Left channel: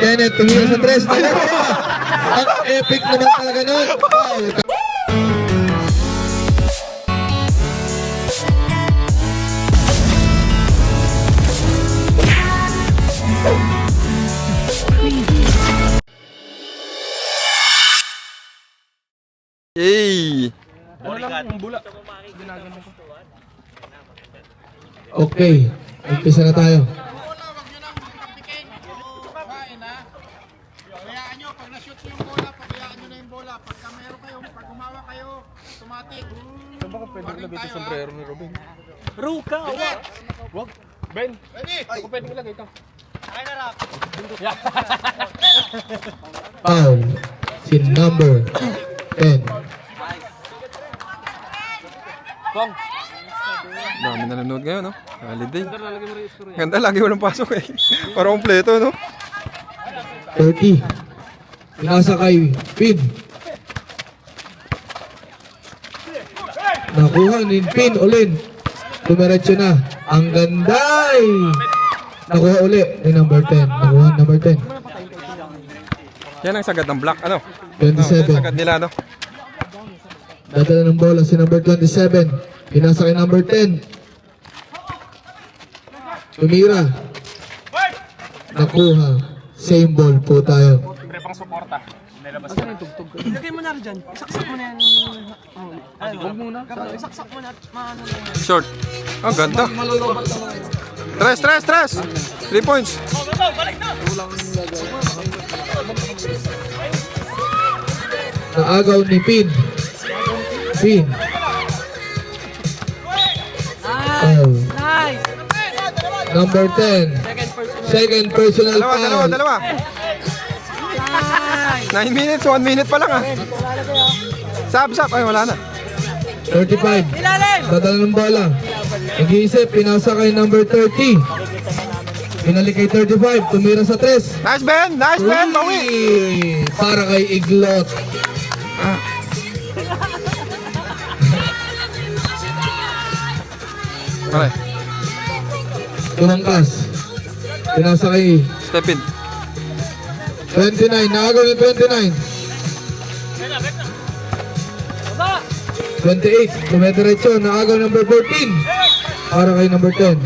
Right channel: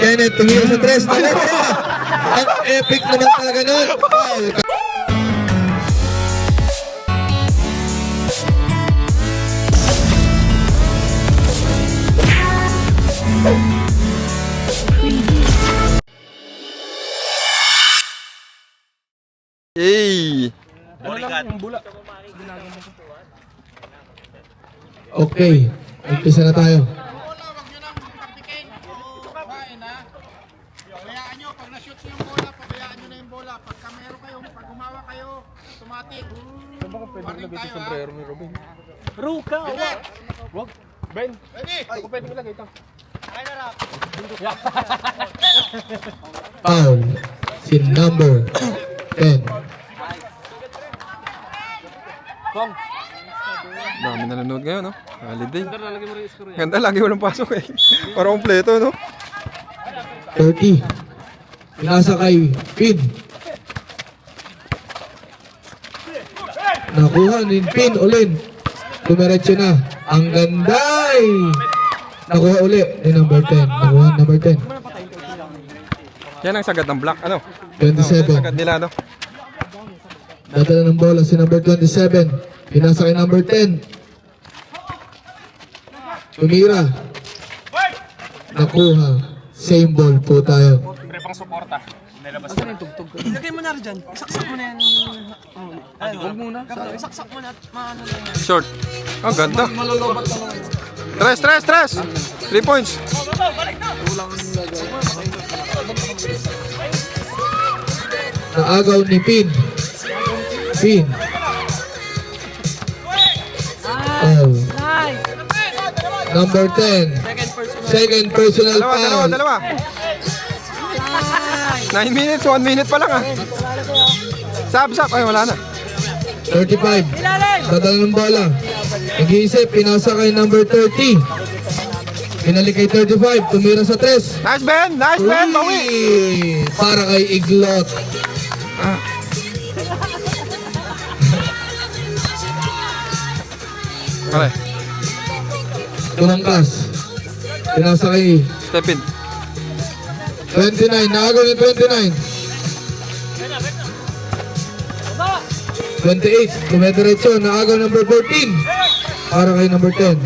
Kenneth, tumira sa tres. Ang epic naman talaga nun. Foul. Yay! Okay, umpisa na tayo. Bola, wag nyo nang tapikin. Kain ha. Pabayaan nyo, pag na-shoot nyo yung bola, pabayaan nyo na yung bola. Pagka meron kayo, pag gumawa kayo, automatic. Warning tayo ha. Ruka! Robert! Wag! Ben! Ready? Ako pwede ko lagay ito. Foul. Si number 10. Dami nanonood ngayon, no? Holiday. Ganda, lagi walang pasok eh. Para kompleto, no? 30. Pinasa kay Pin. Nakuha ni Pin ulit. Tumiretso na. Ang ganday! Nakuha ulit ni number 10. Nakuha number 10. Yan ang sagad ng black, ano? 27. Sagad nila, no? Dadala ng bola si number 27. Pinasa kay number 10. Tumira. Nakuha. Same ball po tayo. Pre pang suporta. Nilabas ko. Lagay mo na rin dyan. Isaksak mo na yan. Huwag muna. Isaksak mo na. Short. Ang ganda. Tres! 3 points. Naagaw ni Pin. Pin. Oh. Number 10. Second personal foul. Dalawa. 9 minutes, 1 minute pa lang ah. Sab. Ay, wala na. 35. Dadala ng bola. Nag-iisip, pinasa kay number 30. Pinalik kay 35. Tumira sa 3. Nice, Ben! Bawi! Para kay Iglot. Okay, Tumangkas. Pinasa kay step in. 29. Naagaw ni 29. 28. Tumediretso. Naagaw number 14. Para kay number 10.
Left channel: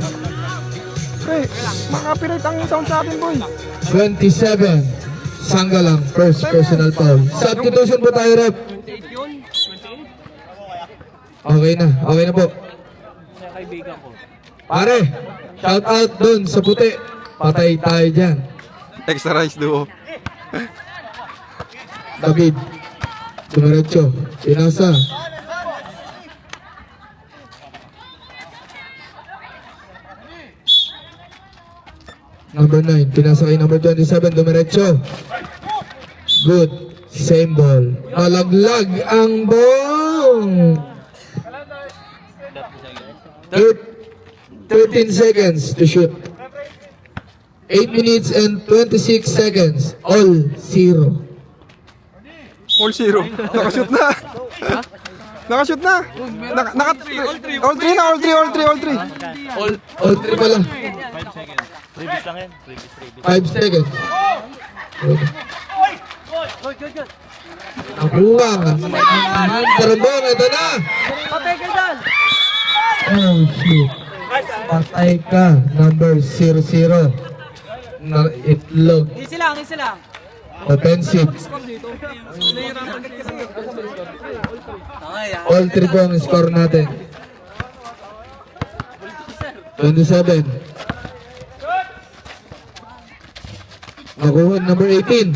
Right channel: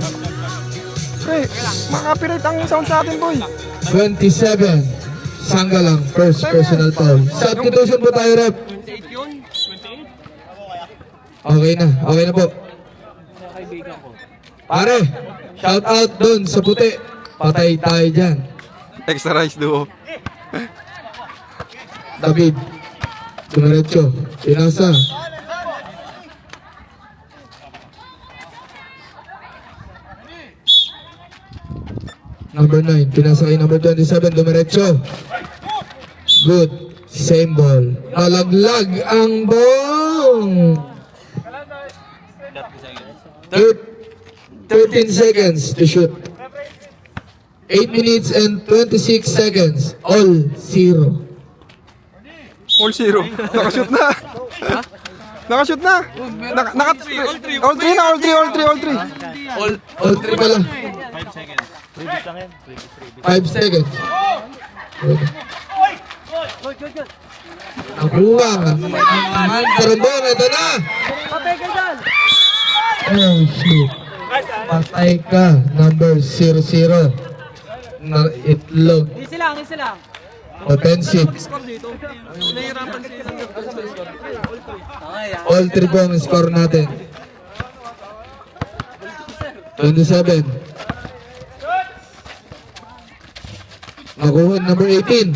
Pre, makapirit ang sound sa atin, boy. 27. Sangga lang. First personal foul. Substitution po tayo, rep. Okay na po. Pare, shout out dun sa puti. Patay tayo dyan. Extra rice duo. David. Dumiretso. Pinasa. Number 9. Pinasa kay number 27. Dumiretso. Good. Same ball. Malaglag ang bong. 13 seconds to shoot. 8 minutes and 26 seconds. All 0. All 0. Nakashoot na. Nakashoot na. All 3 na, all 3. All 3 pala. 5 seconds. Okay. Nakuha. Ang karabon. Ito na. Oh shoot. Patay ka. Number 00. Na itlog. Isa lang. Offensive. All 3 po ang score natin. 27. Nakuha number 18.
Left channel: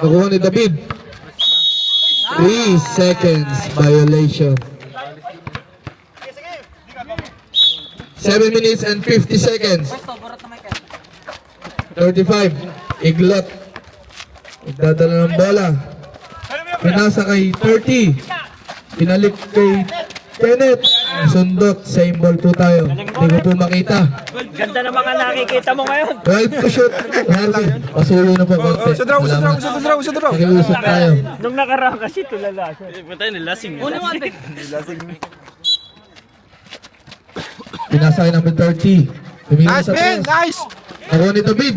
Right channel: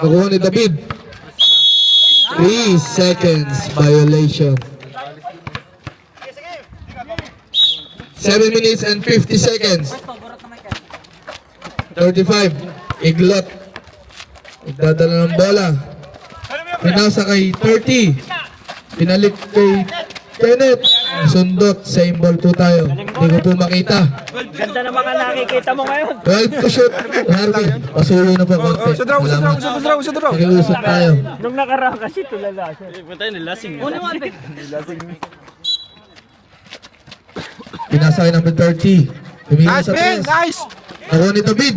Nakuha ni David. 3 seconds violation. 7 minutes and 50 seconds. 35. Iglot. Igdadala ng bola. Pinasa kay 30. Pinalik kay Kenneth. Sundot. Same ball po tayo. Hindi ko po makita. Ganda naman ka nakikita mo ngayon. 12 to shoot. Harvey. Pasulo na po. Sa draw. Nakiusap tayo. Nung nakaraan kasi tulala siya. Patay nilasing yun. Pinasa kay number 30. Tumira Nice, sa Ben! press. Nice! Ako ni David.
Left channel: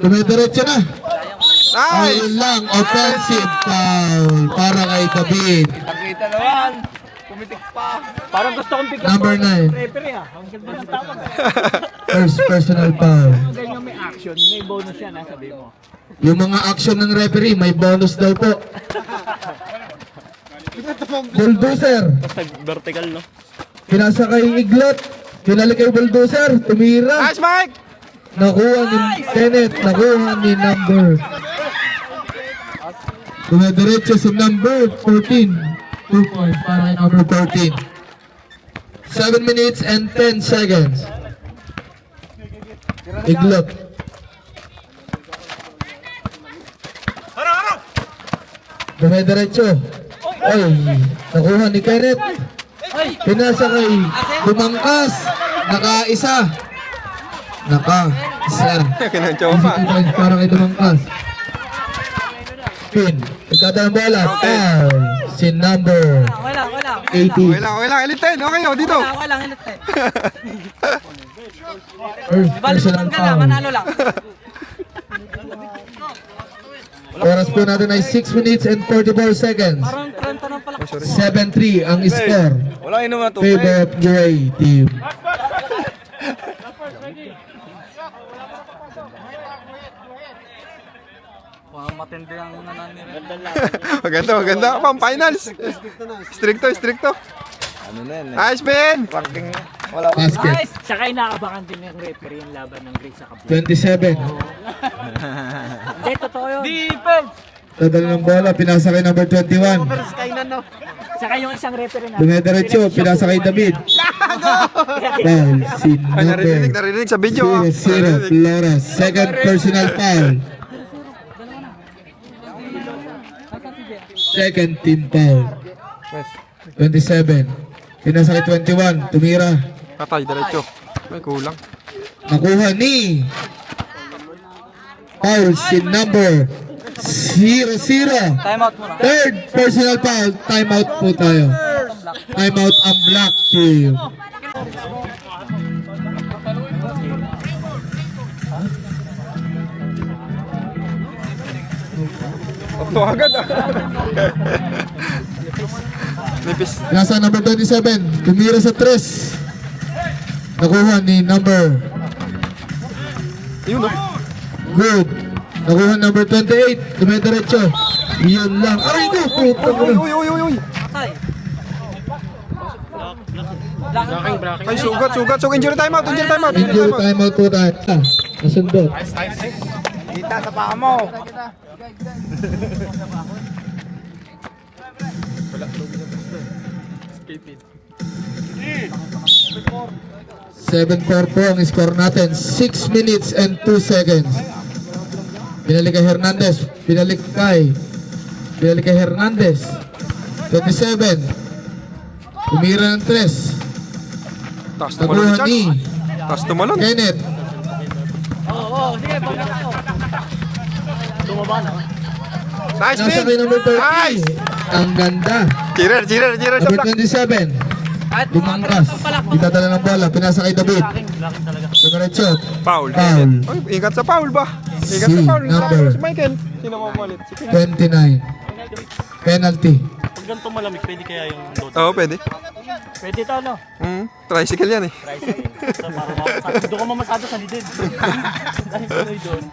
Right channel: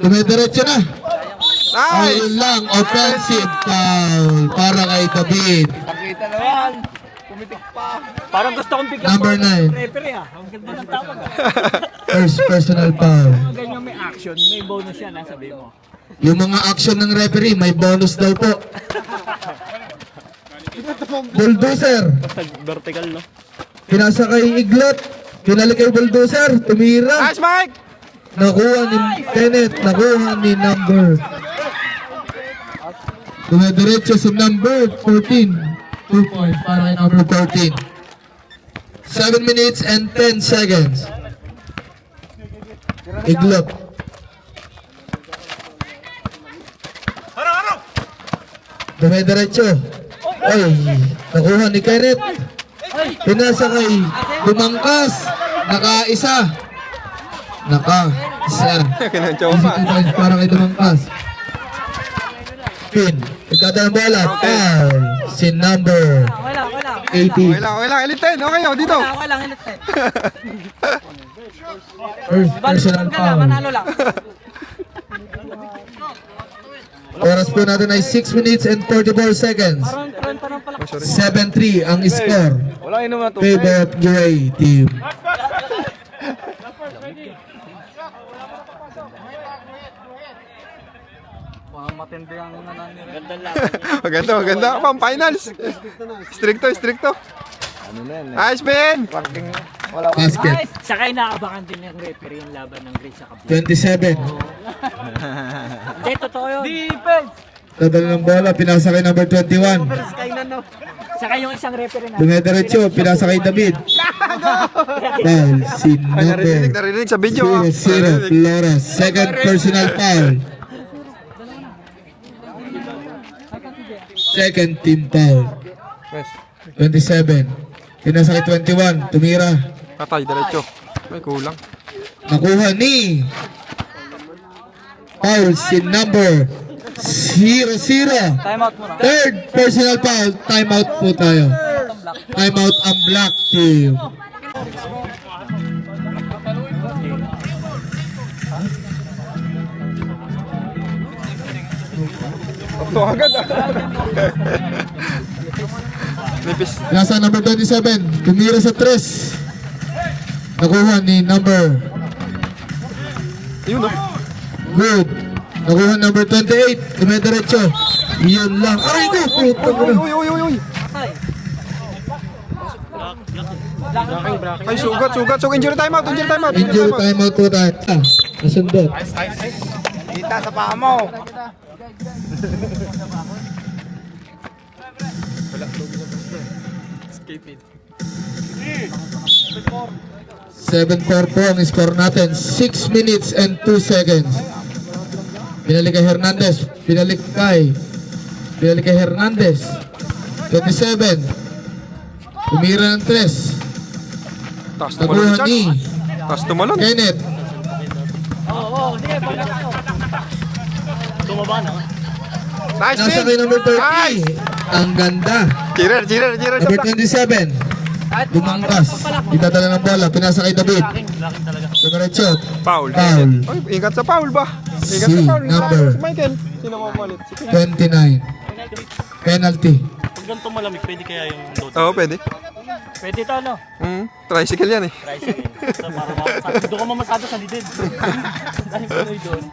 Dumidiretso na. Nice! Ayun lang, offensive foul para kay David. Kita naman. Pumitik pa. Parang gusto kong bigyan Number 9. referee ah. Ang ganda ng tama. First personal foul. Ganyan may action, may bonus yan ang sabi mo. Yung mga action ng referee, may bonus daw po. Bulldozer. Vertical no? Pinasa kay Iglot. Pinalik kay Bulldozer. Tumira. Nice, Mike! Nakuha ni Kenneth. Nakuha ni number. Dumidiretso si number 14. 2 points para kay number 14. 7 minutes and 10 seconds. Iglot. Dumidiretso. Ay, nakuha ni Kenneth. Pinasa kay Dumangkas. Naka-isa. Naka-isa. Kinanchaw pa. 2 points para kay Dumangkas. Pin. Ikaw bola. Foul. Si number 80. Okay lang. Elite 10. Okay, oh, dito. Ako lang, hilit tayo. First personal foul. Oras po natin ay 6 minutes and 44 seconds. Oh, sorry. 7-3 ang score. Wala inuman to. Favor of UA team. Matindi ang Maganda. Pang finals. Stricto. Nice, Ben! Basket. Saka inaabangan din ng referee yung laban ng Grace sa Kabul. 27. Hindi, totoo yun. Dadala ng bola. Pinasa kay number 21. Saka yung isang referee na. Dumidiretso. Pinasa kay David. Foul. Si Ay, number narinig sa video. 0-0. Flores. Second personal foul. Second team foul. 27. Pinasa kay 21. Tumira. Patay, diretso. May kulang. Nakuha ni foul si number 0-0. Third personal foul. Timeout po tayo. Timeout ang black team. Ito agad ah. Nipis. Nasa number 27. Tumira sa 3. Nakuha ni number Yun oh. good. Nakuha number 28. Dumidiretso. Yan lang. Aray ko. Puta ko. Uy. Ay, sugat. So, injury timeout. Injury timeout po tayo. Nasundot. Kita sa paa mo. 7-4 po ang score natin. 6 minutes and 2 seconds. Pinalik kay Hernandez. Pinalik kay Hernandez. 27. Tumira ng 3. Taas tumalon Nakuha ni ni Charles. Taas tumalon. Kenneth. Nice, Nasa kay Ben! number 30. Nice! Ang ganda. Cheerer sa Number black. 27. Dumangkas. Itadala ng bola. Pinasa kay David. Dumiretso. Foul. Foul. Ay, ingat sa foul ba? Ingat Si sa foul. number Si Michael. Sino mamalit? Si King. 29. Penalty. Pag ganito malamig, pwede kaya yung load? Oo, pwede. Pwede to, no? Tricycle yan eh. Doon ka mamasado sa lidid. Dahil tuloy doon.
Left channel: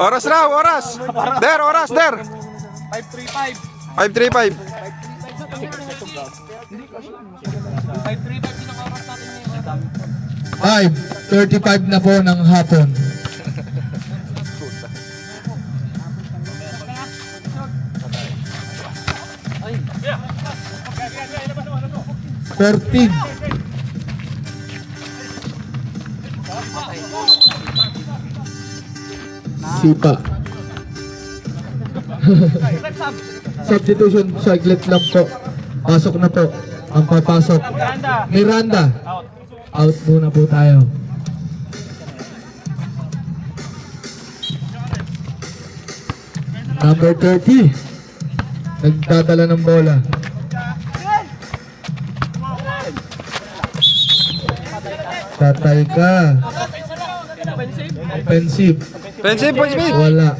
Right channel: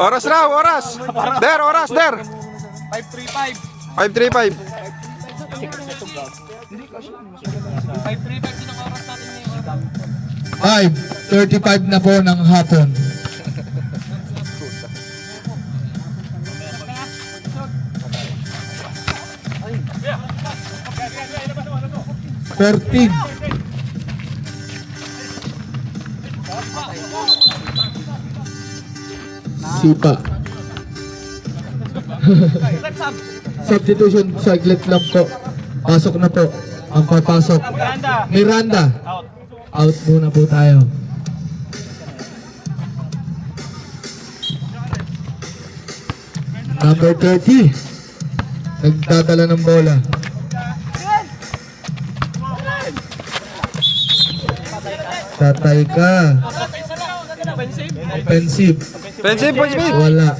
Oras raw, oras! Der! 535. 5:35 na po ng hapon. Thirteen. Sipa. Substitution, saglit lang po. Pasok na po. Ang papasok. Miranda. Out muna po tayo. Number 30. Nagdadala ng bola. Tatay ka. Offensive. Pensive, point speed. Wala.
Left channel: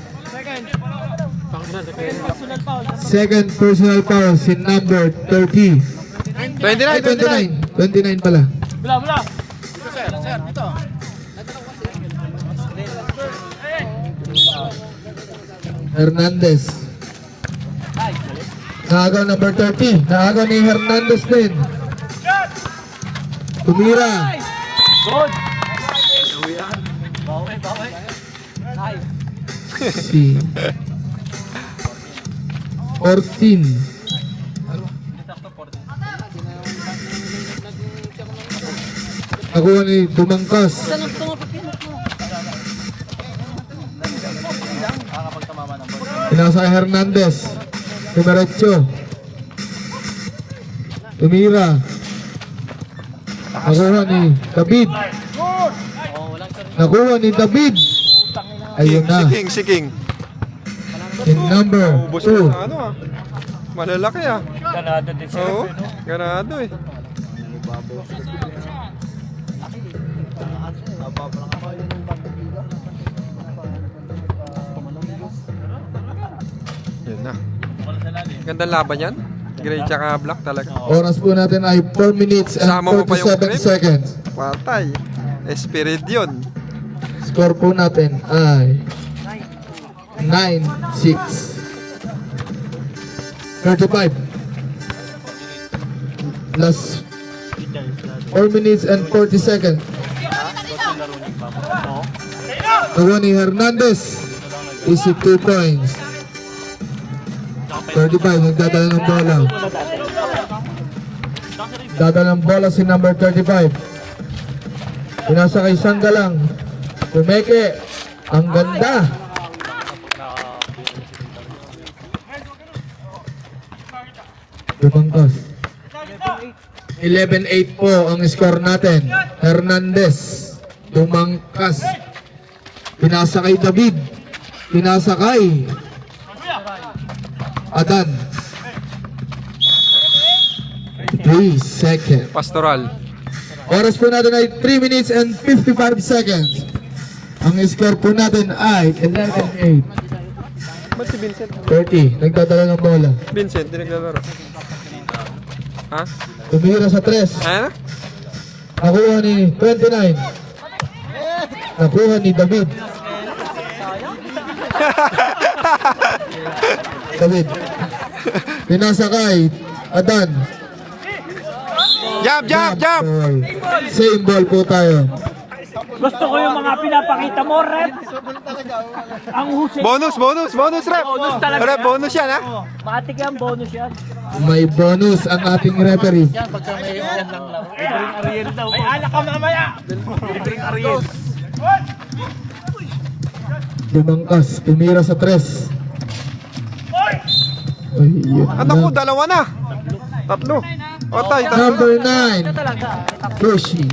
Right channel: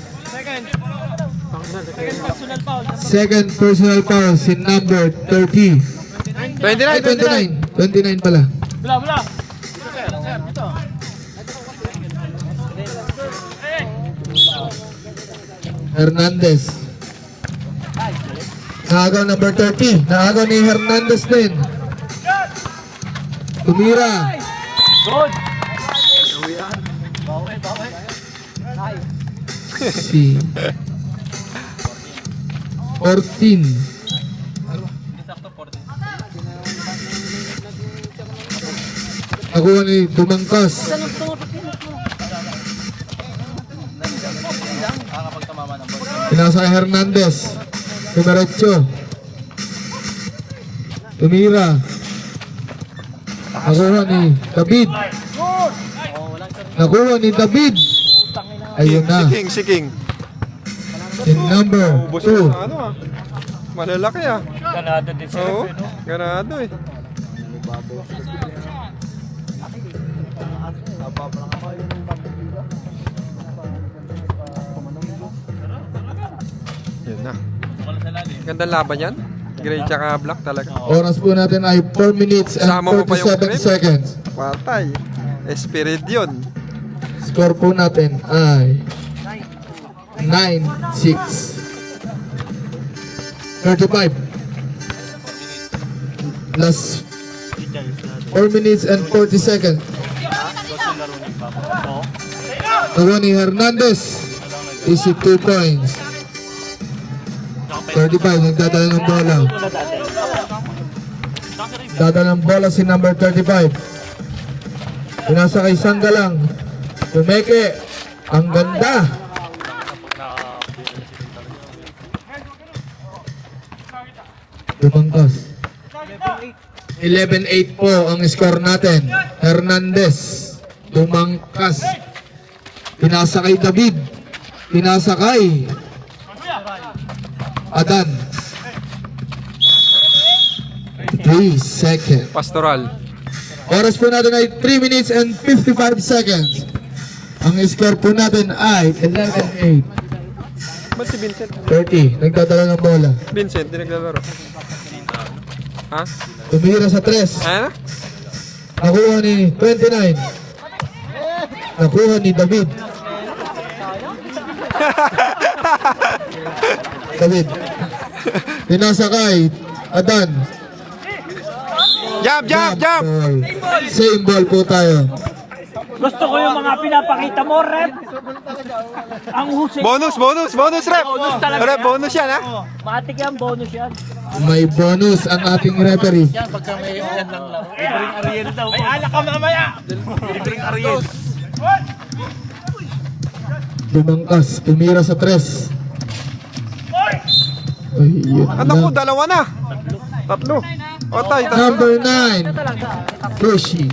Second personal foul si number 30. 29, 29. 29 pala. Hernandez. Naagaw number 30. Naagaw ni Hernandez din. Tumira. Si 14. Nakuha ni Dumangkas. Pinasa kay Hernandez. Dumiretso. Tumira. Nakuha ni David. Nakuha ni David. Ayun na. Si King. Si number Ubus 2. na ano ah. Malalaki ah. Ganado din siya. Oo, ganado eh. Yan na. Gandang laban yan. Gray tsaka black talaga. Oras po natin ay 4 minutes and Kasama mo pa yung 47 grip? seconds. Patay. Spirit yun. Score po natin ay 9-6. 35. Last 4 minutes and 40 seconds. Nakuha ni Hernandez. Easy 2 points. 35. Nagdadala ng bola. Dadala ng bola si number 35. Pinasa kay Sangalang. Pumeke. Ang ganda. Dumangkas. 11-8 po ang score natin. Hernandez. Dumangkas. Pinasa kay David. Pinasa kay Adan. 3 seconds. Pastoral. Oras po natin ay 3 minutes and 55 seconds. Ang score po natin ay 11-8. Ba't si Vincent? 30. Nagdadala ng bola. Vincent, di naglalaro. Ha? Tumira sa 3. Ano? Nakuha ni 29. Nakuha ni David. David. Pinasa kay Adan. Jump, jump, jump! Ball. Same ball po tayo. Gusto ko yung mga pinapakita mo, rep. Ang husay. Bonus, bonus, bonus, rep! Rep, bonus yan ha? Matik yan, bonus yan. May bonus ang ating referee. Yan, pagka may yan lang lang. Dumangkas. Tumira sa 3. Ay, yun Anak ko, lang. dalawa na. Tatlo. Otay, tatlo. Number 9. Pushy.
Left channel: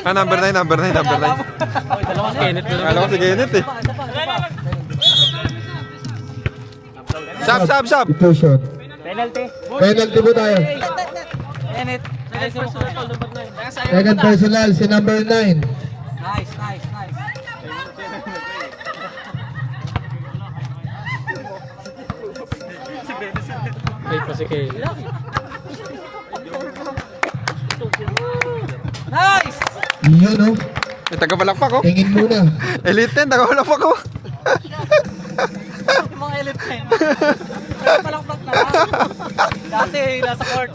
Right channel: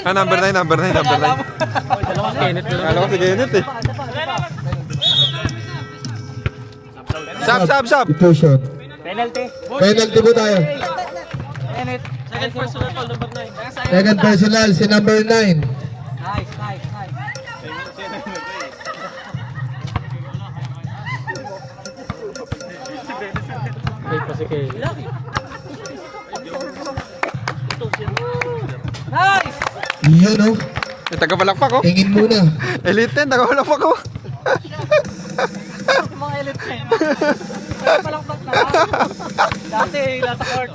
Ah, number 9, number 9, number 9. Dalawang Kenneth na Alam ko si Kenneth eh. Sab, sab, sab. Ito shot. penalty. Penalty po tayo. Second personal si number 9. Yun o. May taga-palakpak ko. Tingin muna. Elite 10, taga-palakpak ko. Dati, nasa court.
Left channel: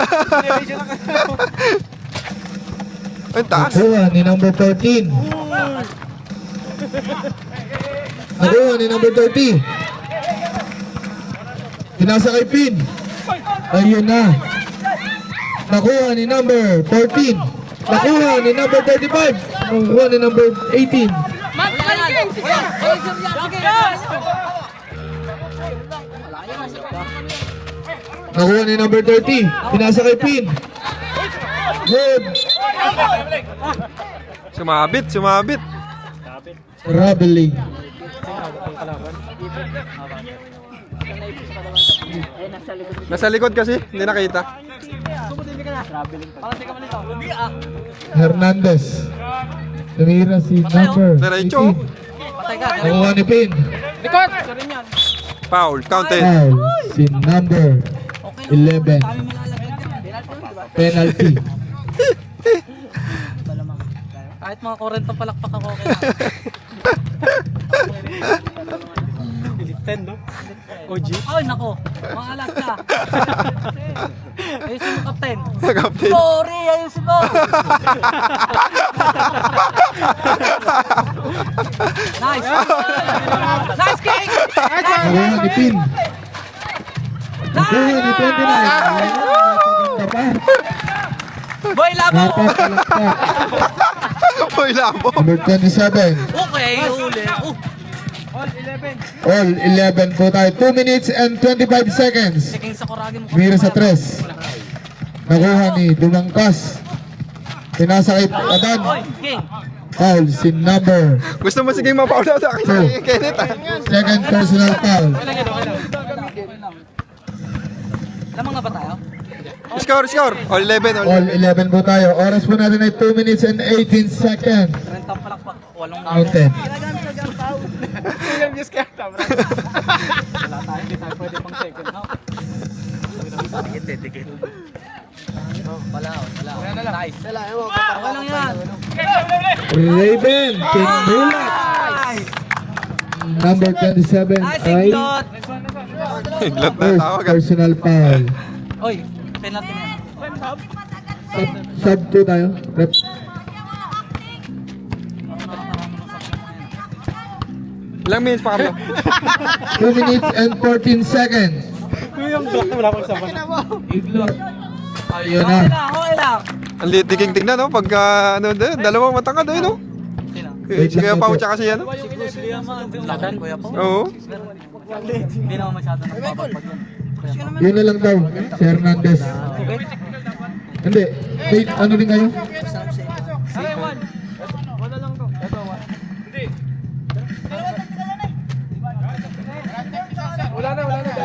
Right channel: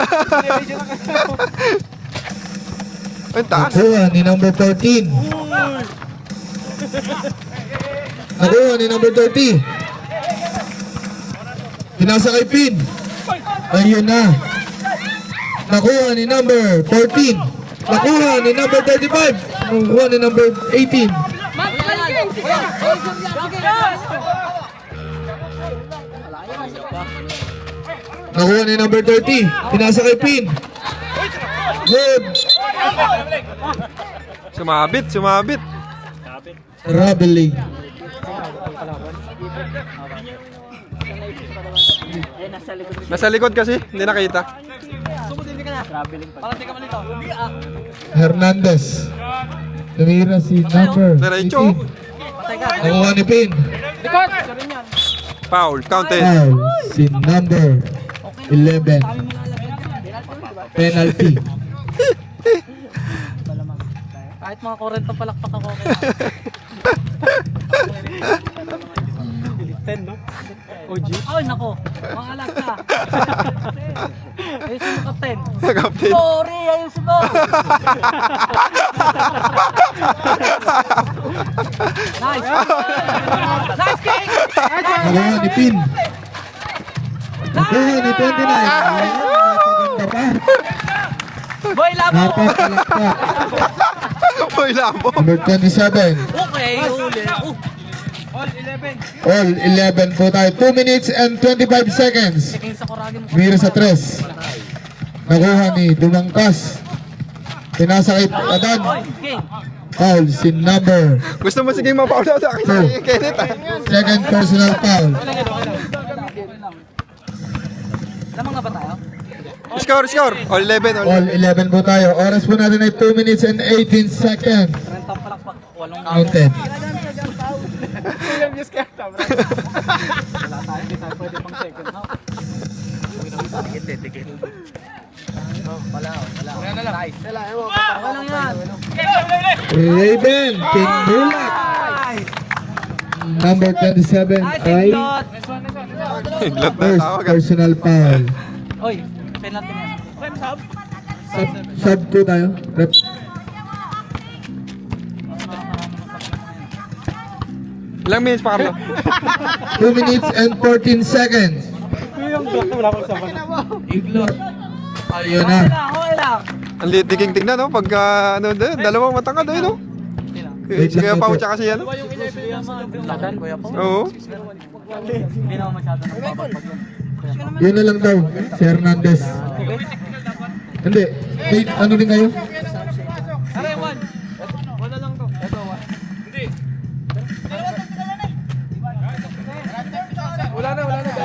Ay, taas. Nakuha ni number 13. Nakuha ni number 30. Pinasa kay Pin. Ayun na. Nakuha ni number 13. Nakuha ni number 35. Nakuha ni number 18. Nakuha ni number 30. Pinasa kay Pin. Good. Sumabit, sumabit. Traveling. Nasa likod kasi, hindi nakita. Hernandez. Tumira si number Diretso. 18. Nakuha ni Pin. Foul, counted. Foul si number 11. Penalty. Kahit mga 40 palakpak ako. 10, no? OG? Ay, nako. Mga alag ka. Ayusin mo, Captain. Captain. Sorry, ayusin mo. Nice. Nice kick. Nakuha ni Pin. Nakuha ni 29. Napakaganda pa. Boy, labo. Napakalakpak. Boy, labo. Number 27. Okay. All 11 po tayo. 2 minutes and 25 seconds. King sa kuragin mo. Mira sa 3. Nakuha ni Dumangkas. Pinasa kay Adan. King. Foul si number Gusto mo sige mapaul sa akin si Kenneth ah. second personal foul. Tama nga ba tayo? Score, score. All 11, all All 11. 11 po tayo. Oras po natin ay 2 minutes and 18 seconds. 30 palakpak. Walang Counted. hindi tayo pwede pang second, no? Dikit. Wala. Nice. Okay lang yan. Raven Kimulat. Number 27 Nice, ay Indot. Iglot na first tawag ah. personal foul. Oy, penalty na yan. Sub po tayo. Rep. Ilang minutes pa kami? 2 minutes and 14 seconds. Ignore. Ayun na. Okay lang. Ang liit diging tignan no? Pagka ano doon, dalawang matangkad doon no? Wait lang Kaya po. Pao tsaka siya no? Ladan, kuya po. Oo. Hindi naman masyado. Yun na lang daw. Si Hernandez. Hindi. Wait, ano din kayo?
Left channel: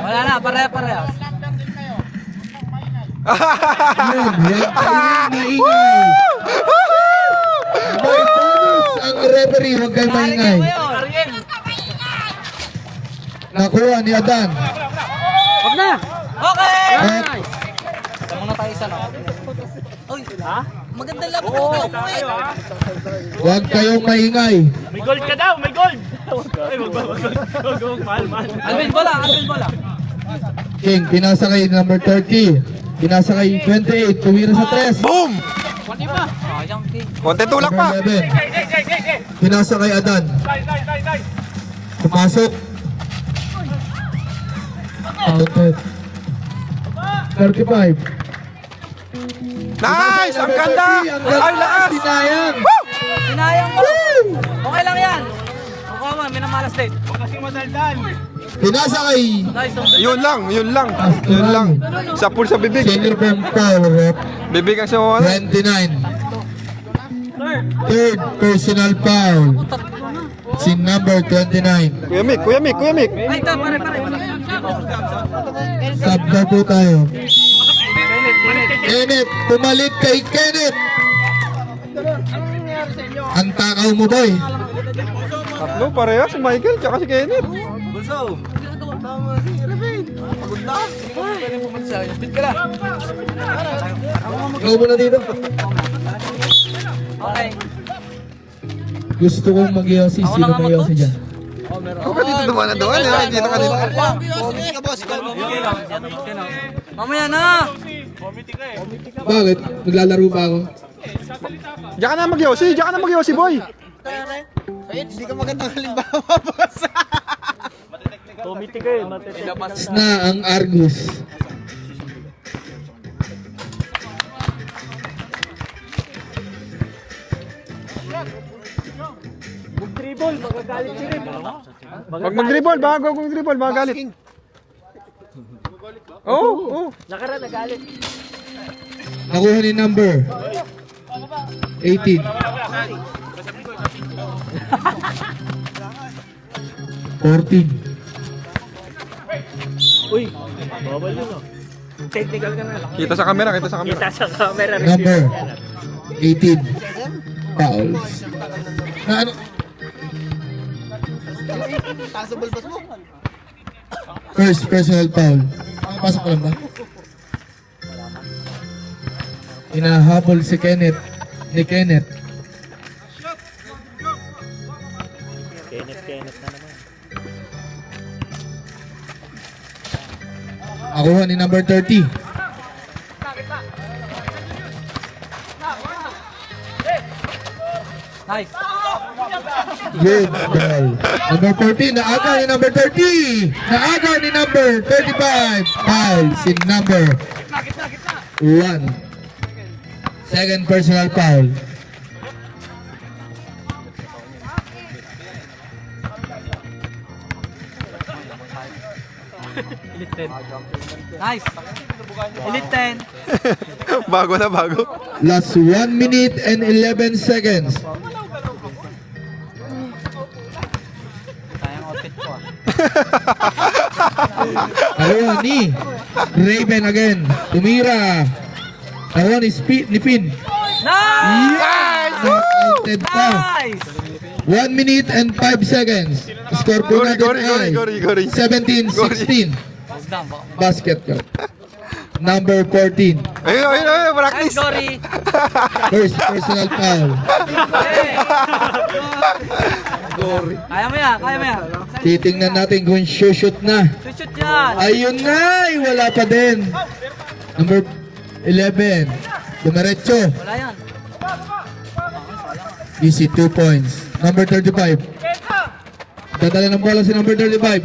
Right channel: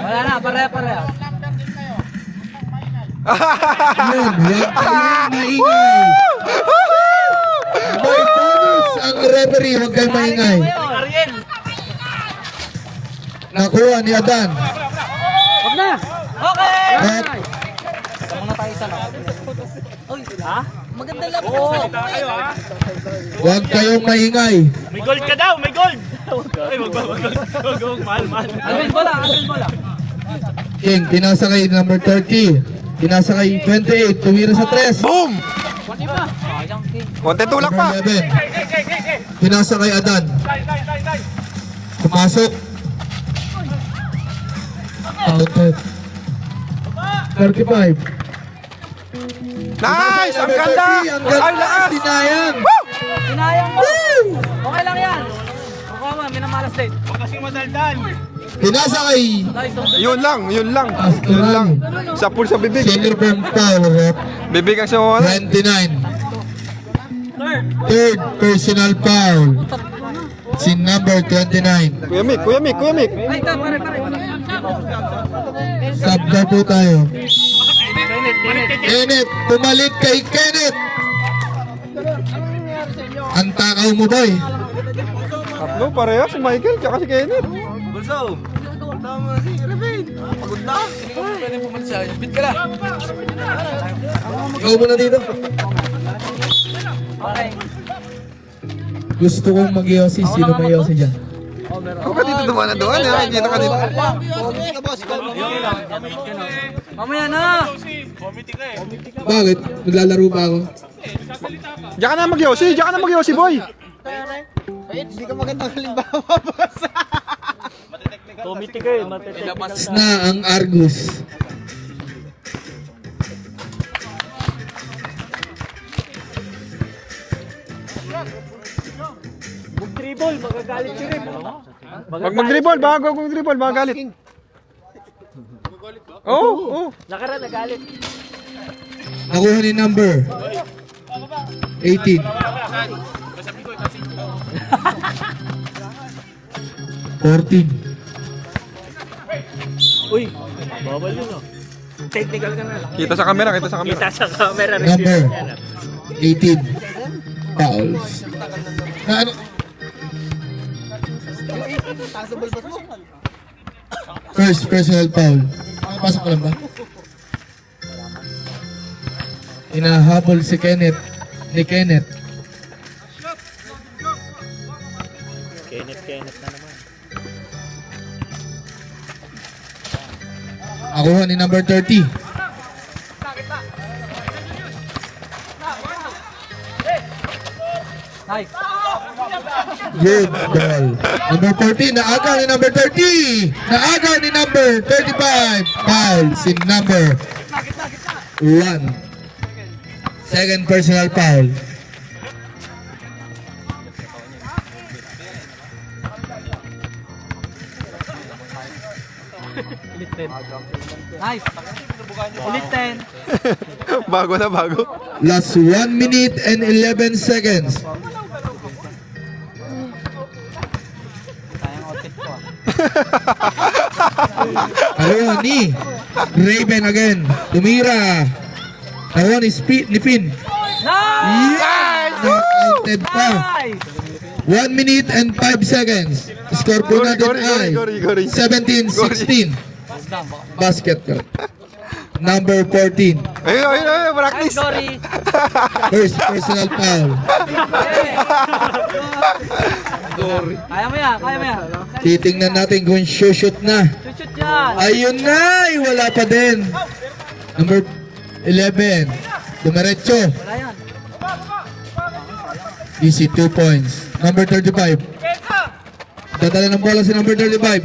Wala na, pare-pare. Yun. Yan kayo maingay. Bonus ang referee. Huwag kayo maingay. Nakuha ni Adan. Wag na. Okay. At Tama na tayo isa na. Oy, ha? Maganda lang po sa mo eh. huwag kayong maingay. May gold ka daw, may gold! Ay, mahal. Alvin bola. King, pinasa kay number 30. Pinasa kay 28. Tumira sa 3. Boom! Sayang king. Konti tulak pa. Number 11. Pinasa kay Adan. Pumasok. Outed. 35. Nice! Ang ganda! Ay, lakas! Sinayang. Sinayang mo. Okay lang yan. Okay man, minamalas din. Kasi madaldal. Pinasa kay Nice. Yun lang. Sa pool sa bibig. Senior Bomb Power Rep Bibig ang sumunod. 29. Third personal foul. Si number 29. Kuya Mick. Ay, pare. Sub na po tayo. Kenneth, pumalit kay Kenneth. Ang takaw mo boy. Tatlo, pareha si Michael tsaka si Kenneth. Ikaw muna dito. Gusto kong mag-yosi. Sino may yosi dyan? Ako ka dito dumaan na doon. Nakikita ka dito. Mamaya na. Bakit? Maglalaro ba ako? Diyan ka na mag-yosi, boy. Committee kayo, matetek. Tapos na ang Argus. Dribble, magagalit si Rin. Pag mag-dribble, baka galit. Oo. Nakara, nagalit. Nakuha ni number 18. 14. Kita sa camera. Sa camera. Number 18 fouls. Na ano? First personal foul. Pasok ko lang ba? Inahabol si Kenneth. Ni Kenneth. Nakuha ni number 30. Nice. Good ball. Number 14, naaga ni number 30. Naaga ni number 35. Foul si number 1. Second personal foul. Nice. Elite 10. Bago na bago. Last 1 minute and 11 seconds. Ayaw ni Raven again. Tumira. Ayaw ni Pin. Nice! Knockouted pa. Nice. 1 minute and 5 seconds. Score po natin ay Gori. 17-16. Basket ko. Number 14. Ayun, practice. Sorry. First personal foul. Kaya mo yan. Titingnan natin kung shoot na. Shoot yan. Ayun na! Wala pa din. Number 11. Dumaretso. Wala yan. Easy 2 points. Number 35. Dadala ng bola si number 35.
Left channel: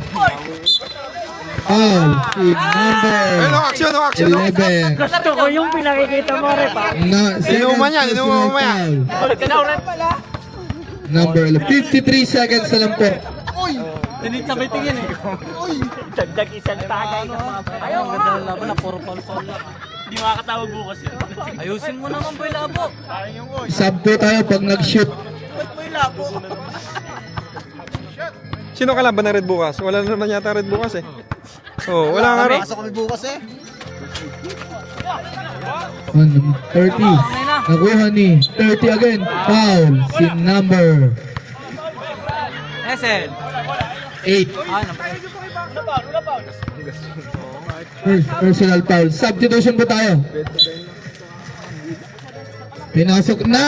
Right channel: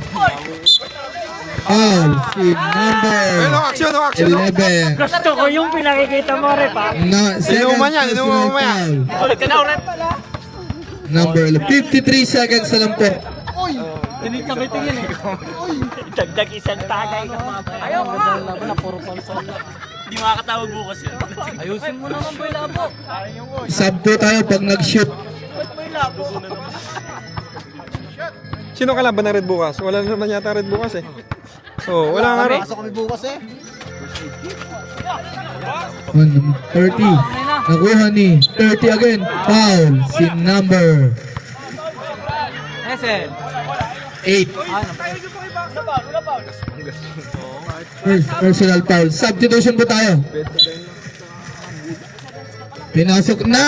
Foul si number Ayun, action. 11. Gusto ko yung pinakikita mo, Repa. Inuman yan, inuman mo yan. Number 53 seconds na lang po. Ganit sa may tingin eh. Dagdag isang tagay ng mga Ayaw ka. Hindi makakatawag bukas yan. Ayusin mo naman boy labo. Sub po tayo pag nag-shoot. Sino kalaban na red bukas? Wala na naman yata red bukas eh. Oh, wala nga rin. 30. Nakuha ni 30 again. Foul si number Esen. 8. First personal foul. Substitution po tayo. Pinasok na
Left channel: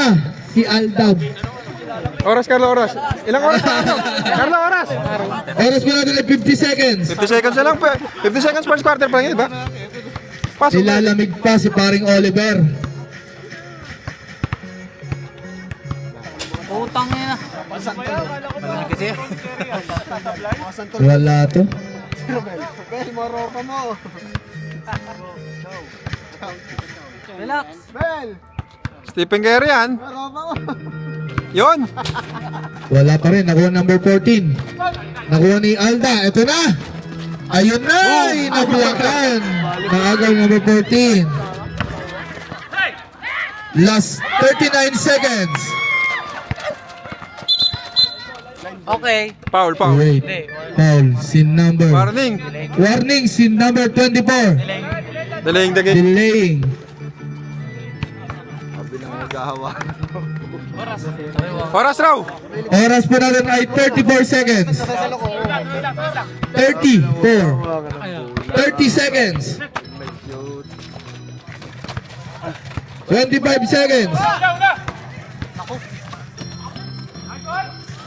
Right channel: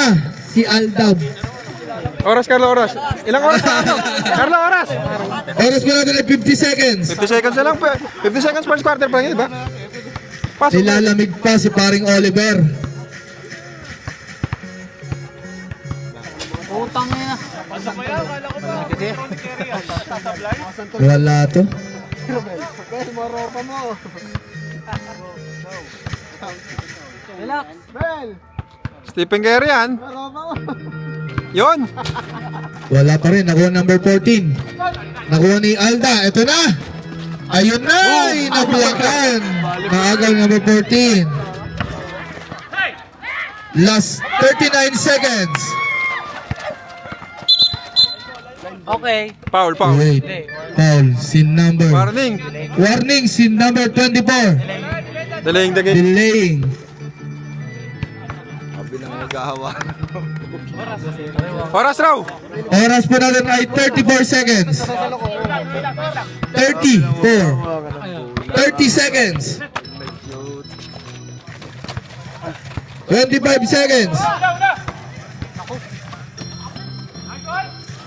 si Aldab. Oras, Carlo, oras. Ilang oras pa? Carlo, oras. Oras po natin ay 50 seconds. 50 seconds na lang. 50 seconds first quarter pa lang yun, di ba? Pasok na. Nilalamig pa si paring Oliver. Utang niya. Wala to. Relax. Stephen Curry yan. Yun. Wala pa rin. Nakuha number 14. Nakuha ni Alda. Ito na. Ayun na. Nabuwakan. Maagang number 14. Last 39 seconds. Okay. Foul. Wait. Foul. Sin number. Warning. Warning. Sin number 24. Delaying the game. Delaying. Oras raw. Oras po natin ay 34 seconds. 30 seconds. 25 seconds.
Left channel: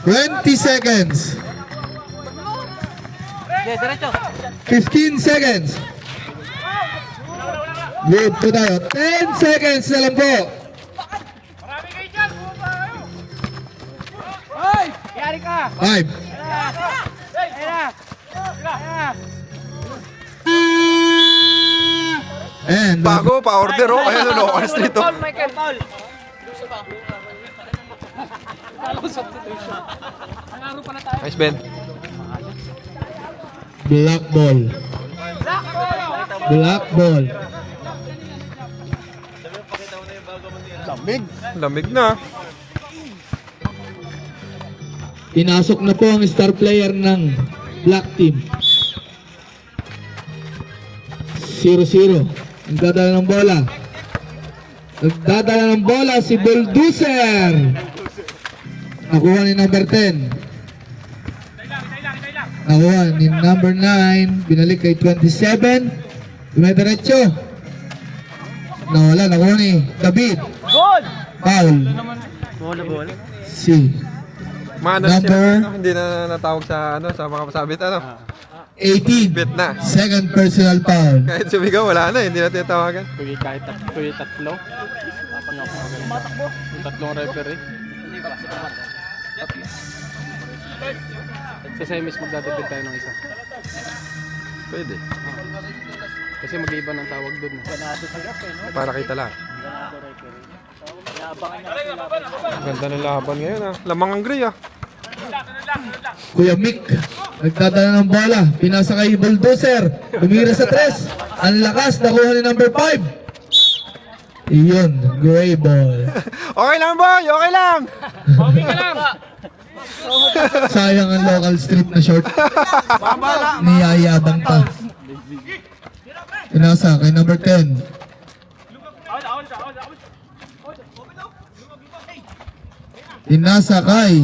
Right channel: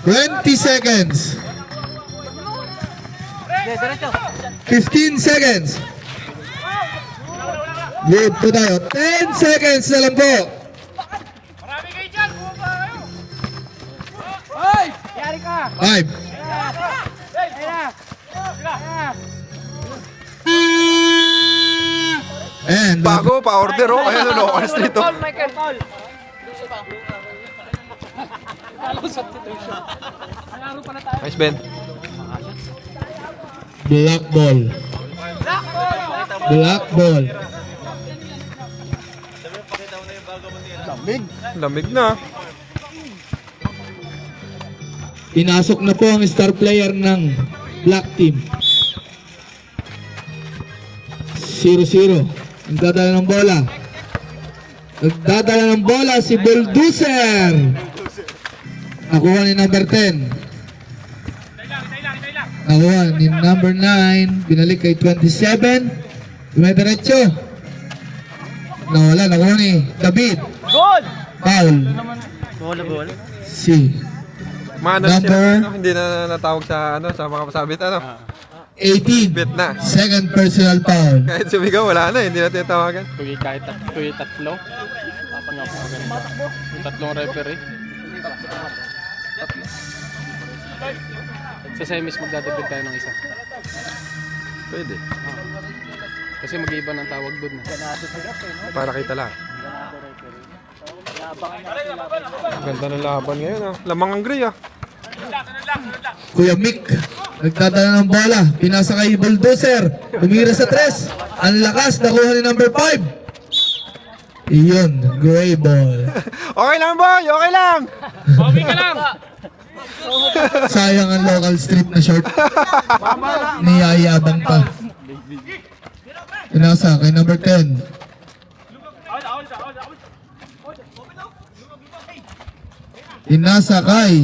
20 seconds. 15 seconds. Good po tayo. 10 seconds na lang po. Five. And Bago, pa-order oh. Ayan, local street oh. Nice, Ben. black ball. Black ball. Lamig na. Pinasok na po ang star player ng black team. 0-0. Ang dadala ng bola. Nagdadala ng bola si Bulldozer. Nakuha ni number 10. Nakuha ni number 9. Binalik kay 27. Dumediretso. Nawala. Nakuha ni David. Goal! Foul. Goal. Si Maano na sila, Number- ano, hindi na natawag sa ano, sa mga pasabit ano. 18. Bet na. Second personal foul. Kahit sumigaw, wala na, hindi na tinatawagan. Kahit tatlo. Yung tatlong referee. Sa semis magdadagdag tayo ng isa. Pwede. Kasi mag-iba ng tawag doon. Para kita lahat. Ganda ng laban ngayon ah. Lamang ang gray ah. Kuya Mick, nagdadala ng bola. Pinasa kay Bulldozer. Umira sa 3. Ang lakas. Nakuha ni number 5. Iyon. Gray ball. Okay lang boy, okay lang. Sayang ang local street na short. Niyayabang pa. Pinasa kay number 10. Pinasa kay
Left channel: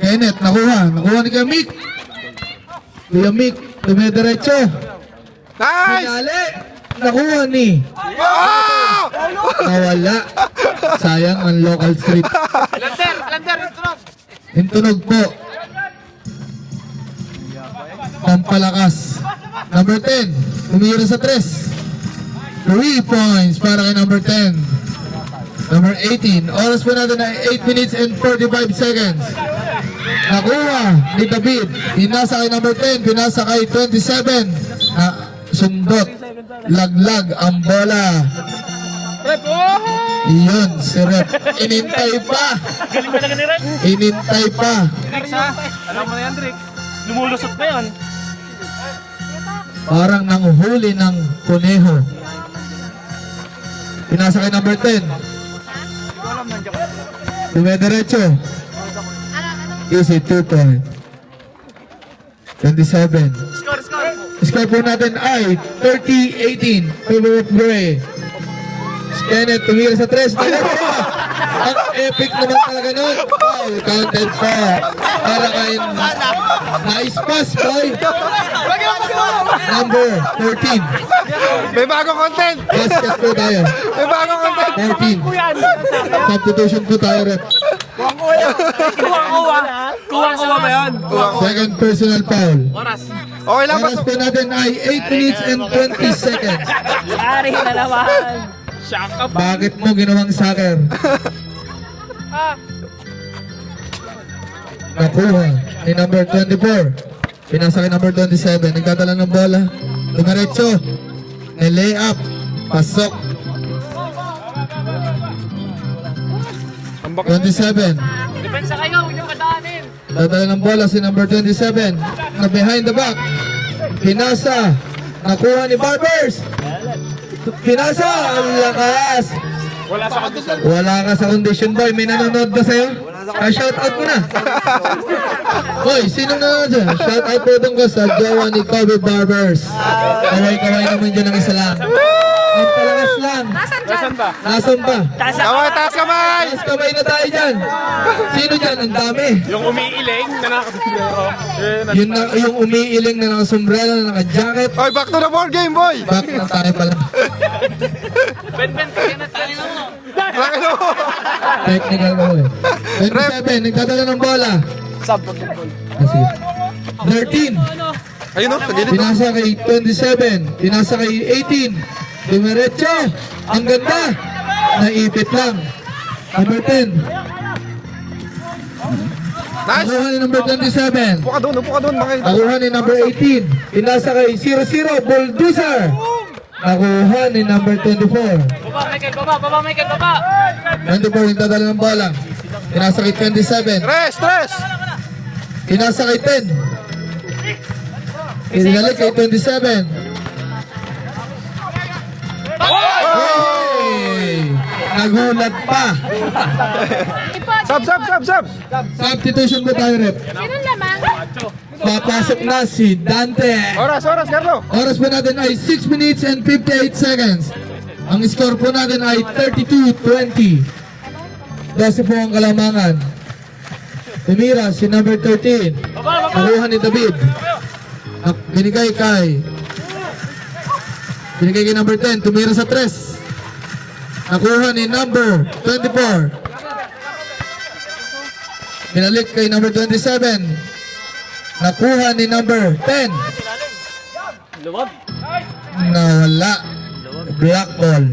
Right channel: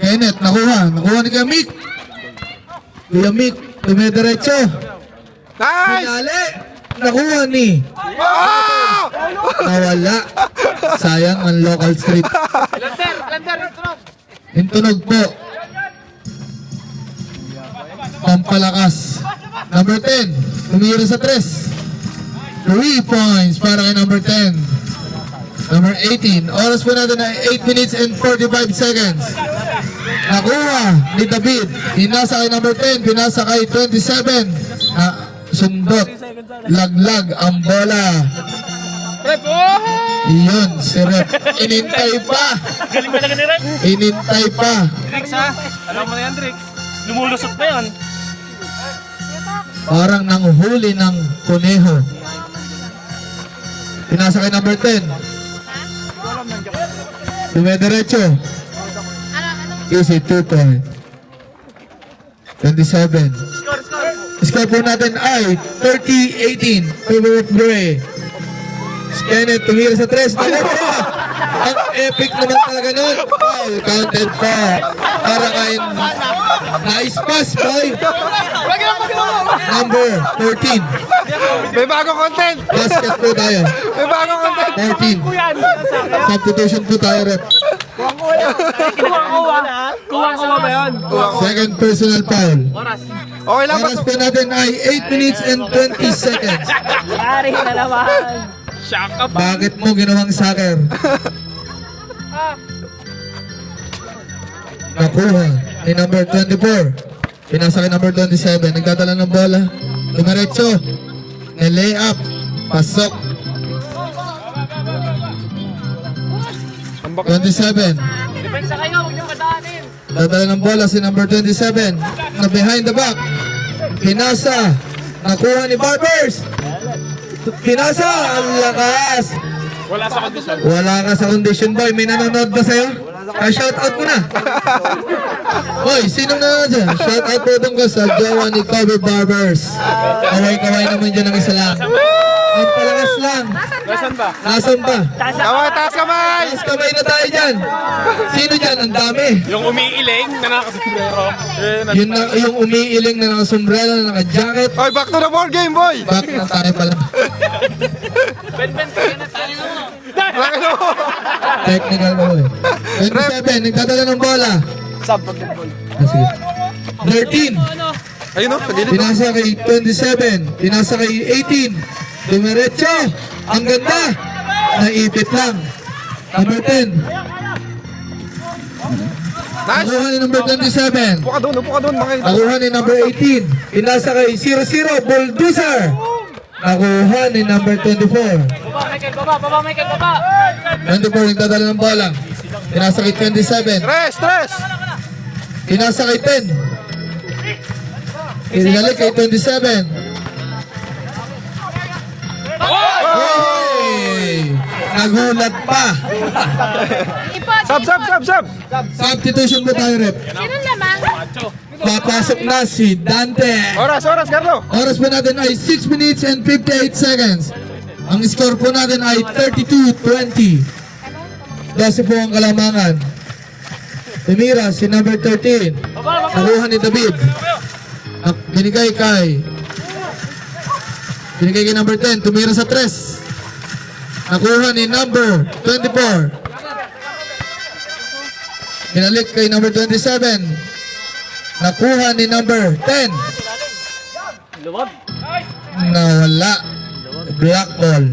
Kenneth. Nakuha ni Kuya Mick. Kuya Mick. Dumediretso. Nice! Pinali. Nakuha ni. Oh! Nawala. Sayang ang local street. Intunog po. Pampalakas. Number 10. Tumira sa 3. 3 points para kay number 10. Number 18. Oras po natin ay 8 minutes and 45 seconds. Nakuha ni David. Pinasa kay number 10. Pinasa kay 27. Sundot. Laglag ang bola. Iyon, si Rep. Inintay pa. Inintay pa. Trix ha? Alam mo na yan, Trix. Lumulusot na yan. Parang nanghuli ng kuneho. Pinasa kay number 10. Dumediretso. Easy 2 point. 27. Score po natin ay 30-18. Favor of Gray. Kenneth tumira sa 3. Ang epic naman talaga nun. Wow, counted pa. Para kay nice pass, boy. Number 14. May bagong content! Basket po tayo. May bagong content! 14. Substitution po tayo, Rep. Second personal foul. Okay lang, Oras pasok. po natin ay 8 minutes and 20 seconds. Bakit mo ginawang soccer? Nakuha ay number 24. Pinasa kay number 27. Nagdadala ng bola. Tumaretso. Lay up. Pasok. Ang bak- 27. Dadala ng bola si number 27. Na behind the back. Pinasa. Nakuha ni Barbers. Pinasa. Ang lakas. Wala sa kondisyon. Wala ka sa condition, boy. May nanonood ba sa'yo? Shout out mo na. Boy, sino nanonood dyan? Shout out po doon ko sa jowa ni Cover Barbers. Kaway-kaway naman dyan ang isa lang. Ang palakas lang. Nasaan ba? Nasaan ba? Kamay, taas kamay! Taas kamay na tayo dyan. Sino dyan? Ang dami. Yung umiiling na Yun na, yung umiiling na nakasombrero, na naka-jacket. Oy, back to the board game, boy! Back na tayo pala. Laki mo! Technical mo eh. 27, nagdadala ng bola. sub. Sige. 13. Ayun no, sa gilid no? Pinasa kay 27. Pinasa kay 18. Dumiretso. Ang ganda. Naipit lang. Number 10. Nice! Nakuha ni number 27. Upo ka doon, makita. Nakuha ni number 18. Pinasa kay 00. Bulldozer. Nakuha ni number 24. Baba, Michael, baba! 24, nagdadala ng bola. Pinasa kay 27. Stress! Pinasa kay 10. Pinalik kay 27. Hey! Nagulat pa. Sub! Substitution mo tayo, Rep. Sino naman? Papasok na si Dante. Oras, Carlo! Oras pa natin ay 6 minutes and 58 seconds. Ang score po natin ay 32-20. 12 po ang kalamangan. Tumira si number 13. Nakuha ni David. Binigay kay number 10. Tumira sa 3. Nakuha ni number 24. Binalik kay number 27. Nakuha ni number 10. Nawala. Black ball.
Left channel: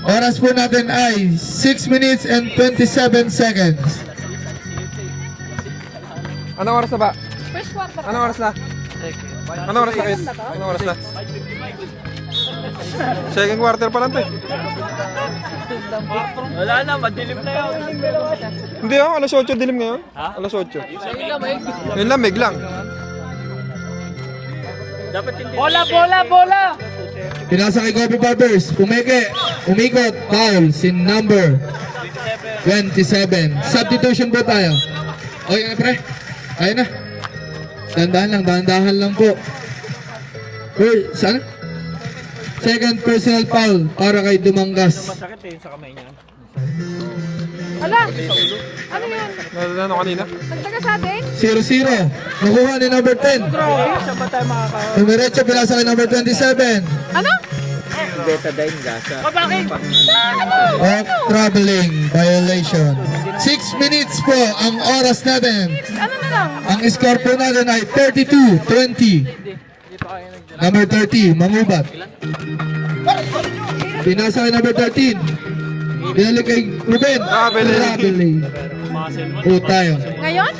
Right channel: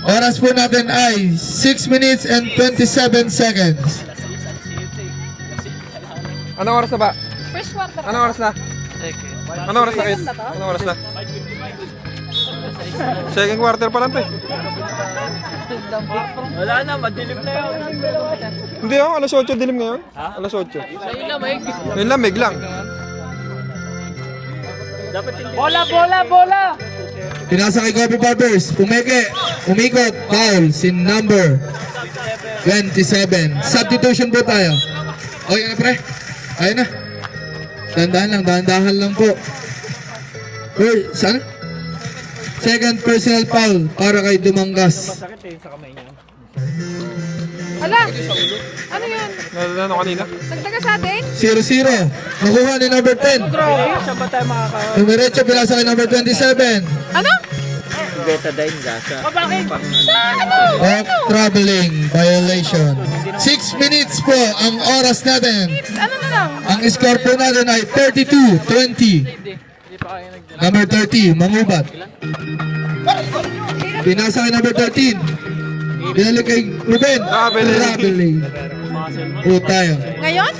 Oras po natin ay 6 minutes and 27 seconds. Anong oras na ba? Anong oras na? Anong oras na, Kate? Anong oras na? Second quarter pa lang, te. Wala na, madilim na yun. Hindi ako, alas 8 dilim ngayon. Alas 8. Yung lamig lang. Dapat hindi. Bola! Pinasa kay Kobe Barbers. Umikot. Foul. Si number 27. Substitution po tayo. Okay na, pre. Ayun na. Dahan-dahan lang po. Uy, saan? Second personal foul para kay Dumangas. Masakit eh, sa kamay niya. Ano kanina? 0-0. Nakuha ni number 10. Numerecho, pinasa kay number 27. Off traveling violation. 6 minutes po ang oras natin. Ang score po natin ay 32-20. Number 30, Mangubat. Pinasa kay number 13. Pinalik kay Ruben. Traveling. Po tayo. Ngayon?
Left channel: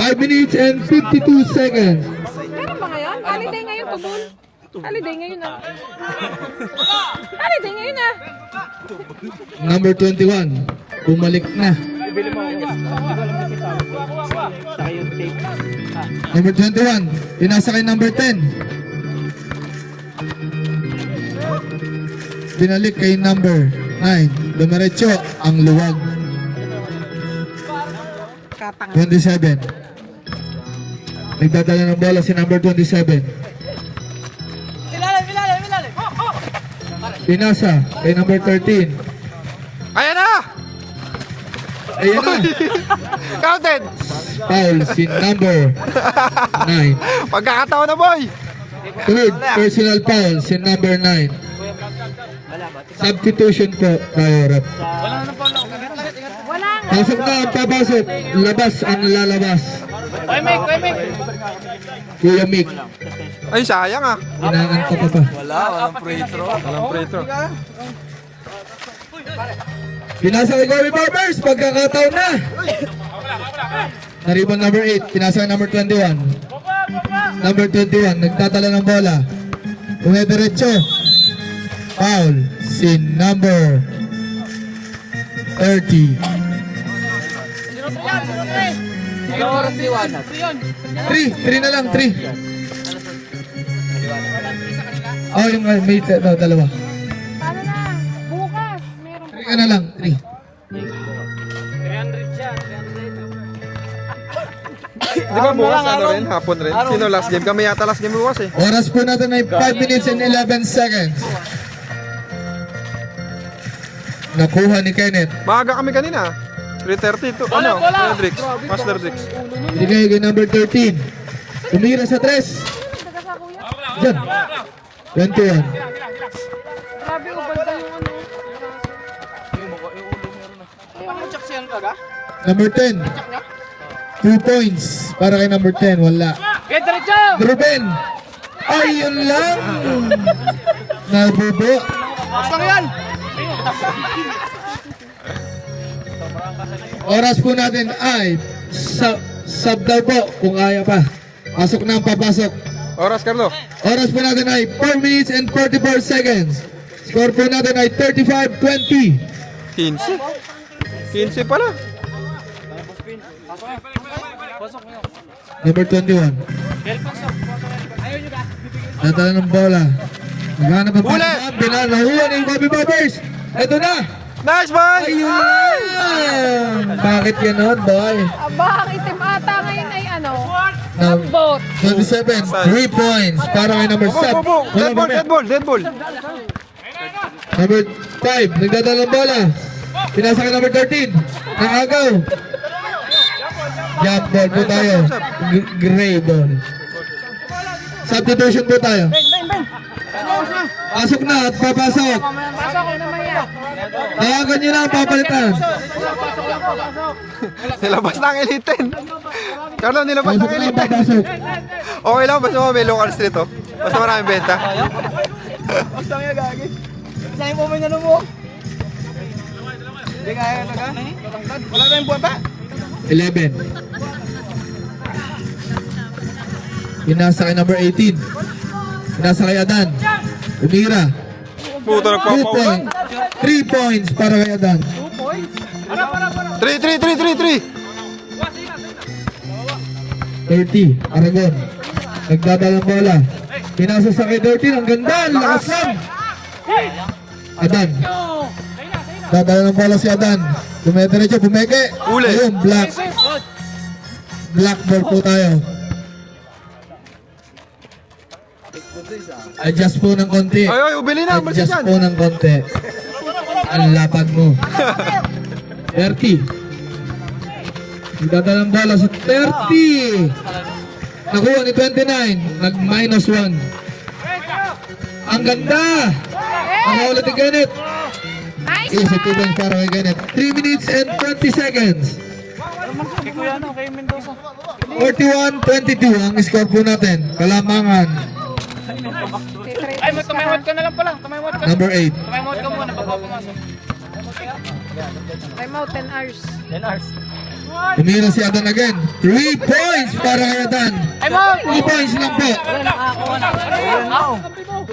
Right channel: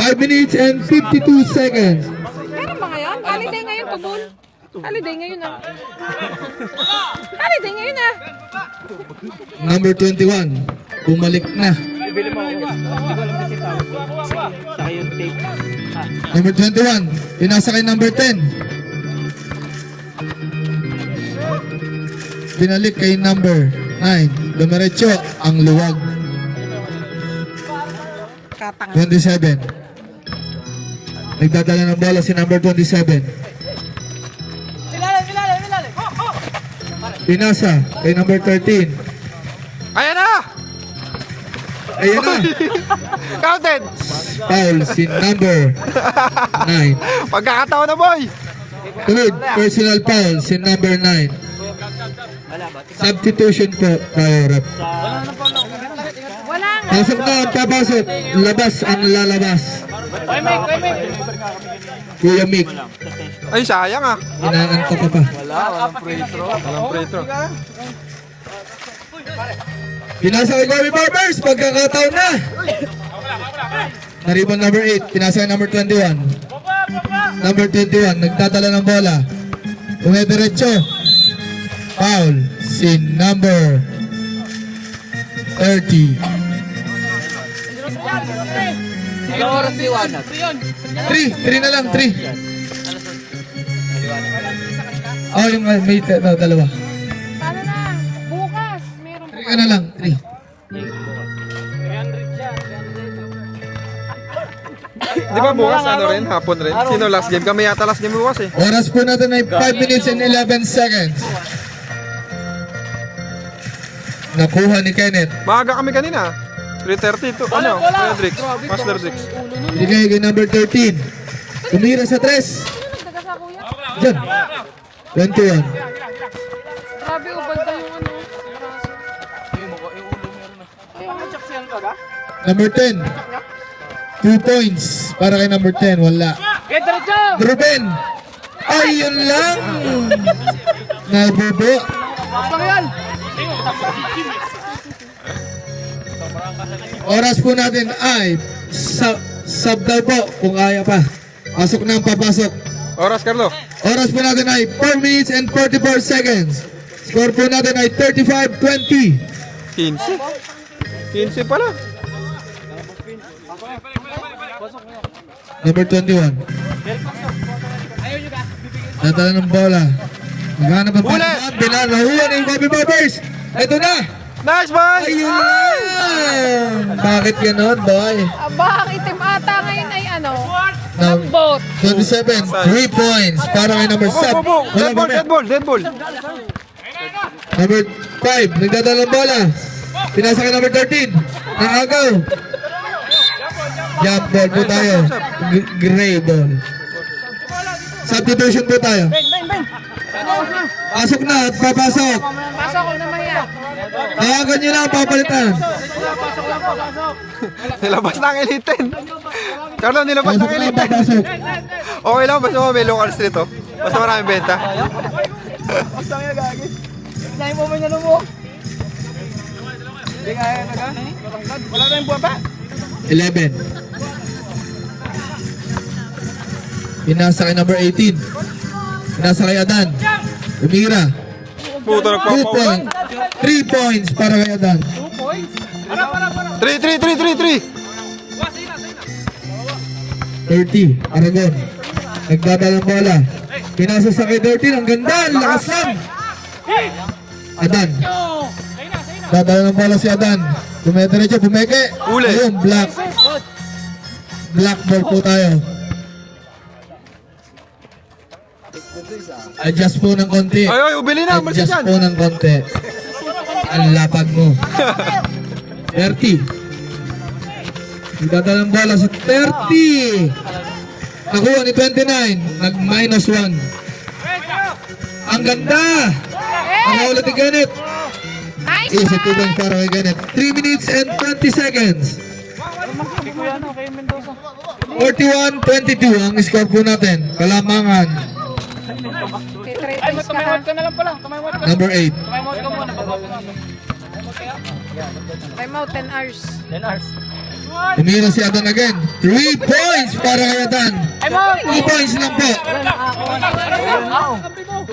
5 minutes and 52 seconds. Meron ba ngayon? Holiday ngayon, tubol. Holiday ngayon ah. Holiday ngayon ah. Number 21. Bumalik na. Number 21. Pinasa kay number 10. Binalik kay number 9. Dumiretso ang luwag. 27. Nagdadala ng bola si number 27. Pinasa kay number 13. Ayan na! Ayan na. Counted! Foul si number 9. Pagkakataon na, boy! Third personal foul si number 9. Substitution po tayo, rep. Wala nga. Pasok na ang papasok. Labas ang lalabas. Kuya Mick. Ay, sayang ah. Inaantok ka pa. Walang free throw. Pinasa kay Kobe Barbers. Pagkakataon na. Naribang number 8. Pinasa kay number 21. Number 21. Nagdadala ng bola. Umediretso. Foul. Si number 30. 3 na lang, 3. Oh, yung may dalawa. Paano na? Bukas. Meron 3 ka na lang, 3. Di ba bukas ano rin? Hapon rin? Sino last game? Kami yata last game bukas eh. Oras po natin ay 5 minutes and 11 seconds. Nakuha ni Kenneth. Maaga kami kanina. 3:30 to. Ano? Kuya Drix. Master Drix. Bigay kay number 13. Tumira sa 3. Diyan. 21. grabe yung banda yung Number 10. 2 points para kay number 10. Wala. Ruben. Ayun lang. Nabubo. Oras po natin ay sub daw po kung kaya pa. Pasok na ang papasok. Oras, Carlo. Oras po natin ay 4 minutes and 44 seconds. Score po natin ay 35-20. 15. 15 pala. Number 21. Natala ng bola. Maghanap ang Huli! pagkakaan. Binalahuan ni Kobe Barbers. Ito na. Nice, boy! Ayun lang. Bakit ganon, boy? baka itim ata ngayon ay ano. Now, 27, 3 points para kay number 7. Dead ball, dead ball, dead ball. Number 5, nagdadala ng bola. Pinasa kay number 13. Naagaw. Jump ball po tayo. Gray ball. Substitution po tayo. Pasok na, papasok. Tawagan nyo lang, papalitan. Nilabas na ang Elite 10. Carlo, nilabas na Pasok ang na, Elite 10. papasok. Okay lang, basta may local street oh. Basta maraming benta. Basta nga gagi. Kaya mo man yan mo. Hindi kaya na gan. Wala na yung buwan ba? 11. Pinasa kay number 18. Pinasa kay Adan. Umira. Puto 2 nagpapaulan. points. 3 points para kay Adan. 3. 30. Aragon. Nagdadala ng bola. Pinasa sa kay 13. Ang ganda. Ang lakas lang. Adan. Dadala ng bola si Adan. Dumediretso. Bumeke. Uli. Ayun. Black. Black ball po tayo. Adjust po ng konti. Ay, ubili na, malis Adjust dyan. po ng konti. Ang lapag mo. 30. Nagdadala ng bola sa 30. Nakuha ni 29. Nag-minus 1. Ang ganda. Nakaulat ni Ganit. Easy 2 points para kay Ganit. 3 minutes and 20 seconds. 41-22 ang score po natin. Kalamangan. Ay, tumawad ka na lang pala. Tumawad ka. Number 8. Tumawad ka muna. I'm out 10 hours. 10 hours. Umira si Adan again. 3 points para kay Adan. 2 points lang po.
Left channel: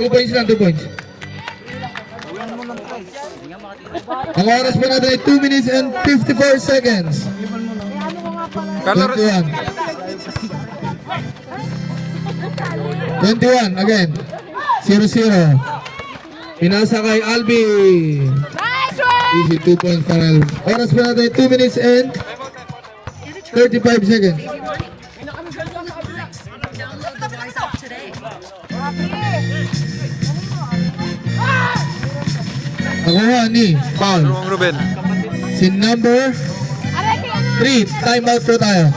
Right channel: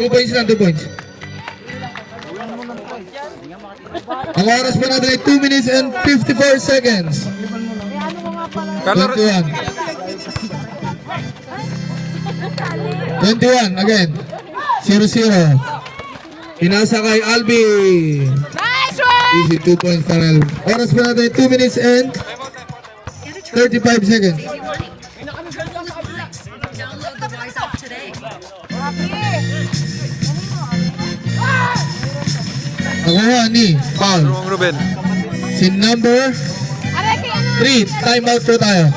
2 points lang, 2 points. Ang oras po natin ay 2 minutes and 54 seconds. Carlo, 21. 21 again. 0-0. Pinasa kay Albi. Nice one! Easy 2 points para Albi. Oras po natin ay 2 minutes and 35 seconds. Nakuha ni foul. Ruang Ruben. Si number 3. Time out po tayo.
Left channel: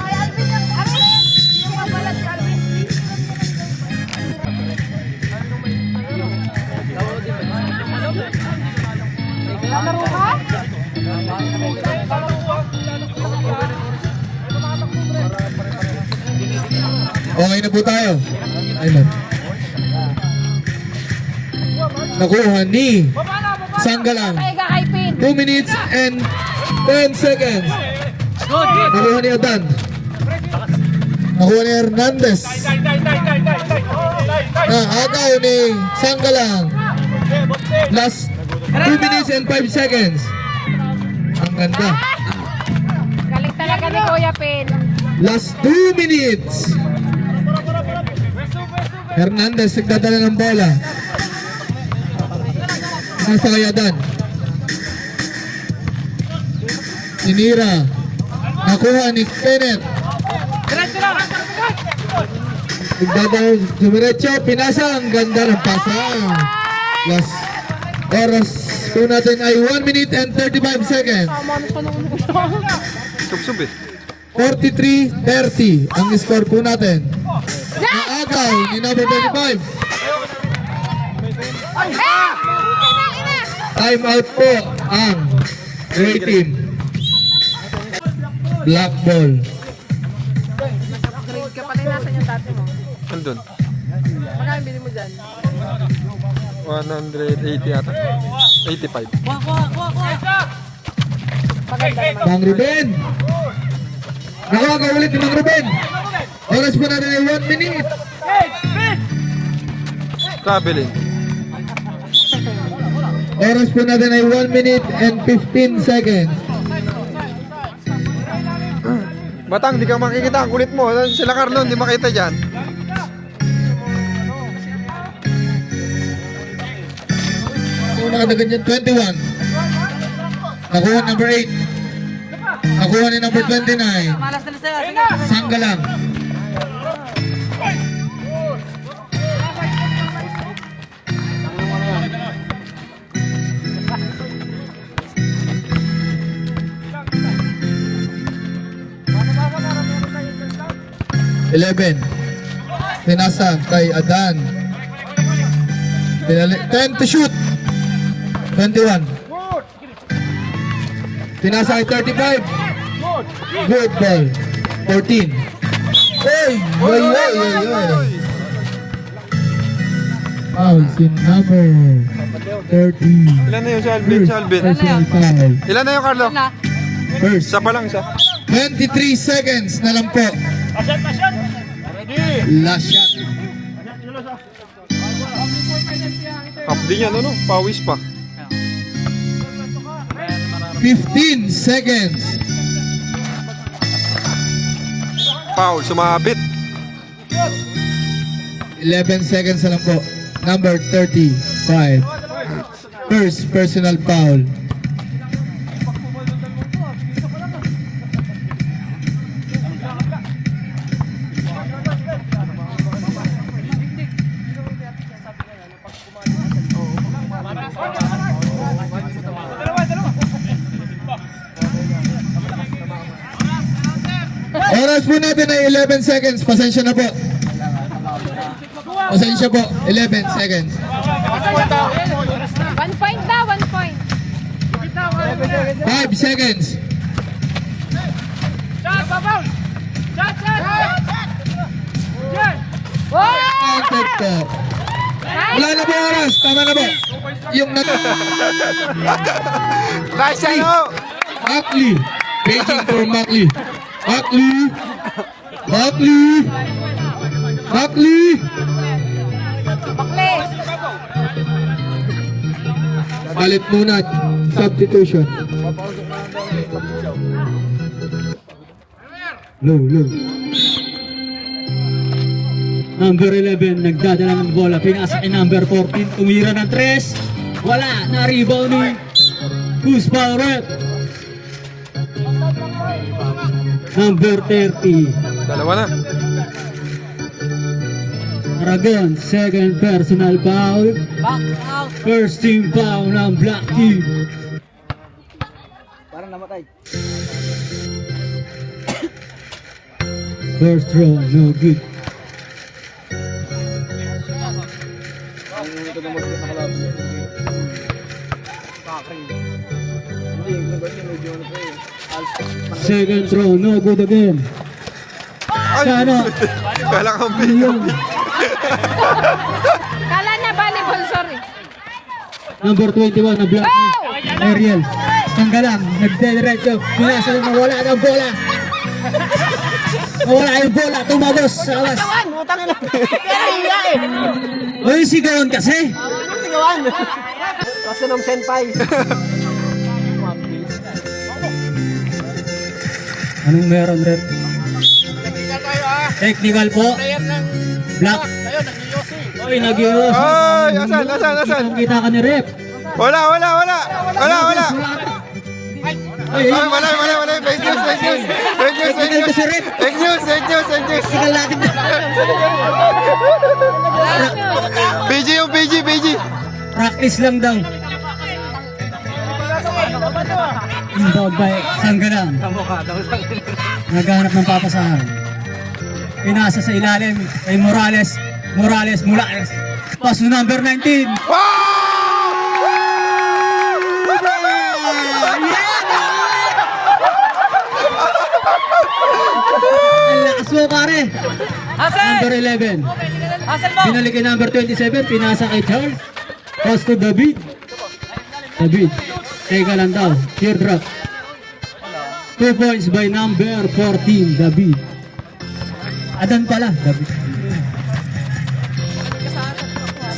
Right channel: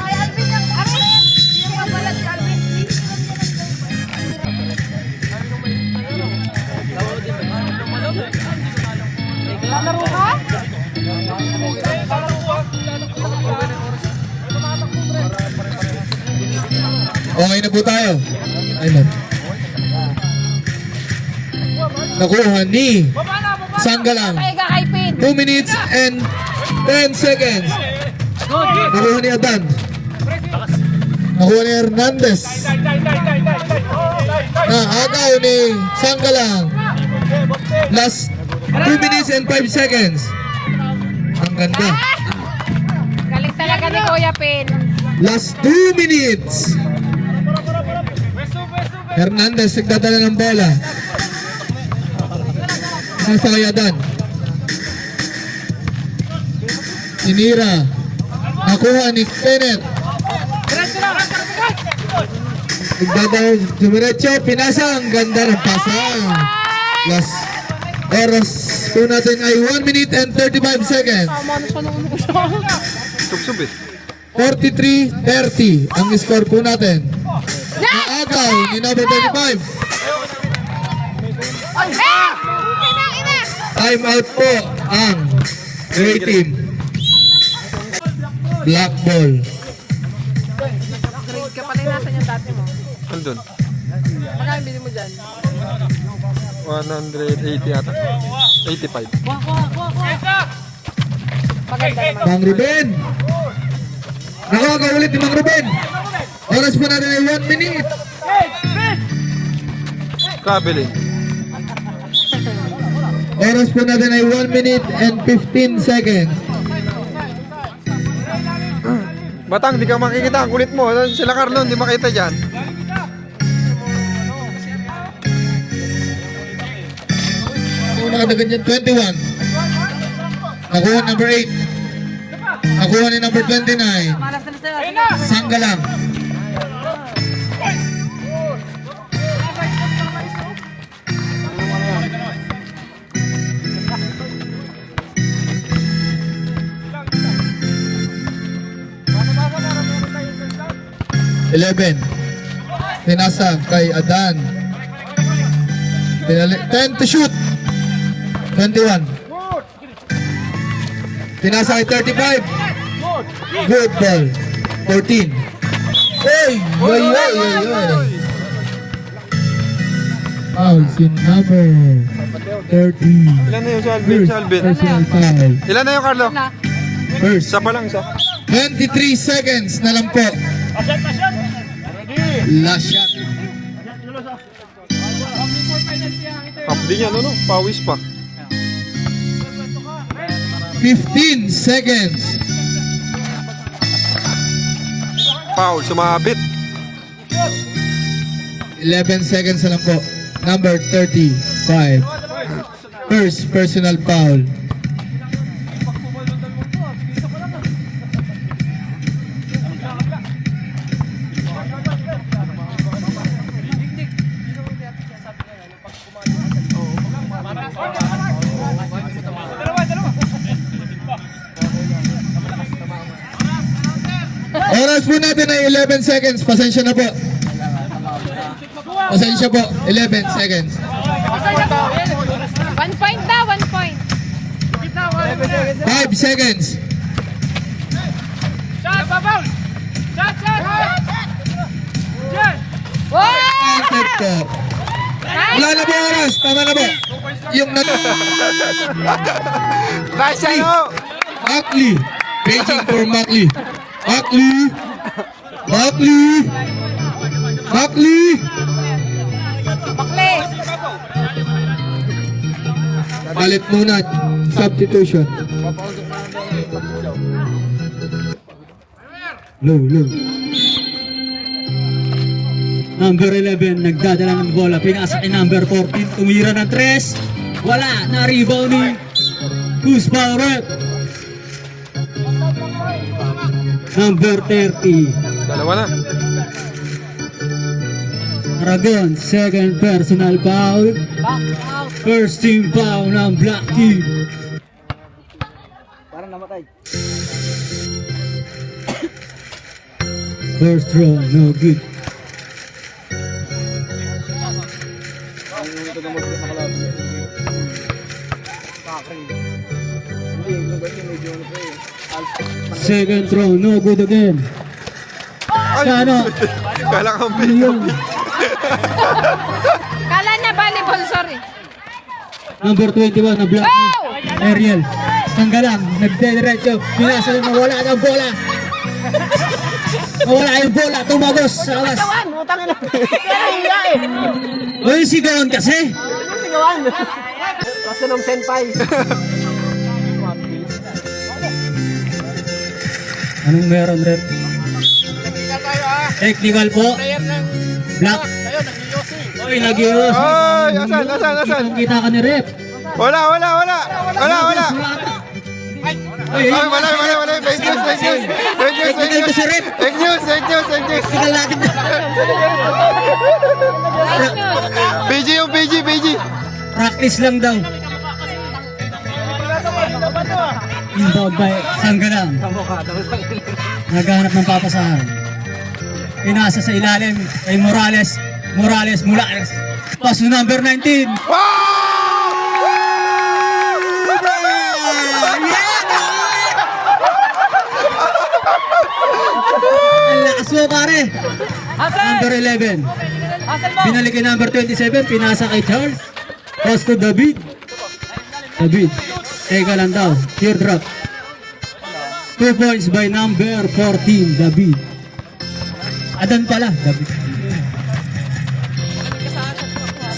Okay na po tayo. Time out. Nakuha ni Sanggalang. 2 minutes and 10 seconds. Nakuha ni Adan. Nakuha ni Hernandez. Naagaw ni Sanggalang. Last 2 minutes and 5 seconds. Ang ganda. Galing talaga ni Kuya Pin. Last 2 minutes. Hernandez nagdadala ng bola. Nasa kay Adan. Sinira. Nakuha ni Kenneth. Nagdadala. Dumiretso. Pinasa. Ang ganda ng pasa. Last oras po natin ay 1 minute and 35 seconds. Sub-sub eh. 43-30 ang score po natin. Naagaw ni number 35. Time out po ang gray team. Black ball. Grade ka pala natin yung dati mo. Andun. Magkano bilhin mo dyan? 180 yata. 85. Mang Ruben. Nakaka ulit ni Mang Ruben. Oras po natin ay 1 minute. Traveling. Oras po natin ay 1 minute and 15 seconds. Batang, di ka makikita. Ang kulit mo. Sila Carlo, hindi makita dyan. Kung nakadagan dyan, 21. Nakuha number 8. Nakuha ni number 29. Sanggalang. 11. Pinasa kay Adan. 10 to shoot. 21. Pinasa kay 35. Good ball. 14. Oy! Oy! Oy! Foul in number 30. Ilan na yun si Alvin? Si Alvin. Personal foul. Ilan na yun, Carlo? First. Isa pa lang, isa. 23 seconds na lang po. Asyat, asyat! Last shot. Half din yan, ano? Pawis pa. 15 seconds. Foul, sumabit. 11 seconds na lang po. Number 35. First personal foul. Oras po natin ay 11 seconds. Pasensya na po. Pasensya po. 11 seconds. 1 point na, 1 point. 5 seconds. Wow! Counted po. Wala na po oras. Tama na po. Yung Nice, ano? Mackley. Waiting for Mackley. Mackley. Mackley. Mackley. Balit muna. Substitution. Low. Number 11, nagdadala ng bola. Pinasa kay number 14. Tumira ng 3. Wala. Na-rebound ni Who's Power? Number 30. Dalawa na. Aragon, second personal foul. First team foul ng Black Team. Parang namatay. First throw, no good. Second throw, no good again. Ay! Sana. Kala kambing. Kala niya volleyball, sorry. Number 21 na Black Team. Ariel, tanggalan, nagdediretso. Pinasa na mawala ng bola. Mawala yung bola, tumagos sa labas. Uy, sigawan kasi. Kaso ng senpai. Anong meron, Rep? Technical tayo ah. Technical po. Player ng Black. tayo, nag-yosi. Uy, nag-ios. Ay, asan? Kita ka ni Rep. Wala. Uy, Ay, wala. Fake news. sigal natin. PG. Practice lang daw. Inbound by Sanggalang. Naghahanap ng papasahan. Pinasa sa ilalim kay Morales. Pass to number 19. Ang lakas mo, pare. Number 11. Binalik kay number 27. Pinasa kay Charles. Pass to David. Teka lang daw. Teardrop. 2 points by number 14, David. Adan pala, David.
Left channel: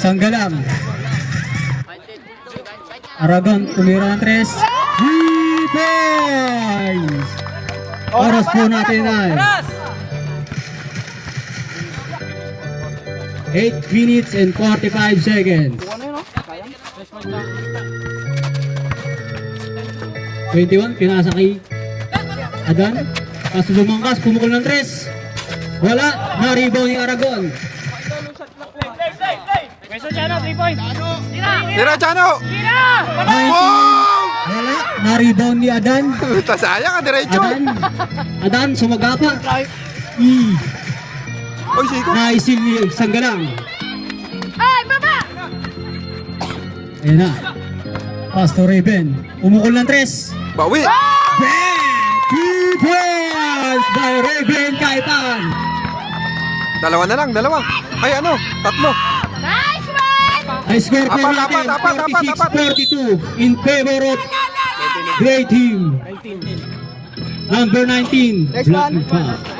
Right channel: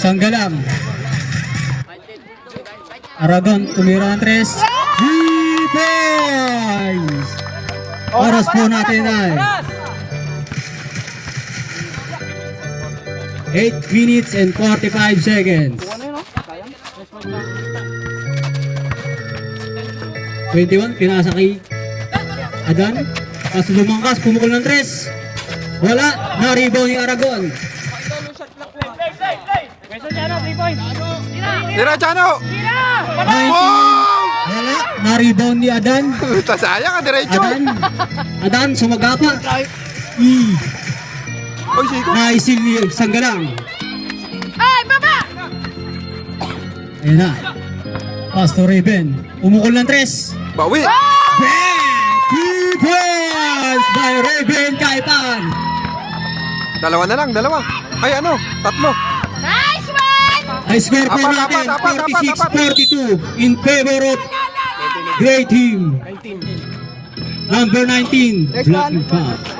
Sanggalang. Aragon, tumira ng 3. 3 points! Oras po natin ay 8 minutes and 45 seconds. 21, pinasa kay Adan. Kaso lumangkas, pumukul ng 3. Wala, na-rebound yung Aragon. Tira, Chano! Wow! Wala, na-rebound ni Adan. Sayang ka, diretso. Adan, sumagapa. Oy, siko. Naisilip Sanggalang. Ay, baba! Ayan na. Pass to Raven. Umukol ng 3. Bawi. Back! 2 points by Raven Kaipan. Dalawa na lang, dalawa. Ay, ano? Tatlo. Nice one! Ay score po Apat, natin, apat, apat, apat. 46-42 in favor of Gray Team. Number 19. Next one.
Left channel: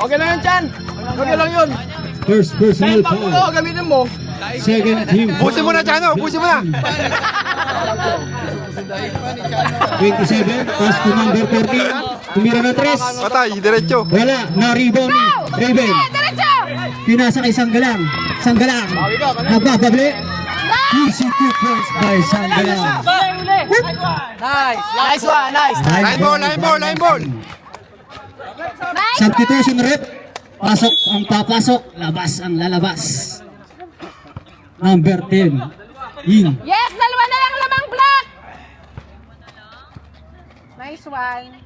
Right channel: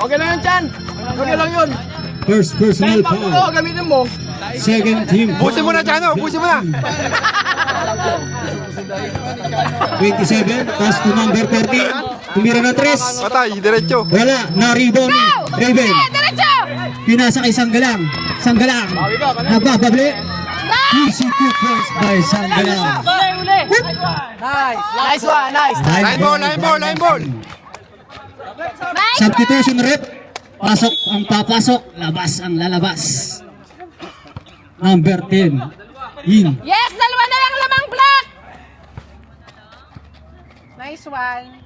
Okay na yun, Chan. Okay lang yun. First personal Pag ulo, foul. gamitin mo. Second team. Ubusin mo na, Chano. Ubusin mo na. 27. Pass to number 14. Tumira ng 3. Patay, diretso. Wala. Na-rebound ni Raven. Diretso! Pinasa kay Sanggalang. Sanggalang. Nagpapabli. Easy 2 points by Sanggalang. Nice. Nice one, nice. Line ball, line ball, line ball. Substitution rep. Pasok ang papasok. Labas ang lalabas. Number 10. In. Yes, dalawa na lang lamang block! Nice one.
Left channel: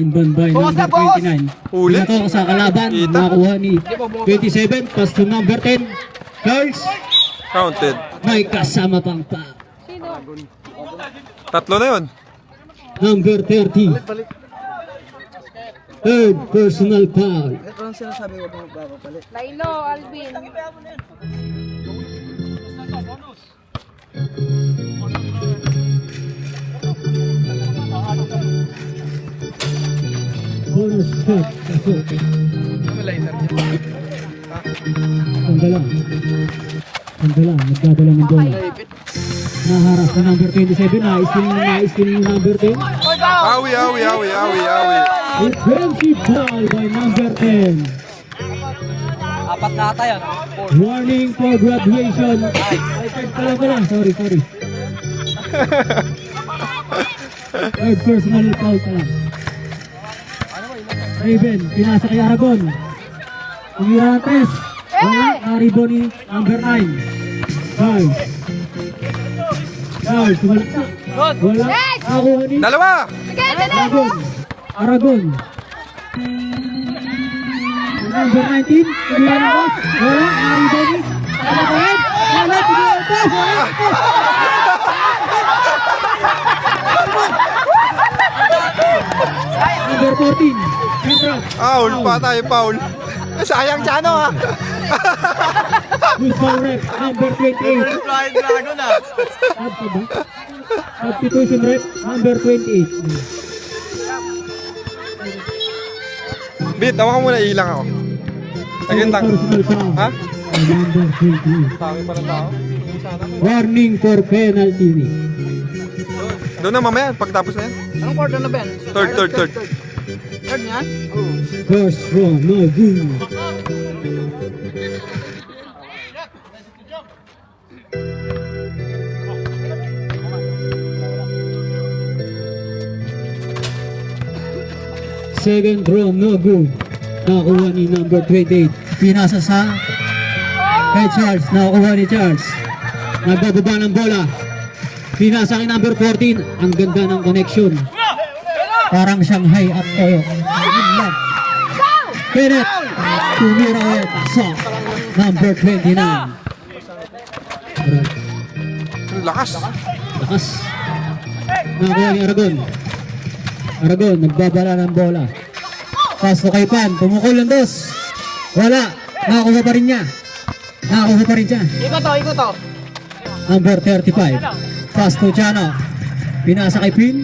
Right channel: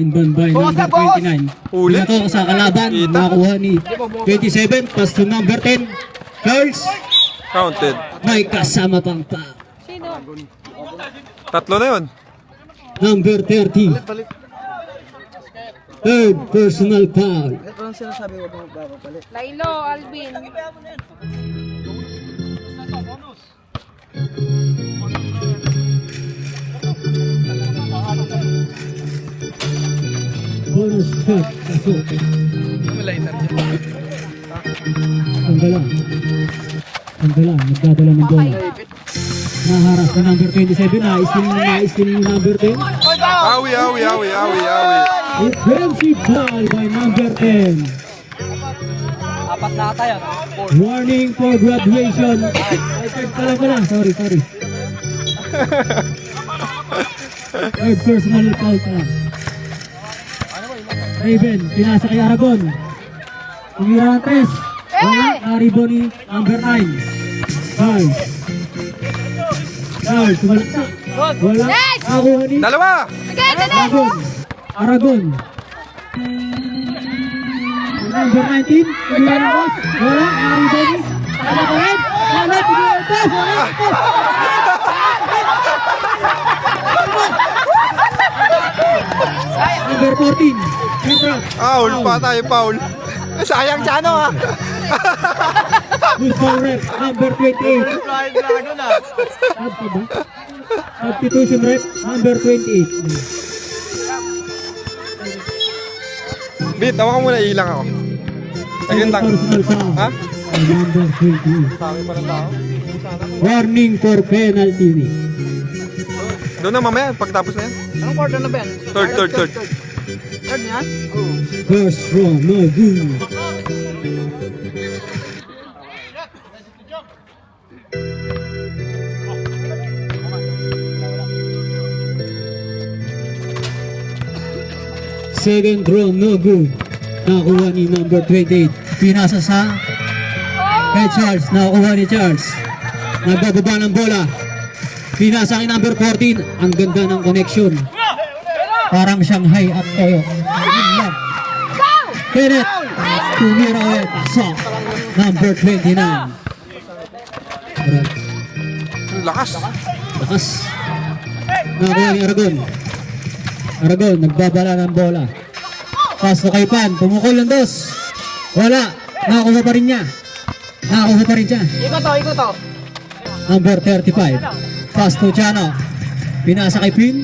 Inbound by Bukas na, number boss! 29. Huli. Pinato sa kalaban. Kita. Nakakuha ni 27. Pass to number 10. Charles. Counted. May kasama pang pa. Tatlo na yun. Number 30. Third personal foul. Laino, Alvin. Bonus shot. Pasok. Sanggalang. Nagdadala ng bola. Naharap na number 27. Naistiling ng number 10. Awi, awi, awi, awi, awi. Defensive foul by number 10. Apat na ata yan. Warning for graduation. Sorry. Third personal foul pa lang. Raven, pinasa kay Aragon. Tumira ang 3. Wala, na-rebound ni number 9. Charles. Tumalaksa. Wala, nakuha ni Dalawa. Aragon. Number 19, tumira ng boss. Wala, na-rebound ni Aragon. Wala, tumira ang boss. Number 14, Petra. Foul pa tayo, foul. Sayang, Chano, ha. Rep, number 28. Substitution rep, number 28. Bit, tawa ka muna, ilang ako. Saglit lang. Personal foul. Ha? Number 28. Dami pa ng tao. Sana. Warning for penalty. Doon na mamaya, pagtapos na yan. Anong quarter na, Ben? Third. Third niyan? First row, no good. Second row, no good. Nakuha ni number 28. Pinasa sa kay Charles. Nakuha ni Charles. Nagbababa ng bola. Pinasa kay number 14. Ang ganda ng connection. Parang Shanghai at Toyo. Kenneth. Tumira ulit. Pasok. Number 29. Ang lakas. Lakas. Nakuha ni Aragon. Aragon, nagbabala ng bola. Pass to kay Pan. Tumukol ng 2. Wala. Nakakuha pa rin niya. Nakakuha pa rin siya. Iko to. Number 35. Pass to Chano. Pinasa kay Pin.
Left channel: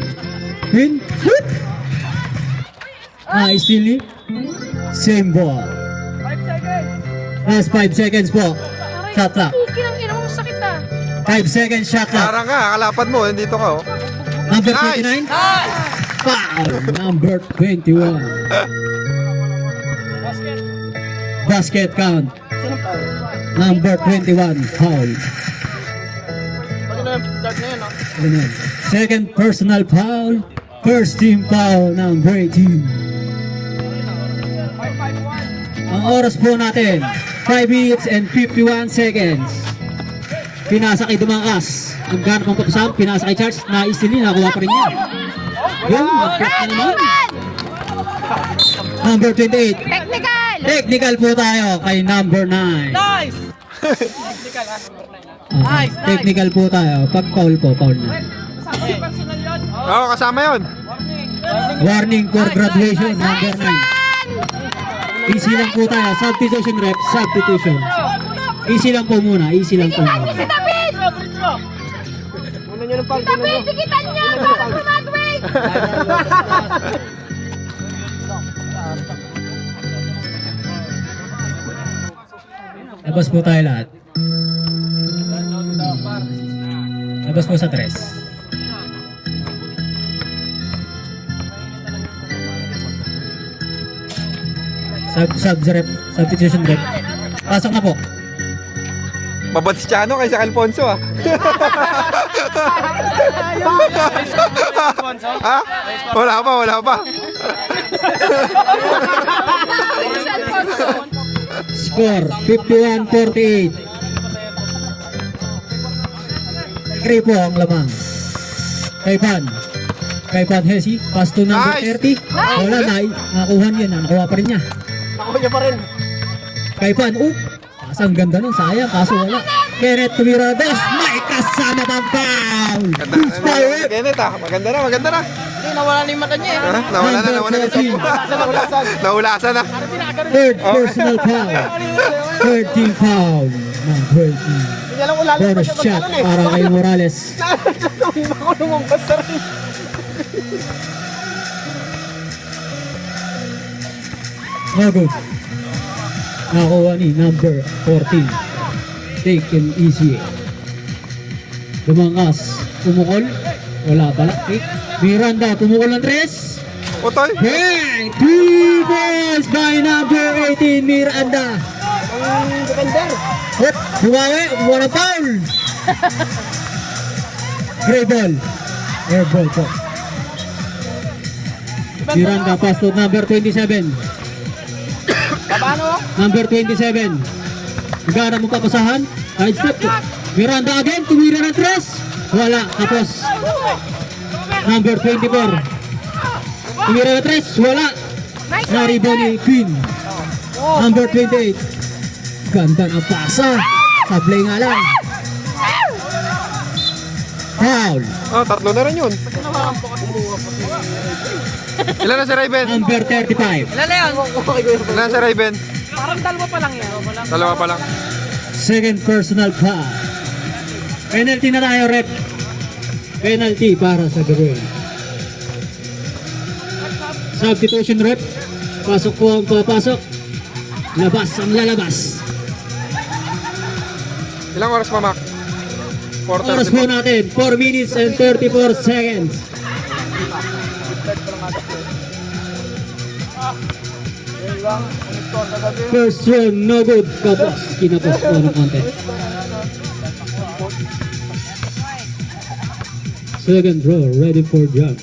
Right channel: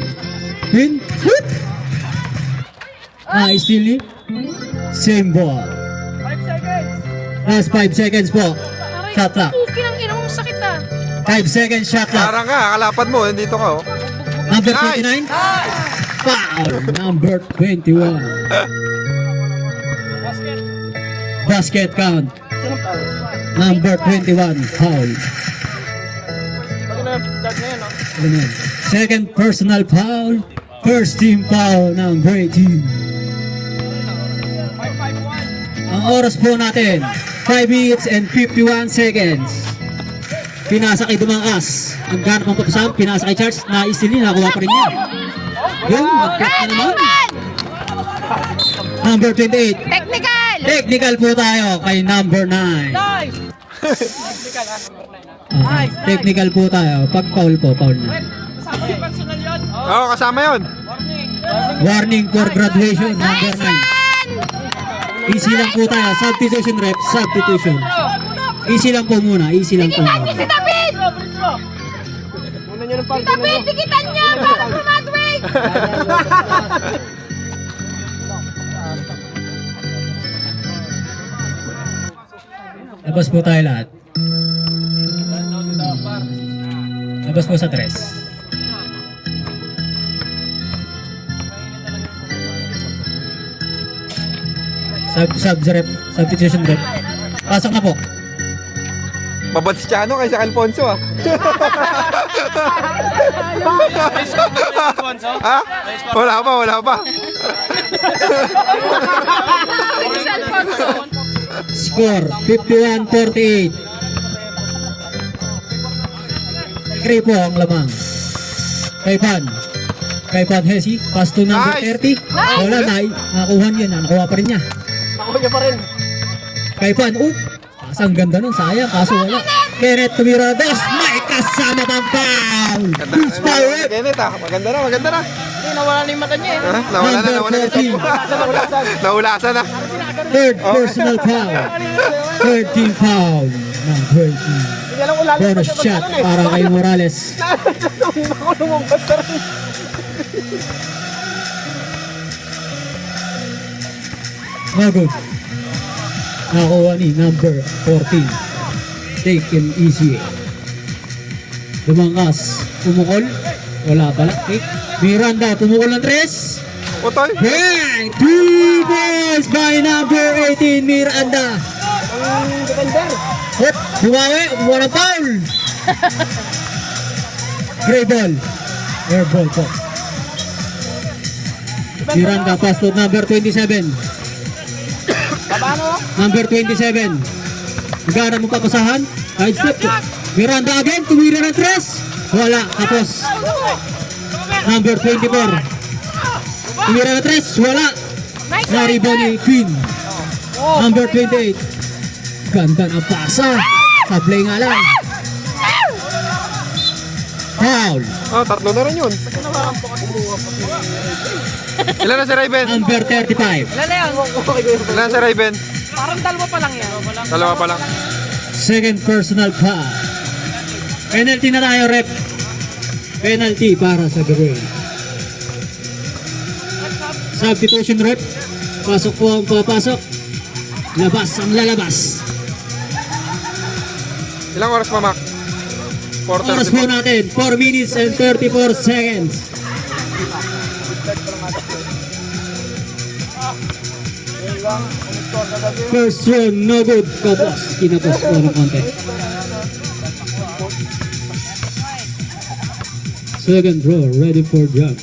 Shoot! Still ni. Same ball. Last 5 seconds po. Shot clock. Kinang-ina mo, sakit na. 5 seconds shot clock. Parang nga, kalapad mo, dito ka, oh. Number Nice. 29. Foul. Number 21. Basket count. Number 21. Foul. Pag na third na yun, no? Ganun. Second personal foul. First team foul ng Gray Team. Ang oras po natin, 5 minutes and 51 seconds. Pinasa kay Dumangkas. Ang ganap ng tukusan, pinasa kay Charles. Naisili, nakuha pa rin niya. Yan, mag-cut na naman. Number 28. Technical! Technical po tayo kay number 9. Technical po tayo. Pag foul po, foul na. Oo, kasama yun. Warning for graduation, number 9. Easy lang po tayo. Substitution rep, substitution. Easy lang po muna, easy lang po muna. Tikitan niya! Gumagawin! Labas po tayo lahat. Labas po sa 3. Substitution rep. Pasok na po. Mabot si Chano kaysa Alfonso ah. Ha? Wala pa, wala pa. Score 51-48. 3 po ang lamang. Kay Pan Hesi, pass to number Nice! 30. Wala na, nakakuha niya na, nakuha pa rin niya. Ako niya pa rin. Kay Pan, ang ganda nun, sayang, kaso wala. Kenneth Tumirades, may kasama pang foul. Who's foul? Kenneth ah, maganda na, maganda na. Hindi, nawala na yung mata niya. Ha? Nawala na yung sampu. Naulasan na. Third personal foul. 13 foul ng 13. Hindi alam ulan. Bonus shot para kay Morales. Ako lumabas sa rin. No good. Nakuha ni number 14. Taken easy. Lumangkas. Tumukol. Wala pala. Okay. Miranda, tumukol ng 3. Utoy. Bang! 3 balls by number 18, Miranda. Ang defender. Hop! Bumawi! Walang foul! Gray ball. Air ball po. Miranda, pass to number 27. Babano? Number 27. Magkano mo papasahan? Side step po. Miranda again, tumira ng 3. Wala, tapos. Number 24. Tumira ng 3, wala. Na-rebound ni Queen. Number 28. Ganda ng pasa. Sablay nga lang. Foul. Oh, tatlo na rin yun. Ilan na si Raven? Number 35. Ilan na si Raven? Dalawa pa lang. Second personal foul. Penalty na tayo, rep. Penalty para sa Gawin. Substitution rep. Pasok po ang papasok. Labas ang lalabas. Ilang oras pa, Mac? Oras po 4:34. natin. 4 minutes and 34 seconds. First one, no good. Tapos, kinapos po ng konti. Second row, ready for drop.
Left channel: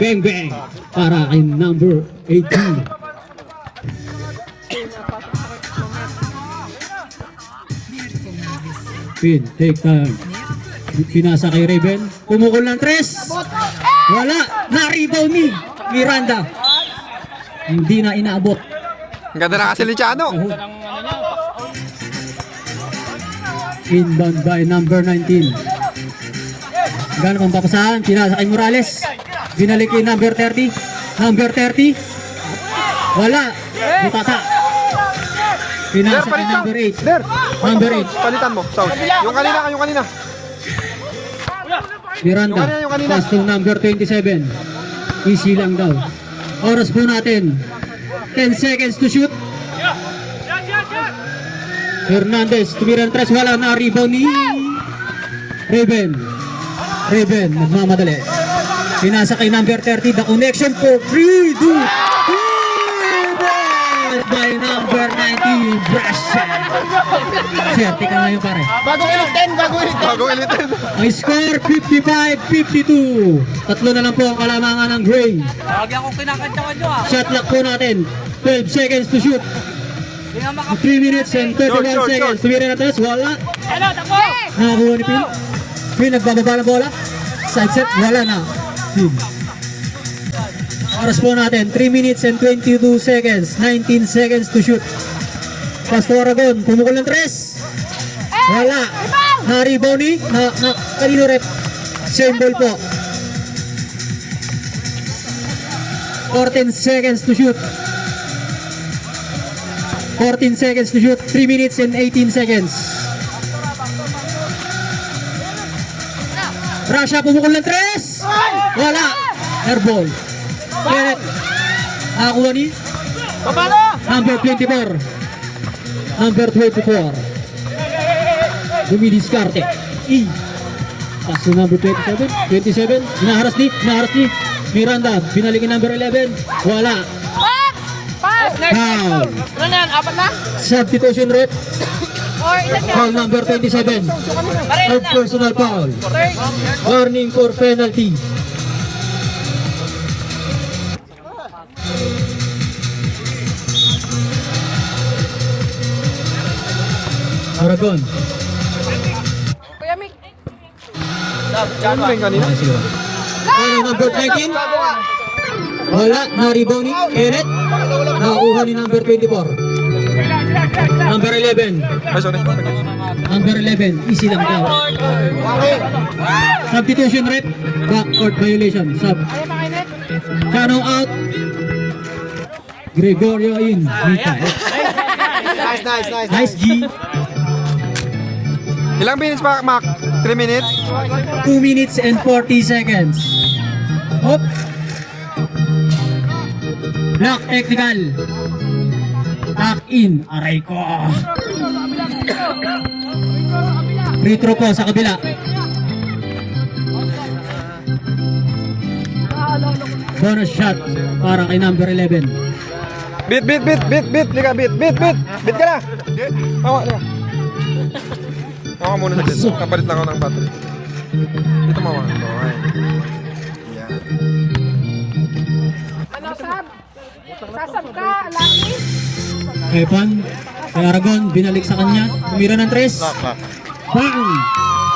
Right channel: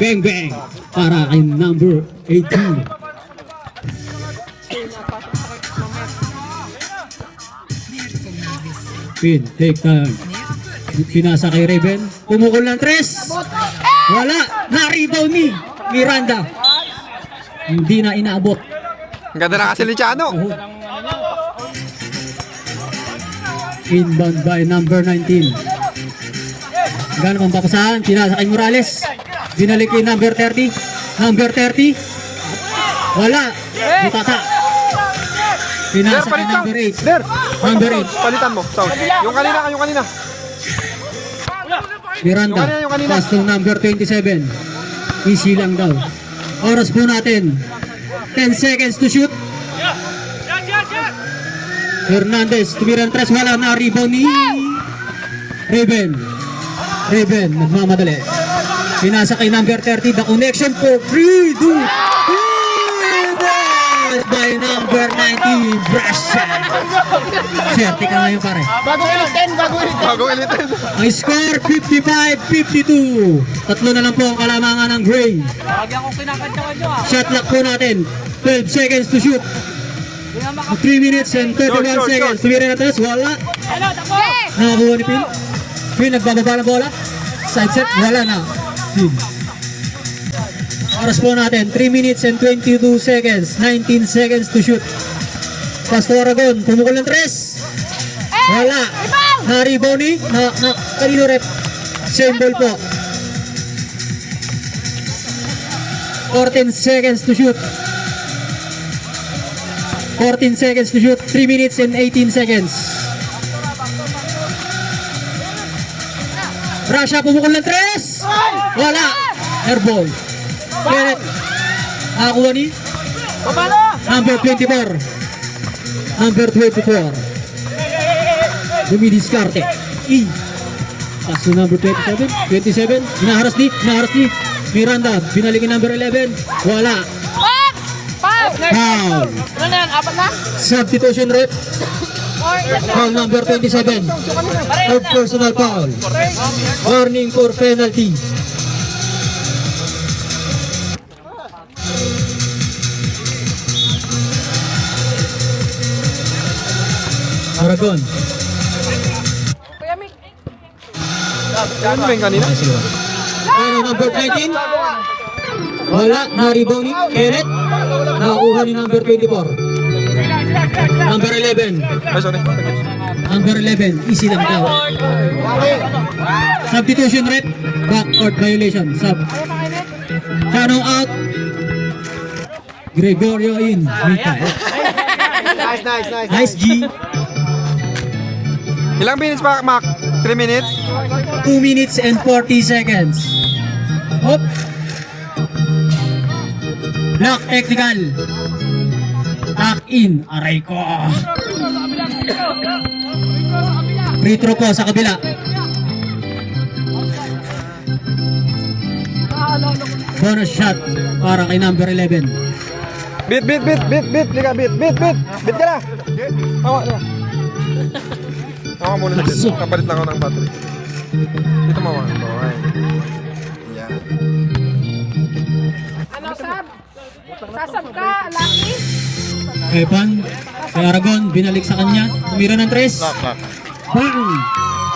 Bang bang para kay number 18. Pin, take time. Pinasa kay Raven. Pumukol ng 3. Wala. Na-rebound ni Miranda. Hindi na inaabot. Ang ganda na kasi ni Chano. Inbound by number 19. Gano'n pang papasahan. Pinasa kay Morales. Binalik kay number 30. Number 30. Wala. Butata. Pinasa kay number 8. Number 8. Palitan mo, South. Yung kanina, yung kanina. Miranda. Yung kanina. Pass to number 27. Easy lang daw. Oras po natin. 10 seconds to shoot. Hernandez. Tumira ng 3. Wala na. Rebound ni Raven. Raven. Nagmamadali. Pinasa kay number 30. The connection for 3, 2, by number 19, Brasha. Swerte ka ngayon, pare. Bagong elitin, bagong elitin. Bagong elitin. Ang score, 55-52. Tatlo na lang po ang kalamangan ng Gray. Shot clock po natin. 12 seconds to shoot. 3 minutes and 31 Short. seconds. Tumira na tres, wala. Nakakuha ni Pin. Pin, nagbababa ng bola. Side set, wala na. Pin. Oras po natin, 3 minutes and 22 seconds. 19 seconds to shoot. Pastor Aragon, pumukul ng 3. Wala. Harry Bonnie, kanino rep? Same ball po. 14 seconds to shoot. 14 seconds to shoot. 3 minutes and 18 seconds. Russia, pumukul ng 3. Wala. Airball. Kenneth. Nakakuha ni? Number 24. Number 24. Dumidiskarte. In. Paso number 27. 27. Hinaharas ni. Miranda. Binalik yung number 11. Wala. Foul. Ano na yan? Apat na? Substitution rep. Foul number 27. Third personal foul. Warning for penalty. Aragon. Kuya Mick. Ano ba yung kanina? Ano number 19? Wala. Na-rebound ni Kenneth. Nakakuha ni number 24. Number 11. Ay, sorry. Number 11. Easy lang daw. Substitution rep. Backcourt violation. Sub. Tanong out. Gregorio in. Nice G. Ilang minutes pa, Mac? 3 minutes? 2 minutes and 40 seconds. Hop. Block technical. Back in. Aray ko. Free throw po sa kabila. Bonus shot para kay number 11. Bit. Liga, bit ka na. Tawa, liga. Tawa muna sa bit. Kapalit lang ako ng battery. Dito mawa. Okay. Ano, Sab? Sasab ka, Lucky. Evan, kay Aragon, binalik sa kanya. Tumira ng 3. Bang!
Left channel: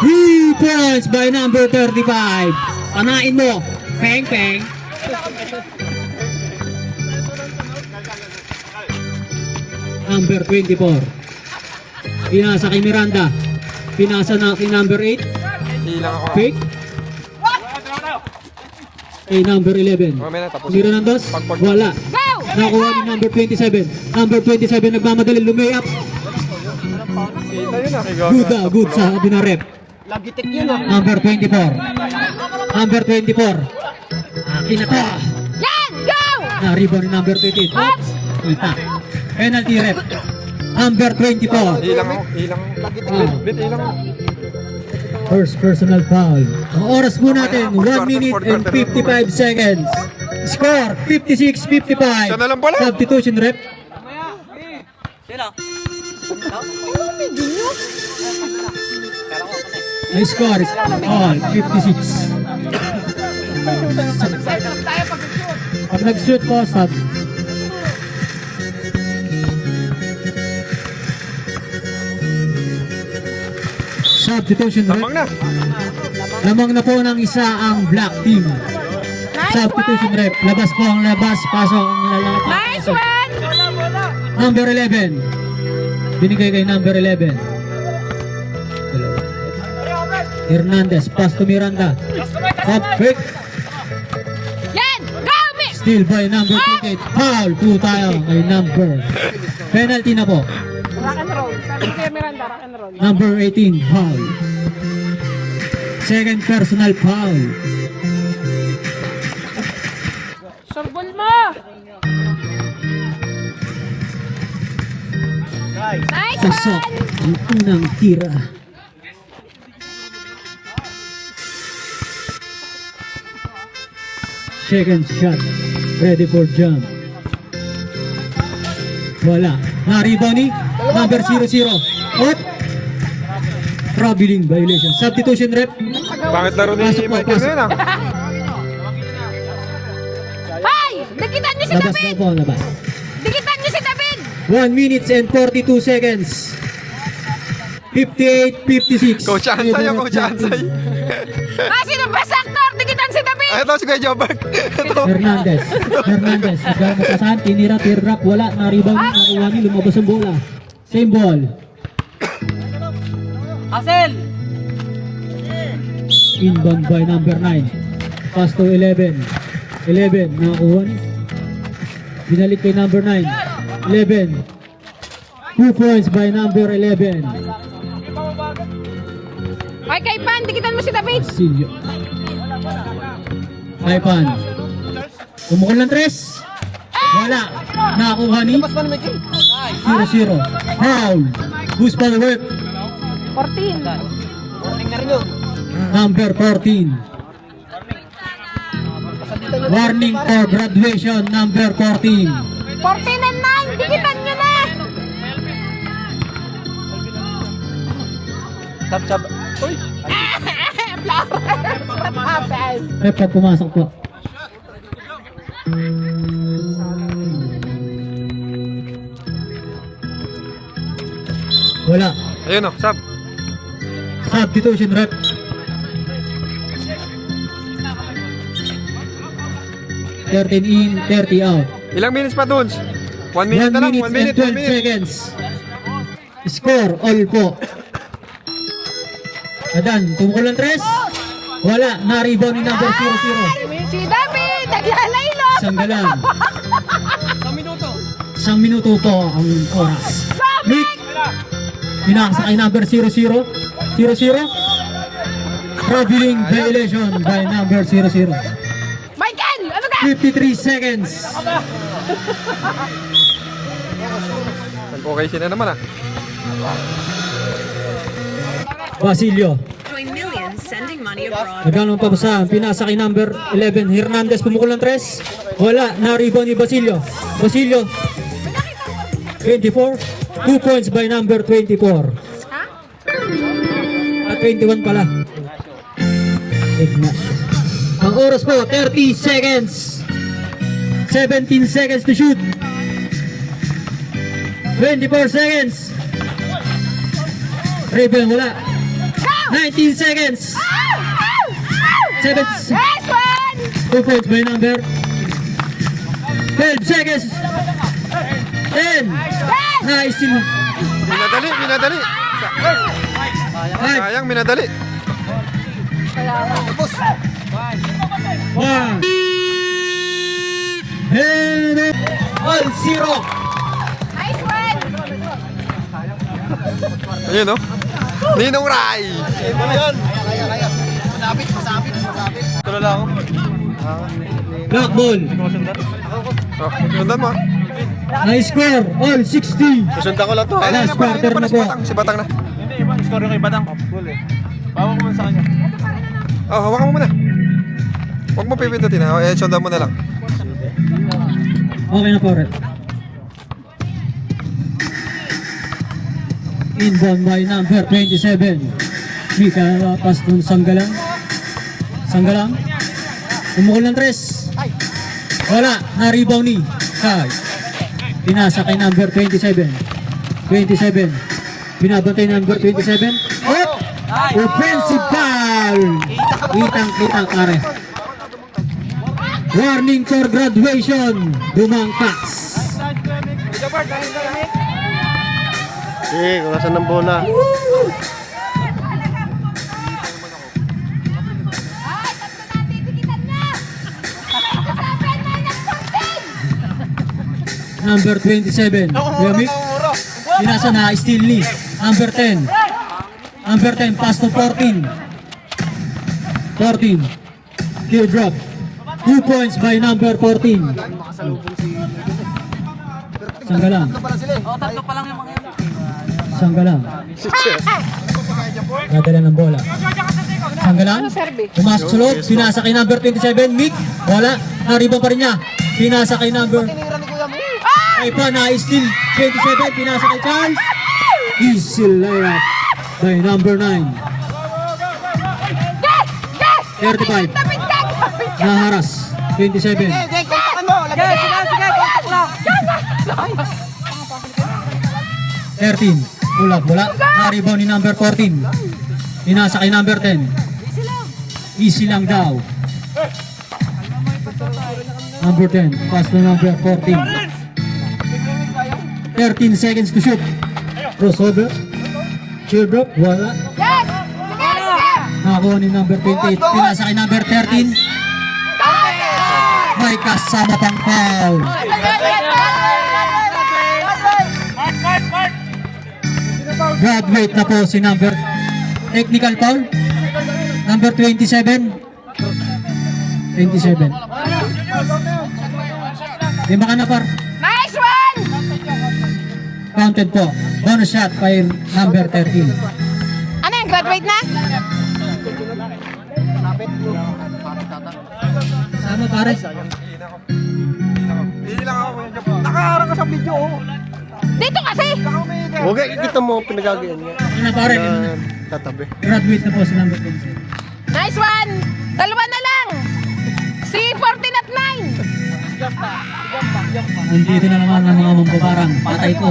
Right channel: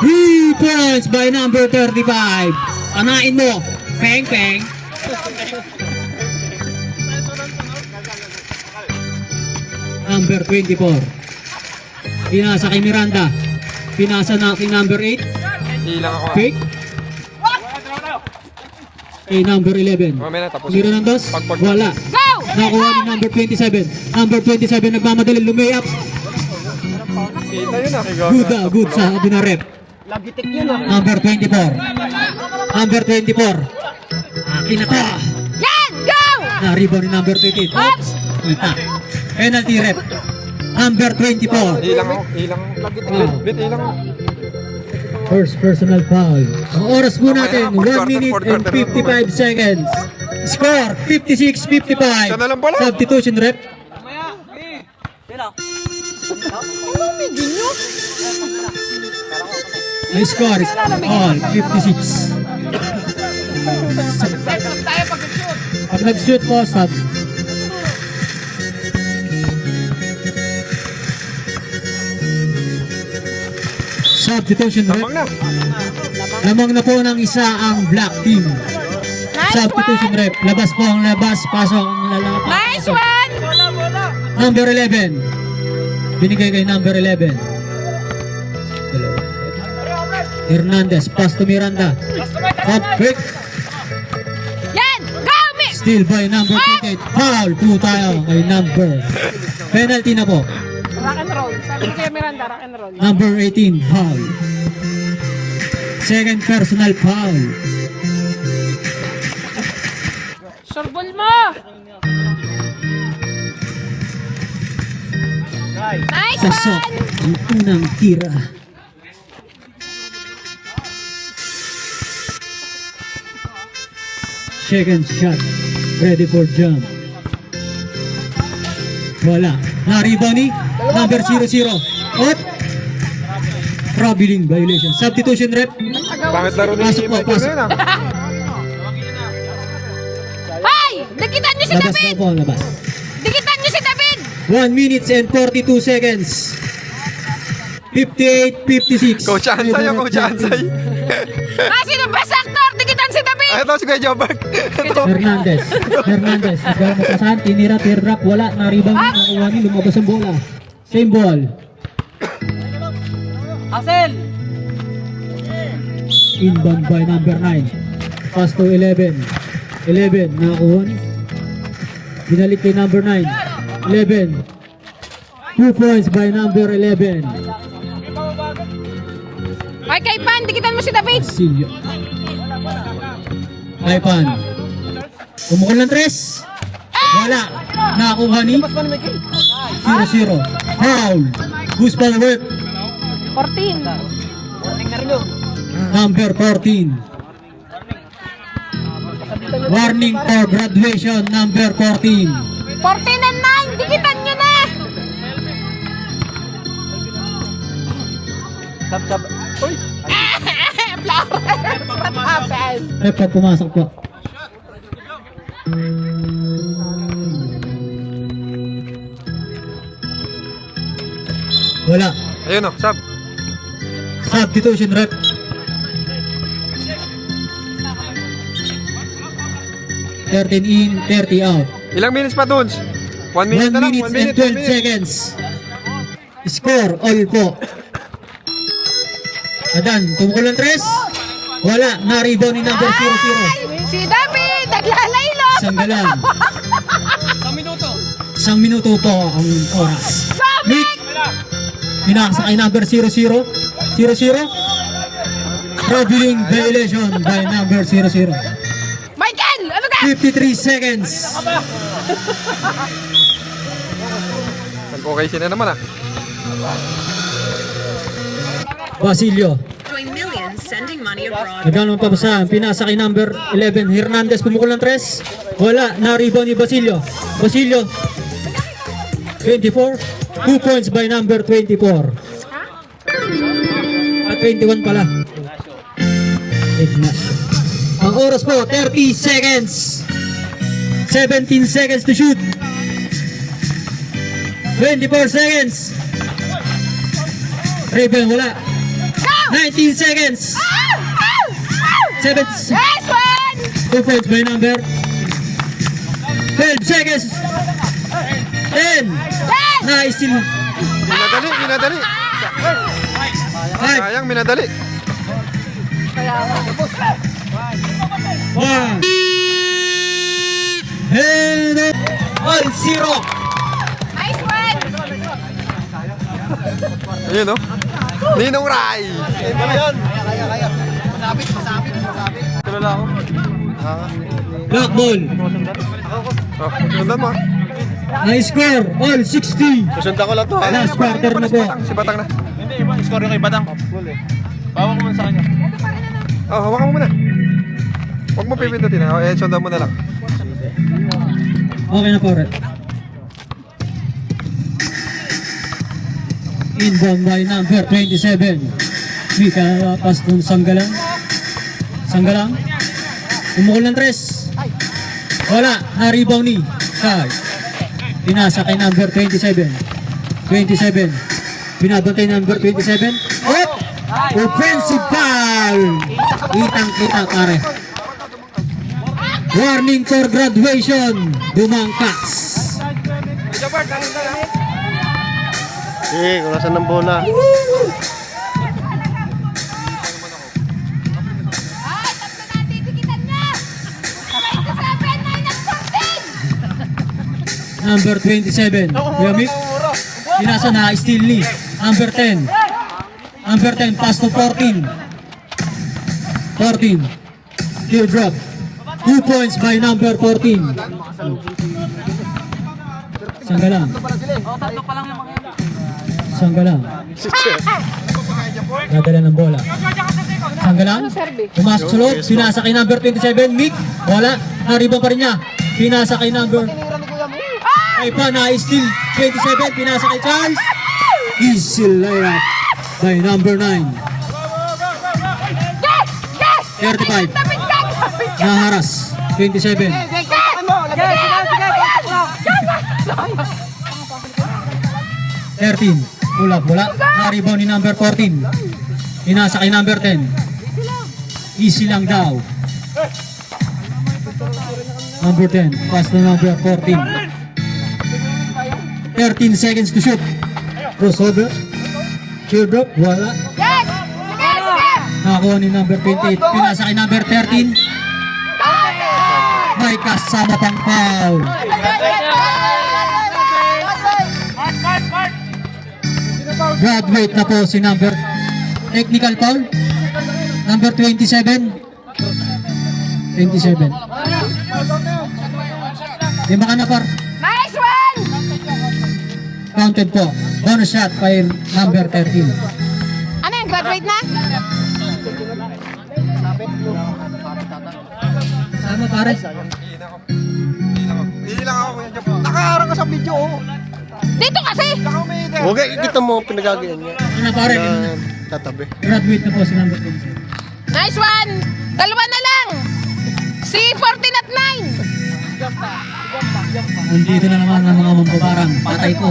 3 points by number 35. Panain mo. Peng. Number 24. Pinasa kay Miranda. Pinasa na kay number 8. Ilang ako. Fake. Kay number 11. Mamaya na, tapos. Tumira ng 2. Wala. Nakuha ni number 27. Number 27 nagmamadali lumayap. Good sa binarep. Number 24. Number 24. Pinata. Yan! Go! Na-rebound ni number 28. Oops. Kita. Penalty rep. Number 24. Ilang ako. Bit, ilang ako. First personal foul. Ang oras po natin, 1 minute and 55 seconds. Score, 56-55. Siya na lang pala. Substitution rep. Ay score is all 56. Pag nag-shoot po, sub. Substitution rep. Tamang na. Lamang na po ng isa ang black team. Substitution rep. Labas po ang labas. Pasok ang lalaki. Nice one! Number 11. Binigay kay number 11. Hernandez. Pass to Miranda. Hot break. Yan! Go, Mick! Still by number 28. Foul. 2 tayo kay number. Penalty na po. Rock and roll. Sabi kay Miranda, rock and roll. Number 18. Foul. Second personal foul. Surbol mo! Nice Sasok ang unang tira. Second shot. Ready for jump. Wala. Na-rebound ni number 00. Up. Traveling violation. Substitution rep. Pangit laro ni Pasok po, Michael pasok. ngayon ah. Hay! Nakitan niyo si Labas David! na po, labas. Nakitan niyo si David! 1 minutes and 42 seconds. 58-56. Coach Ansay yung Coach Ansay. Ah, sino ba sa actor? Nakitan si David! Ito si Kuya Jobert. Ito. Hernandez. Hernandez. Nagkaroon ng pasahan. Tinira, tear drop. Wala. Na-rebound. Nakuha ni. Lumabas ang bola. Same ball. Asel! Inbound by number 9. Pass to 11. 11. Nakakuha ni. Binalik kay number 9. 11. 2 points by number 11. Ay, kay Pan, dikitan mo si David. Silvio. Ipan. Umukol ng 3. Wala. Nakakuha ni. 0-0. Foul. Who's foul work? 14. Number 14. Warning for graduation. Number 14. 14 and 9, dikitan nyo na. Uy! Repot pumasok po. Wala. Ayun o, sab. Substitution rep. $13 in, 30 out. Ilang minutes pa dun? 1 minute 1 na lang, minute 1 minute, and 1 12 minute. seconds. Score, all po. Adan, tumukol ng 3. Wala, na-rebound ni number 00. Si David, naglalay na. Sanggalan. 1 minuto po ang oras. Nick, pinakasa kay number 00. 00. Traveling violation by number 00. Michael, ano ka? 53 seconds. Okay sila naman ah. Basilio. Doing millions sending money abroad. Nagano pa sa pinasa kay number 11 Hernandez pumukol ng 3. Wala, na-rebound ni Basilio. Basilio 24. 2 points by number 24. At 21 pala. Ang oras po 30 seconds. 17 seconds to shoot. 24 seconds. Rebound wala. 19 seconds. 7 Nice one! 2 points by number 12 seconds. 10. Nice still. Minadali, minadali. 5, Sayang, minadali. 1. And 1-0. Nice one! Ayun o. Ninong Rai. Black ball. Oh, sundan mo ah. Nice score. All 60. Susundan ko lang to. Last quarter na po. Si Batang na. Score yung kay Batang. Oh, hawakan mo muna. Huwag mo pipindutin ha. Sundan mo na lang. Okay na po, Red. Inbound by number 27. Mika pass to Sanggalang. Sanggalang. Umukol ng 3. Wala. Na-rebound ni Kai. Pinasa kay number 27. 27. Binabantay number 27. Oh! Offensive foul! Kitang-kita pare. Warning for graduation. Dumangkas. Kung nasan ng bola. Number 27. Kuya Mick. Pinasa na steal ni. Number 10. Number 10 pass to 14. 14. Still drop. 2 points by number 14. Sanggalang. Sanggalang. Dadala ng bola. Sanggalang. Pumasok sa loob. Pinasa kay number 27. Mick. Wala. Nariba pa rin niya. Pinasa kay number ay pa na steal 27. Pinasa kay Charles. Easy layup by number 9. 35. Naharas. 27. 13. Wala. Na-rebound ni number 14. Pinasa kay number 10. Easy lang daw. Number 10. Pass to number 14. 13 seconds to shoot. Crossover. Shoulder. Wala. Nakakuha ni number 28. Pinasa kay number 13. May kasama pang foul. Graduate na po si number technical foul. Number 27. 27. Lima ka na par. Nice one! Counted po. Bonus shot by number 13. Ano yung graduate na? Sama pare. Nakaharap ka sa video. Dito kasi! Okay, kita mo pinagagayan niya. Ano pare? Tatabi. Graduate na po si number 27. Nice one! Dalawa na lang! Si 14 at 9! Nandito na naman ang mga mambabarang. Patay ko.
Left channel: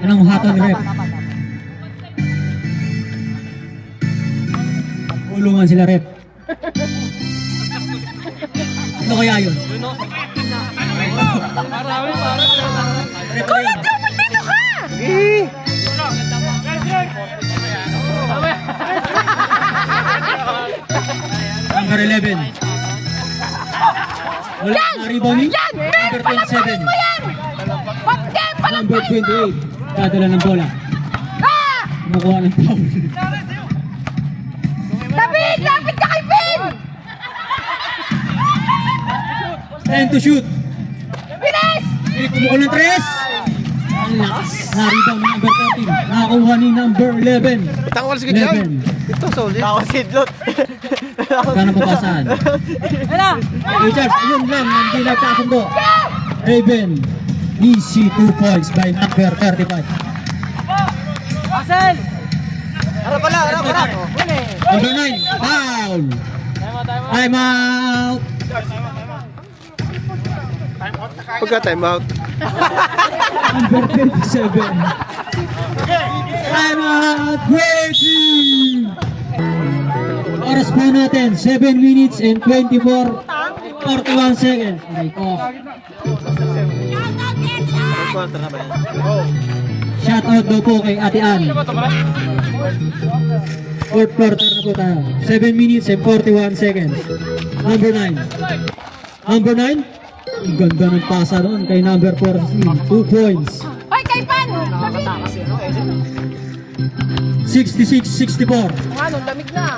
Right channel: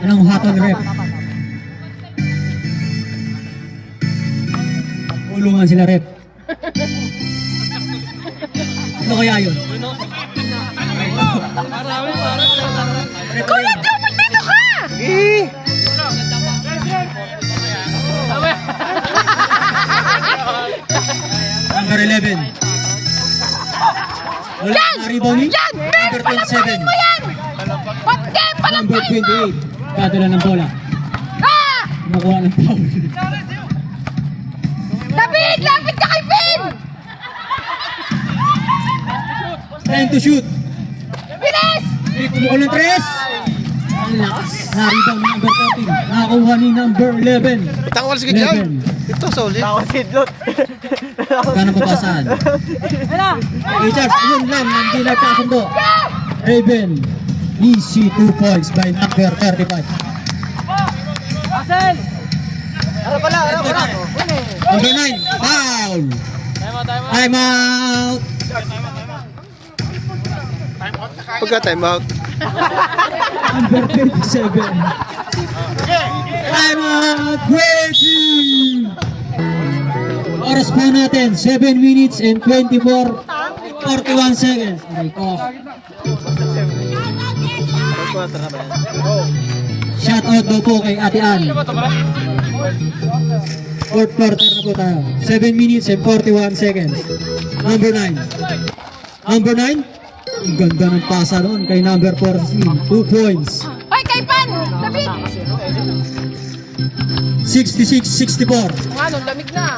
Anong hapon rep? Ulungan sila rep. Ano kaya yun? Kuya, dapat dito ka! Number 11. Wala na rebounding. Yan! Number Palamparin 27. mo yan! Pagka Number palamparin! 28. Kadala ng bola. Ah! Nakuha ng foul. David! Lapit ka kay Finn! 10 to shoot. Bilis! May kumukul ng 3. Ang lakas. Na-rebound number 14. Nakakuha ni number 11. Tangwal sige dyan. Ito, solid. Paano papasahan? Richards, yun lang. Hindi nagkasundo. Raven. Easy 2 points by number 35. Number 9. Foul. Time out. Pagka time out. Number 37. Time out. Waiting. Oras po natin. 7 minutes and 41 seconds. Aray ko. Shout out daw po kay Ate Ann. Fourth quarter na po tayo. 7 minutes and 41 seconds. Number 9. Number 9. Ang ganda ng pasa doon kay number 14. 2 points. Ay, kay Pan! David! 66-64. Ano, lamig na.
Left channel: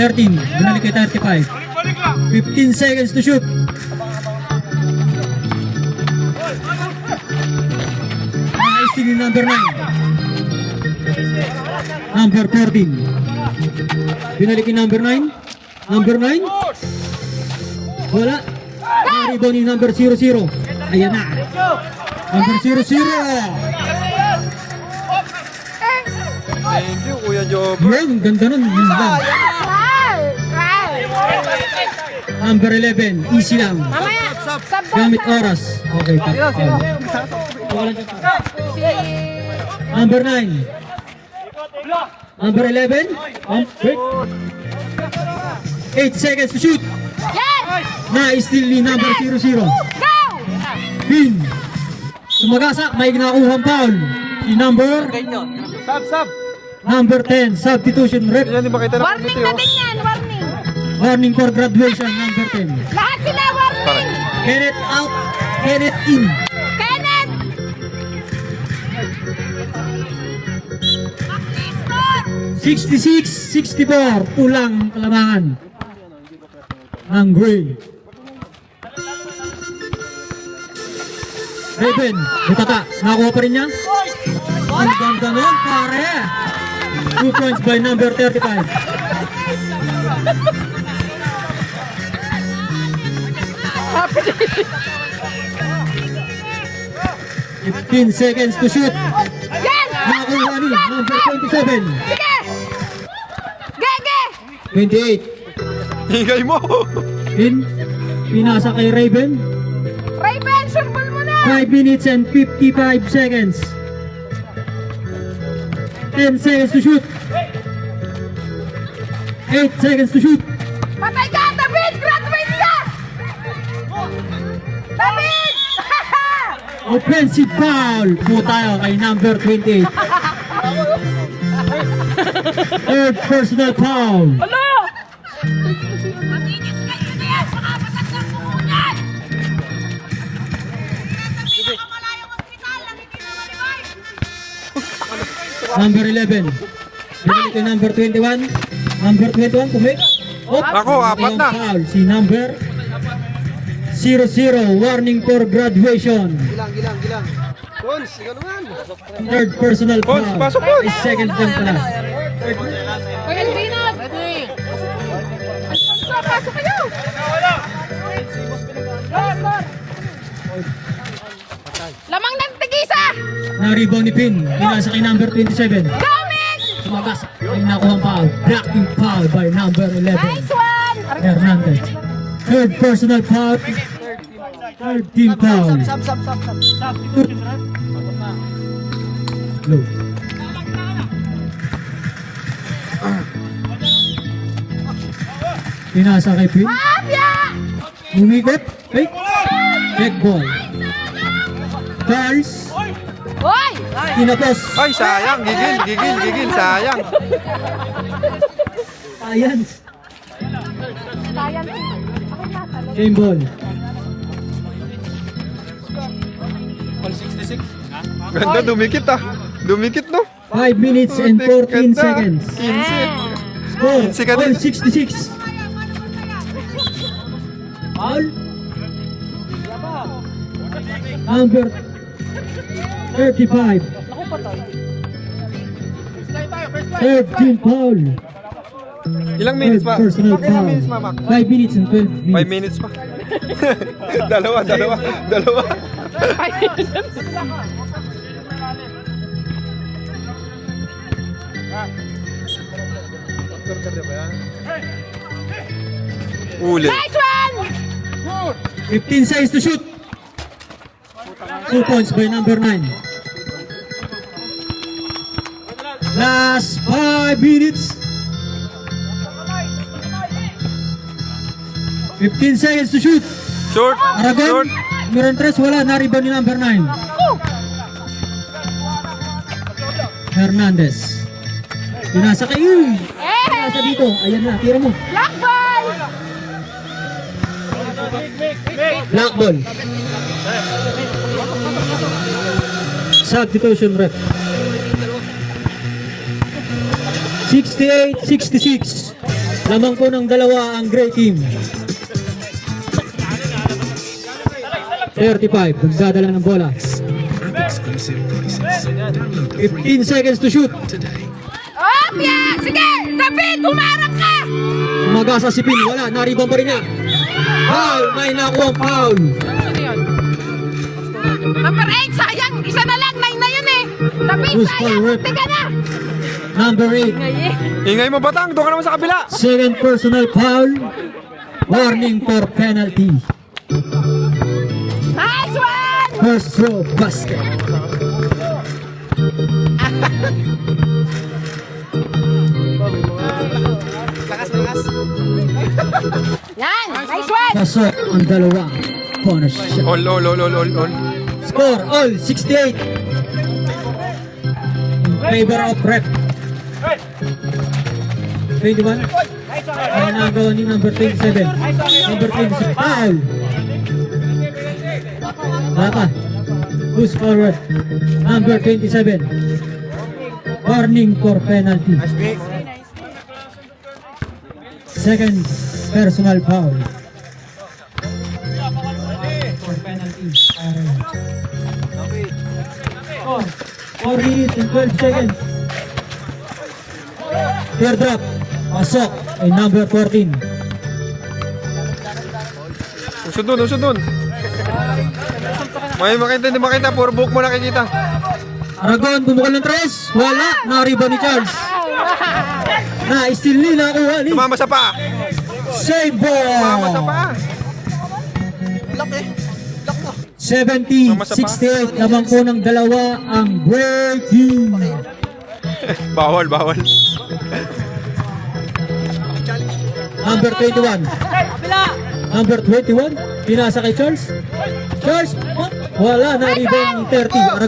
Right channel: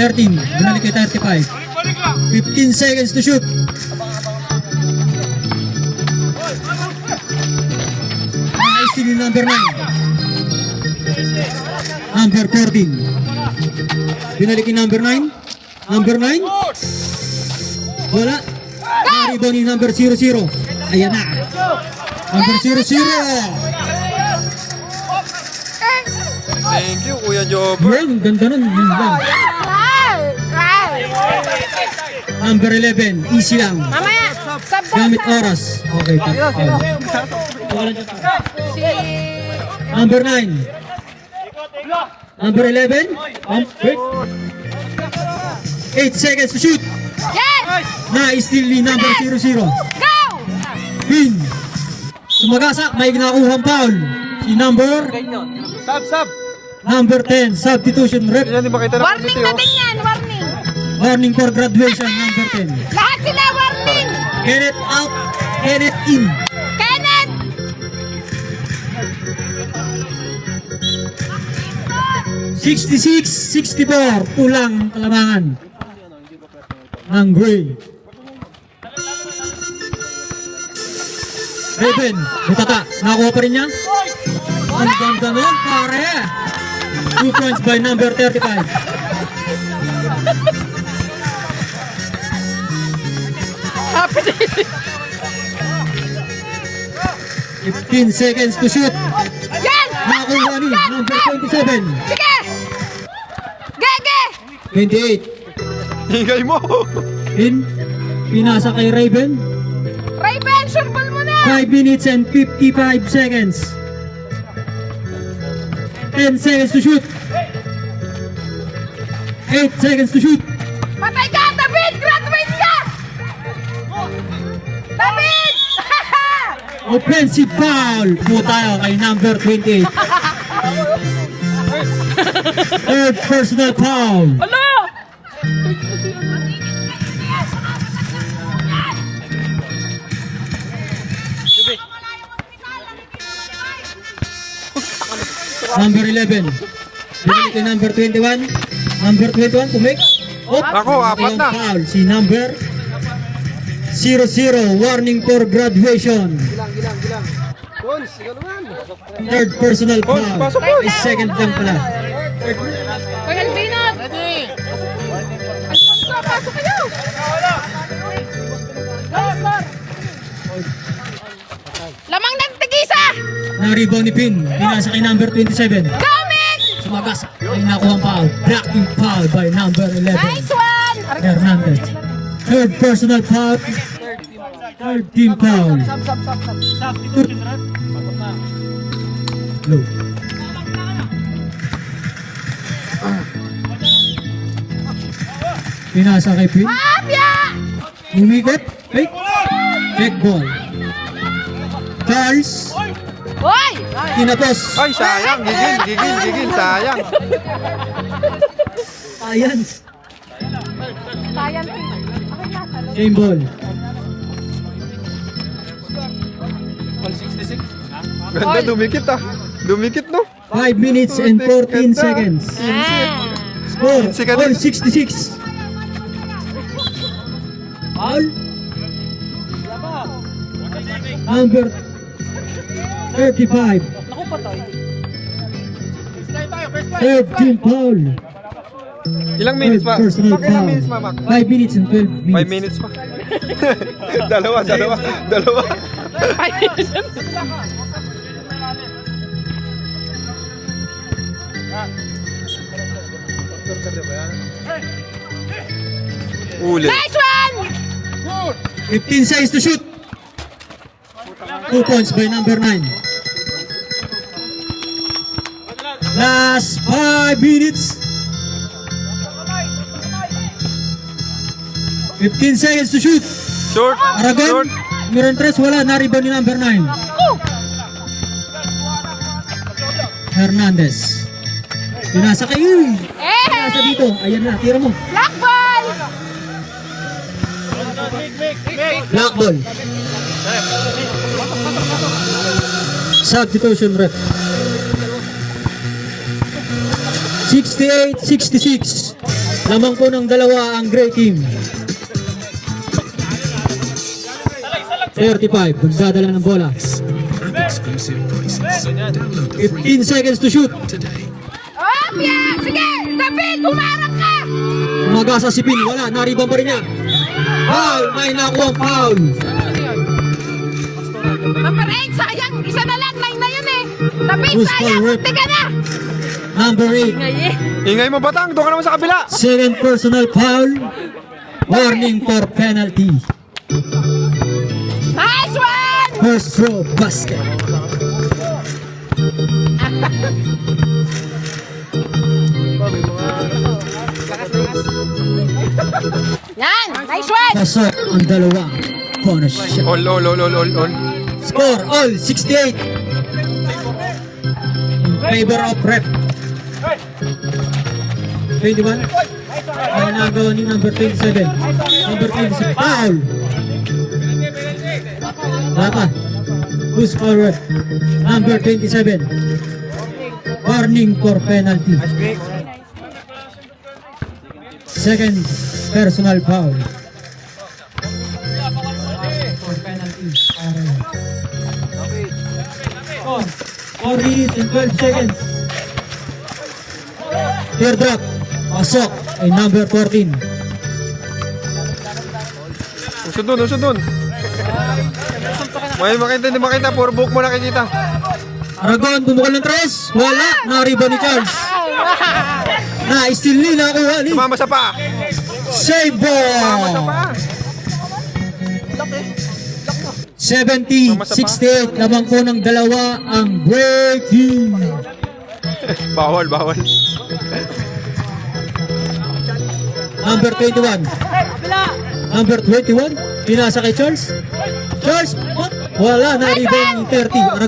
13. Binalik kay 35. 15 seconds to shoot. Nice ni number 9. Number 14. Binalik kay number 9. Number 9. Wala. Naribaw ni number 00. Ayan na. Number 00. Thank you, Kuya Job. Yan, ganda nun. Yun lang. Number 11. Easy lang. Mamaya, sab Gamit oras. Okay, Number 9. Number 11. Wait. 8 seconds to shoot. Yes! Na-steal ni number 00. Go! Pin. Sumagasak, may nakuhang foul. Si number number 10. Substitution rep. Yan, di ba kita ng Warning committee, oh? natin yan, warning. Warning for graduation. Number 10. Lahat sila warning. Pare. Kenneth out. Kenneth in. Kenneth! 66-64. Kulang kalamangan ng Gray. Raven, butata. Nakuha pa rin niya? Ang ganda nun, pare. 2 points by number 35. Fifteen seconds to shoot. Yan! Nakuha ni number 27. Sige! Gege! 28. Hingay mo! In, pinasa kay Raven. Raven, sulpal mo na! 5 minutes and 55 seconds. 10 seconds to shoot. 8 seconds to shoot. Patay ka, David! Graduate ka! David! Offensive foul po tayo kay number 28. Third personal foul. Number 11. Binili kay number 21. Number 21 kumik. Ako, apat na. Foul. Si number 00. Warning for graduation. Third personal Pons, foul. pasok, Pons. Is second lang pala. Hoy, Albinat! Alfonso, pasok kayo! Lamang ng tigisa! Na-rebound ni Pin. Pinasa kay number 27. Sumagas. Ay nakuha ang foul. Blocking foul by number 11. Nice one! Hernandez. Third personal foul. Third team foul. Low. Pinasa kay Pin. Umikot. Fake. Fake ball. Charles. Hoy! Kinapos. Ay, sayang. Gigil, sayang. Science. Game ball. Ganda, dumikit ah. Dumikit, no? 5 minutes and 14 Ganda. seconds. 15. Score. 15 ka din. All 66. All. Number 35. Third team foul. Ilang minutes pa? Third personal Pak, ilang foul. minutes pa, Mac? 5 minutes and 12 minutes. 5 minutes pa. dalawa. Uli. Nice one! 15 seconds to shoot. 2 points by number 9. Last 5 minutes. 15 seconds to shoot. Short. Aragon. Meron 3, wala. Na-rebound ni number 9. Hernandez. Pinasa kayo. Pinasa dito. Ayan na. Tira mo. Black ball! Black ball. Substitution ref. 68-66. Lamang po ng dalawa ang gray team. 35. Magdadala ng bola. 15 seconds to shoot. Opya! Sige! David, humarap ka! Umagasa si Pin. Wala. Nariban pa rin niya. Foul. May nakuha foul. Sino yun? Number 8, sayang! Isa na lang, 9 na yun eh! David, Who's sayang! foul rep? Tiga na! Number 8. Ingay mo, Batang. Doon ka naman sa kabila. Second personal foul. Warning for penalty. Nice one! First throw basket. Yan! Nice one! Pasok ang dalawang bonus shot. All. Score all 68. In favor of rep. 21. Ang nagawa ni number 27. Number 27. Foul. Laka. Who's forward? Number 27. Warning for penalty. Second personal foul. For penalty. 4 minutes and 12 seconds. Third drop. Pasok ay number 14. Usod dun. May makita, hindi makita. Puro buhok mo nakikita. Aragon, bumukal ng tres. Wala. Nariba ni Charles. Na-steal ni. Nakuha ni. Tumama sa paa. Save Tumama sa ball. paa. 70-68. Labang po ng dalawa ang break team. Bawal. Number 21. Number 21. Pinasa kay Charles. Charles. Wala na rebound ni 30.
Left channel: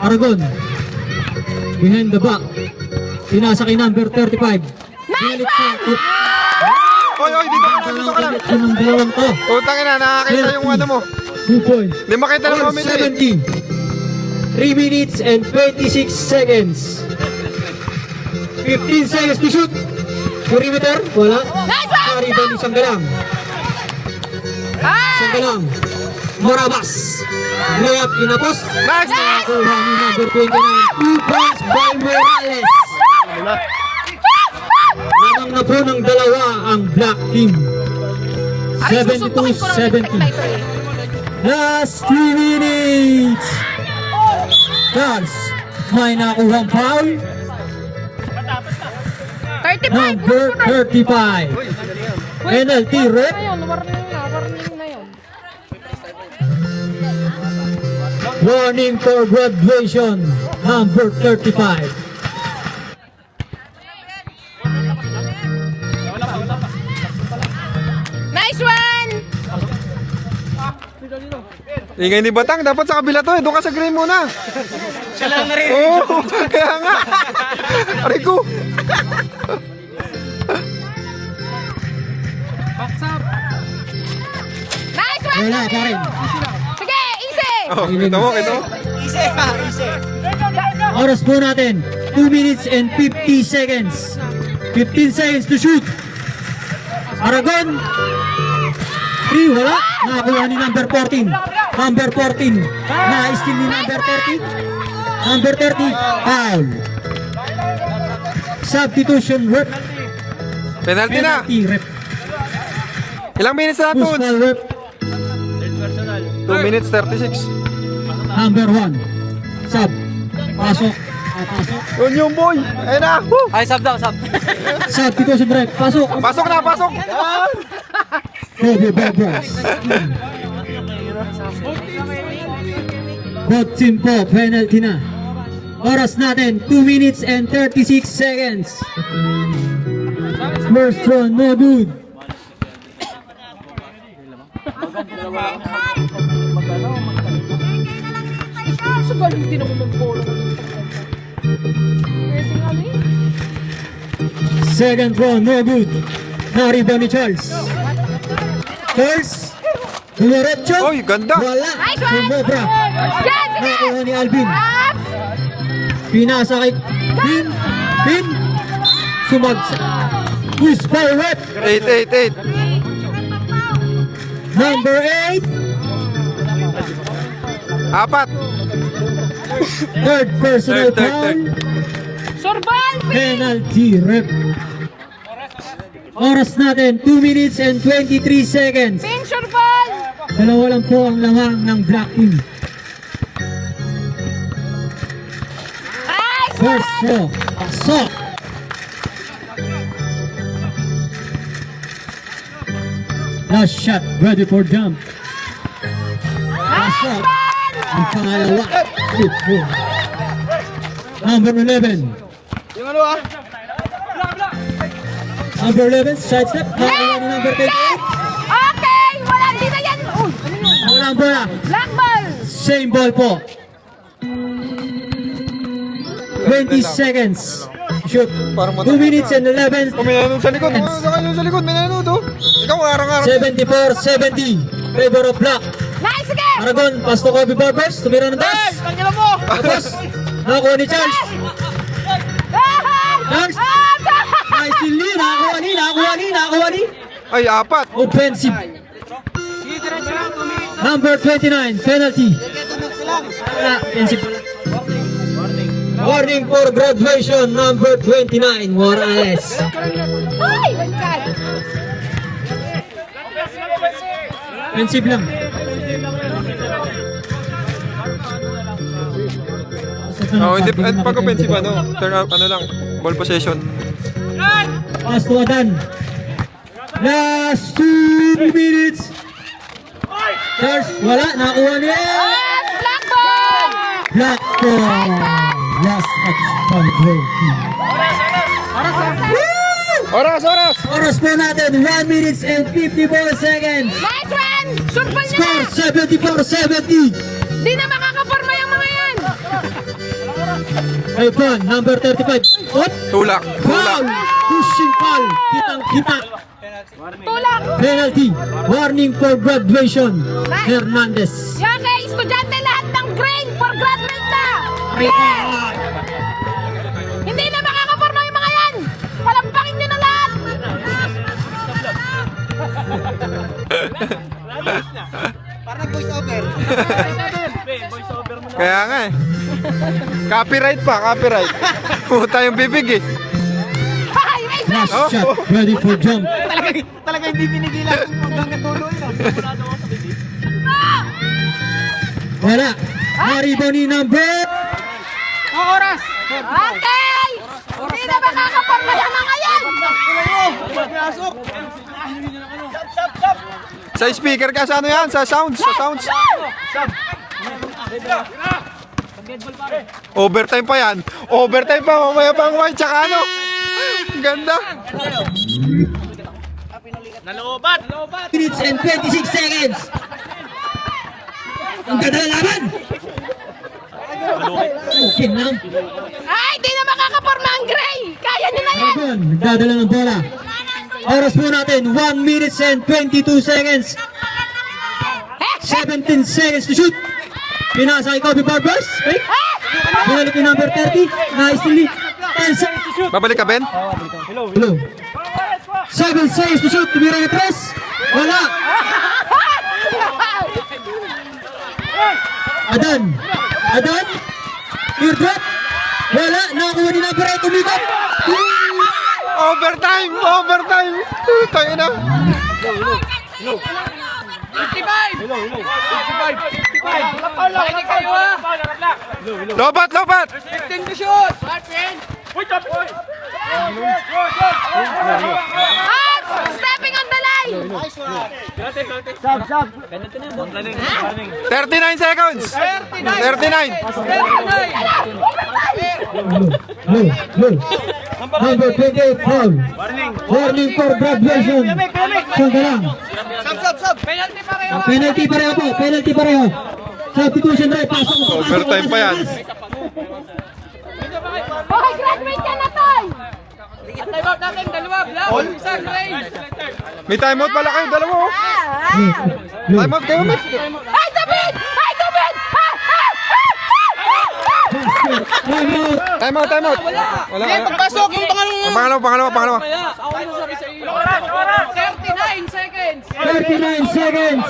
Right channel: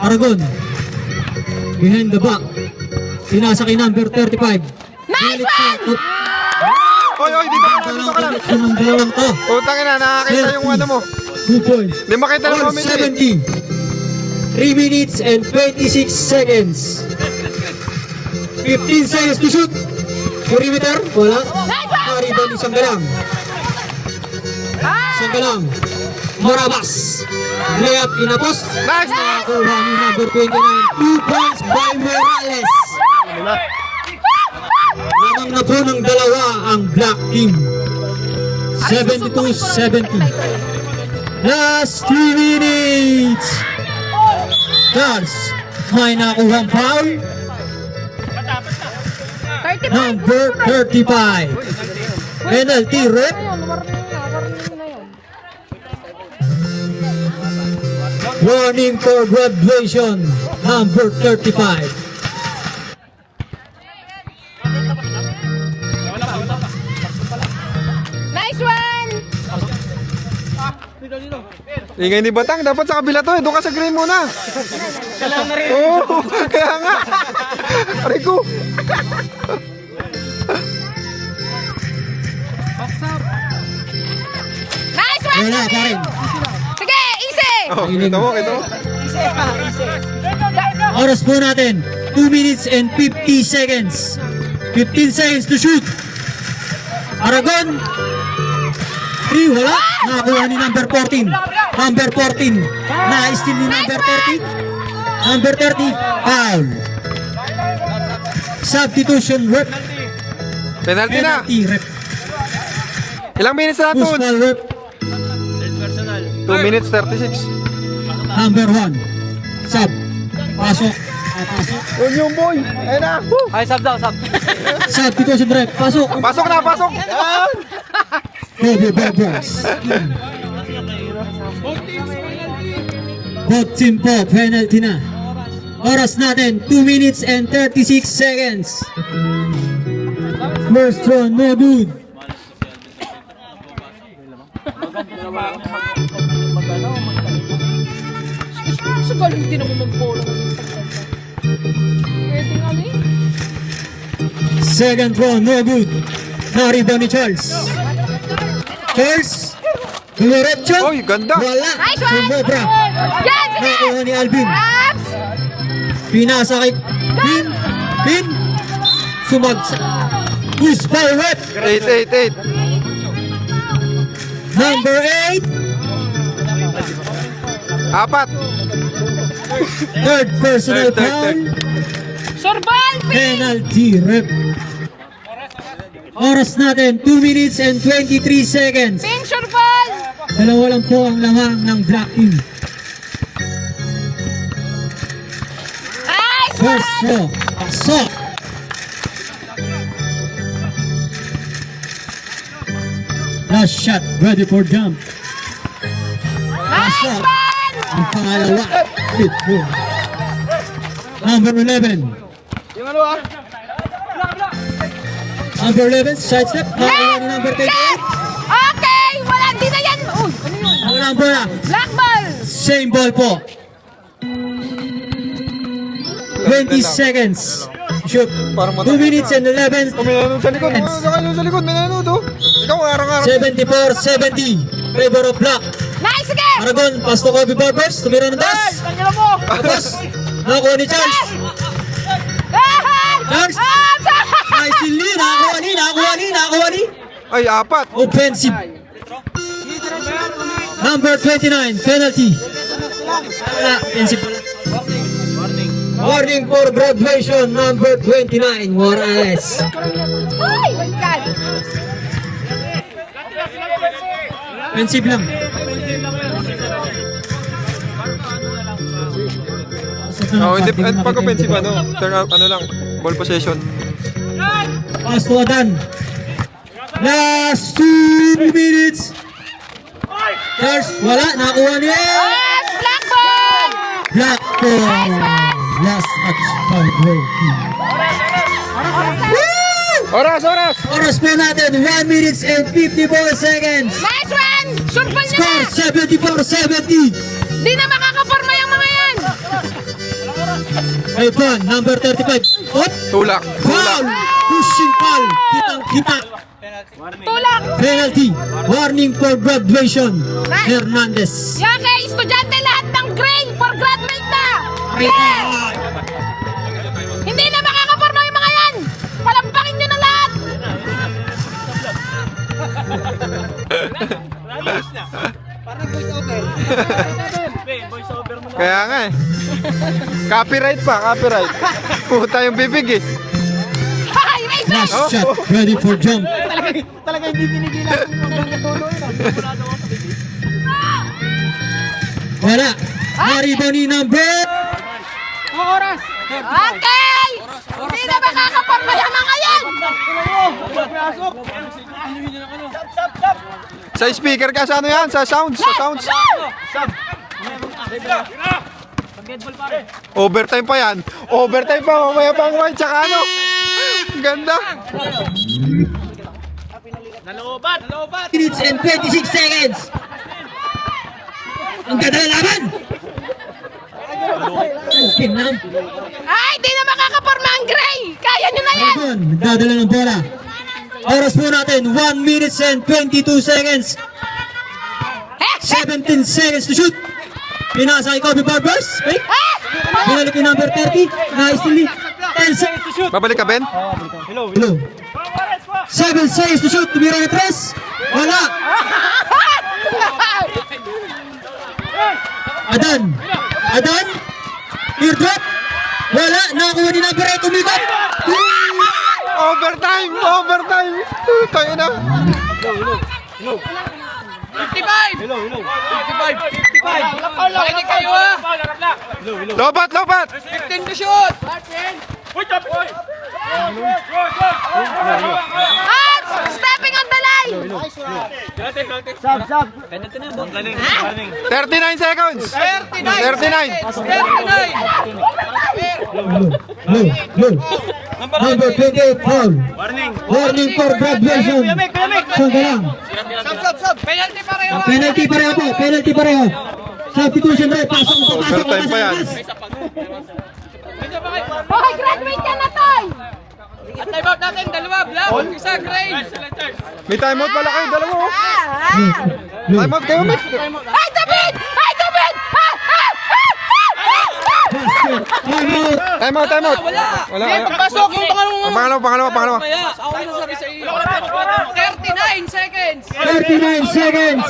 Aragon. Behind the back. Pinasa kay number 35. Balik ko. Oy, dito ka lang. Yung dalawang to. Utang ina, nakakita yung ano mo. 2 points. Hindi makita ng comedy. 170. 3 minutes and 26 seconds. 15 seconds to shoot. Perimeter. Wala. Rebound isang galang. Isang galang. Morabas. Layup inapos. Nice! Kuha ni number 29. 2 points by Morales. Lamang na po ng dalawa ang Black Team. 72-70. Last 3 minutes. Charles, may nakuha foul. 35. Number 35. Penalty rep. Warning for graduation. Number 35. Nice one! Ingay ni Batang, dapat sa kabila to eh. Doon ka sa green muna. Oo, kaya nga. Arigo. Nice one! Wala pa rin. Sige, easy! Oh, kita mo. Oras po natin. 2 minutes and 50 seconds. 15 seconds to shoot. Aragon. 3, wala. Nakakuha ni number 14. Number 14. Na-steal ni number 30. Number 30. Foul. Substitution rep. Penalty na. Penalty rep. Ilang minutes na Push to? ball rep. 2 minutes 36. Number 1. Sub. Pasok. Yun yung boy. Ayun na. Ay, sub daw, sub. Substitution rep. Pasok. Pasok na, pasok. Kobe Bubbles. Both team po, penalty na. Oras natin, 2 minutes and 36 seconds. First one, no good. Second one, no good. Na-rebound ni Charles. Charles, dumiretso. Oy, ganda. Wala. Nice one! Sumobra. Yan, sige! Nakuha ni Alvin. Ups! Pinasa kay Pin. Sumagsa. Push ball rep. 8. Number 8. 4. Third personal Third. foul. Survive! Penalty rep. Oras natin, 2 minutes and 23 seconds. Sing survive! Dalawa lang po ang lamang ng Black Team. Nice! First shot. Pasok. Last shot. Ready for jump. Pasok. Ang pangalawa. Good boy. Number 11. Number 11, side step. Nakakuha ni number 28. Okay! Wala, di na yan! Oh, ano yun? Ang number na. Black ball! Same ball po. 20 seconds. Shoot. 2 minutes and 11. Oh, may nanonood sa likod. Sa likod, may nanonood oh. Ikaw, arang-arang. 74-70. Favor of Black. Nice, sige! Aragon, pass to Kobe Barbers. Tumira ng taas. Tapos, nakakuha ni Charles. Charles. Nice lead. Nakakuha ni. Ay, 4. Offensive. Number 29, penalty. Wala, offensive. Warning for graduation, number 29, Morales. Ay! My God! Offensive lang. Oh, hindi pag offensive turn out lang, ball possession. Pass to Adan. Last 2 minutes. First, wala. Nakuha niya. Black ball! Black ball. Last match for Blue Team. Woo! Oras, oras! Oras po natin, 1 minutes and 54 seconds. Nice one! Sulpan niya Score na! 74-70. Di na makakaporma yung mga yan! Ay po, number 35. What? Tulak, tulak. Foul! Pushing foul! Kitang-kita. Tulak! Penalty. Warning for graduation. Hernandez. Yung kay estudyante lahat ng grade for graduate na! Hindi na makakaporma yung mga yan! Palampakin nyo na lahat! Kaya nga eh. Copyright pa, copyright. Puta yung bibig eh. Ay, wait! Last shot. Ready for jump. Talaga hindi pinigilan kung hanggang natulo yun. Sigurado ako sa bibig. Wala. Maribo ni number. Okay! Hindi na makakaporma yung mga yan! Sa speaker ka sa ano yan? Sa sounds, sa sounds. Overtime pa yan. Overtime pa, mamaya pang white, tsaka ano. Ang ganda. Minutes and 26 seconds. Ang ganda ng laban. Okay na. Ay, di na makakaporma ang gray! Kaya nyo na yan! Dragon, nagdadala ng bola. Oras po natin, 1 minutes and 22 seconds. 17 seconds to shoot. Pinasa kay Kobe Barbers. Wait. Binalik yung number 30. Nicely. 10 seconds to shoot. Babalik ka, Ben? Hello. 7 seconds to shoot. Tumira yung press. Wala. Adan. Adan. Teardrop. Wala. Nakakuha ni number 8. Tumikot. Overtime! Overtime! Tayo na. Lobat! Lobat! At stepping on the line! 39 seconds! 39! Low. Number 28, foul. Warning for graduation. Saan ka lang? Penalty pareho po. Penalty pareho. Substitution right. Pasok mo. Overtime pa yan. Okay, graduate ka na, Toy! May timeout pala kayo, dalawa oh. Timeout kayo, Mike. Ay, David! Ay, David! Timeout. Timeout. Wala. Pasok yung Pangalawa. 39 seconds.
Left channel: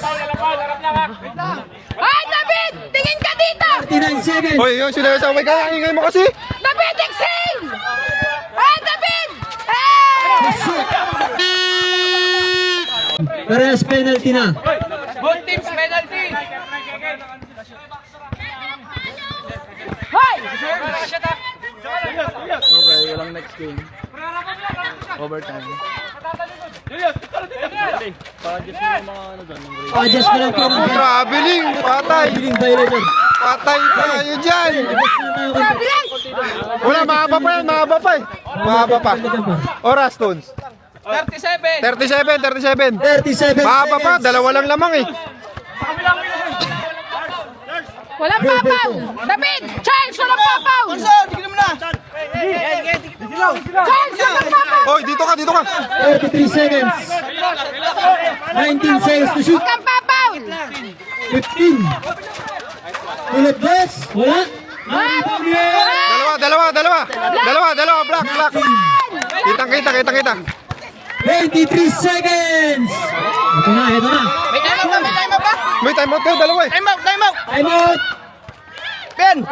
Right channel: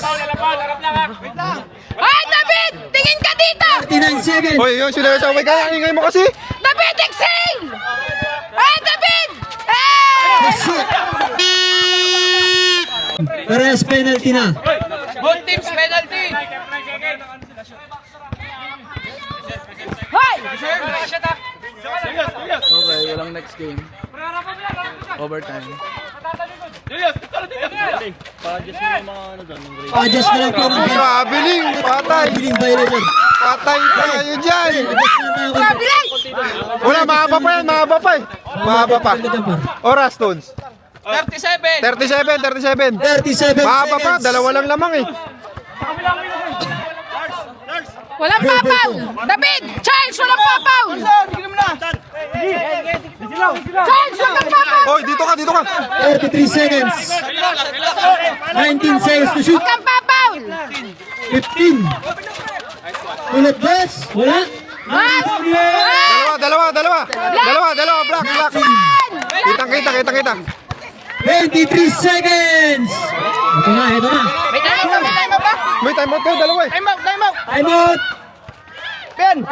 Ay, David! Tingin ka dito! 39 seconds. Hoy, yung sinasaway ka, ingay mo kasi. David, excel! Ay, David! Ay! Shit. Parehas penalty na. Adjust na lang po. Traveling, patay. Biling violator. Patay tayo dyan. Wala, mahaba pa yan, mahaba pa eh. Mahaba pa. Oras, Toons. 37. 37 Mahaba pa, seconds. dalawa lang lamang eh. Walang papaw! David! Charles, walang papaw! Charles, walang papaw! Hoy, dito ka. 43 seconds. 19 seconds to shoot. Huwag kang papaw! 15. Ulit best. Wala. Dalawa, black. Kita. 23 seconds. Ito na. May timeout kayo, dalawa eh. Time out. Time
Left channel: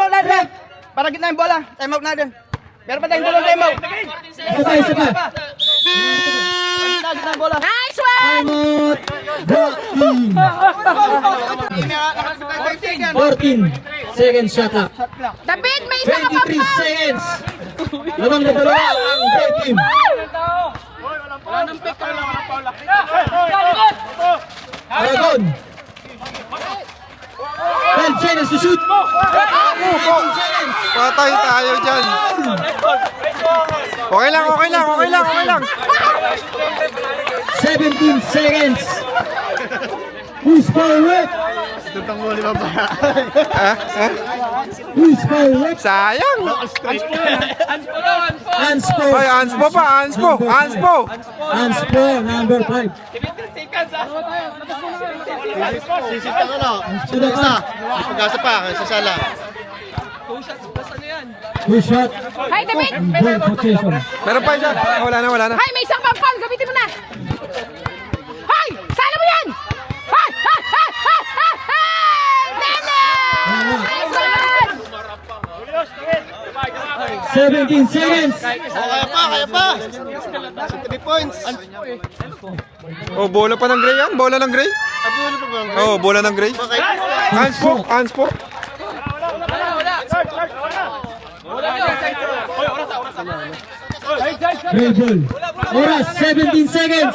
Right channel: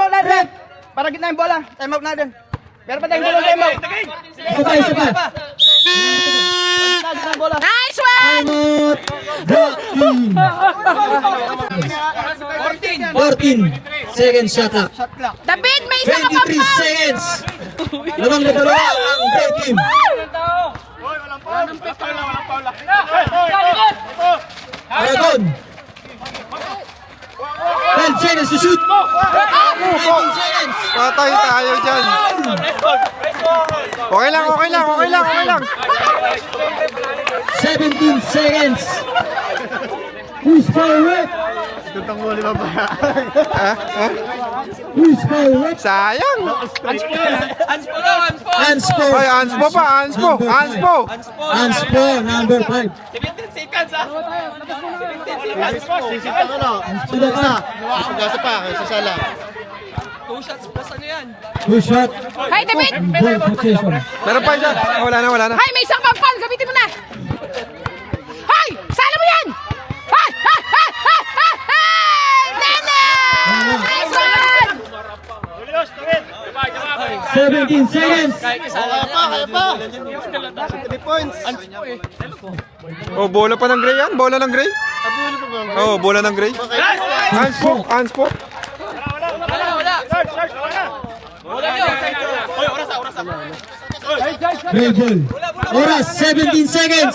out na din. Para gitna yung bola. Time out na din. Meron pa tayong dalawang time out. Isa pa. Gitna yung bola. Nice one! Time out. 14 seconds shot clock. David, may isa ka 23 papaw! seconds. Lamang na dalawa ang red team. Aragon. 10 seconds to shoot. 15 seconds. Patay tayo dyan. Okay lang, okay lang, okay lang, okay lang. 17 seconds. Who's forward? Who's forward? Sayang. Anspo. Ay, Anspo pa, Anspo, Anspo. Anspo, number 5. Sisita ka na. Isa. Pag-asa pa, sasala. Two shot. Hay, David! Ball position. Meron pa isa. Wala na, wala na. Hay, may isang pang-pang! Gamitin mo na! Hay! Sana mo yan! Hay! Hay! Hay! Hay! Hay! Hay! 17 seconds. Kaya pa. 3 points. Oh, bola pa ng Gray yan? Bola ng Gray? Oh, bola ng Gray. Anspo, Anspo. Red ball. Oras, 17 seconds.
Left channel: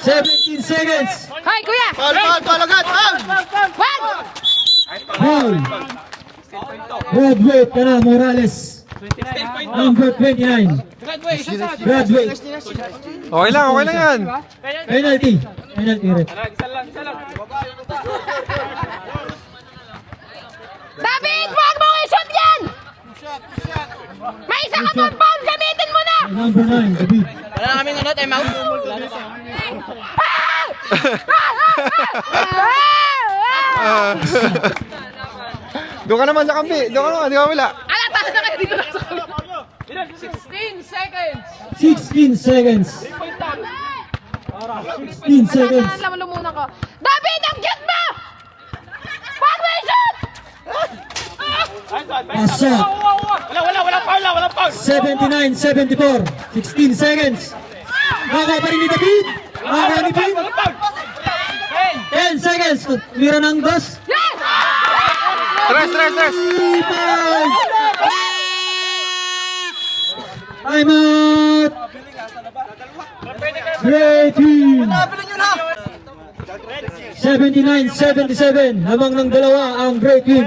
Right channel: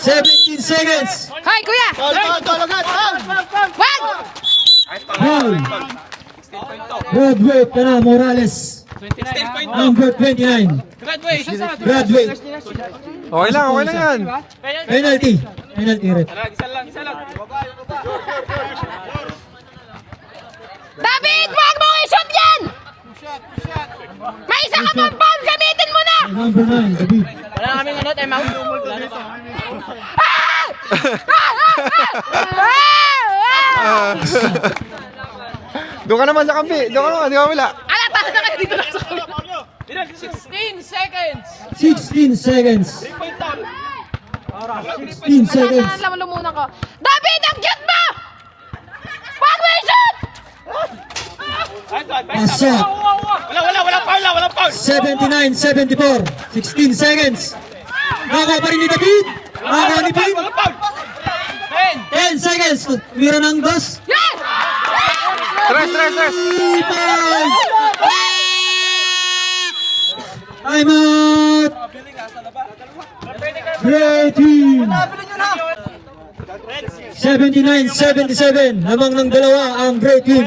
17 seconds. Hay, kuya! Ball agad. Wag! Ball. Graduate na Morales. Number 29. Graduate. Okay lang yan. Penalty. Penalty red. David! Wag mo i-shot yan! May isang pang-pang! Gamitin mo na! Number 9, David. Doon ka naman sa kampi. Doon ka naman, di ka wala. Ala, taas na kayo dito na sa kanila. 16 seconds! 16 seconds. 16 seconds. Alam mo, lumunan ko. David, ang cute mo! Wag mo i-shoot! Asa. 79-74. 16 seconds. Nakakuha pa rin ni David. Nakakuha ni David. 10 seconds. Meron ng dos. Yan! Tres. I'm out. Great team. 79-77. Lamang ng dalawa ang great team.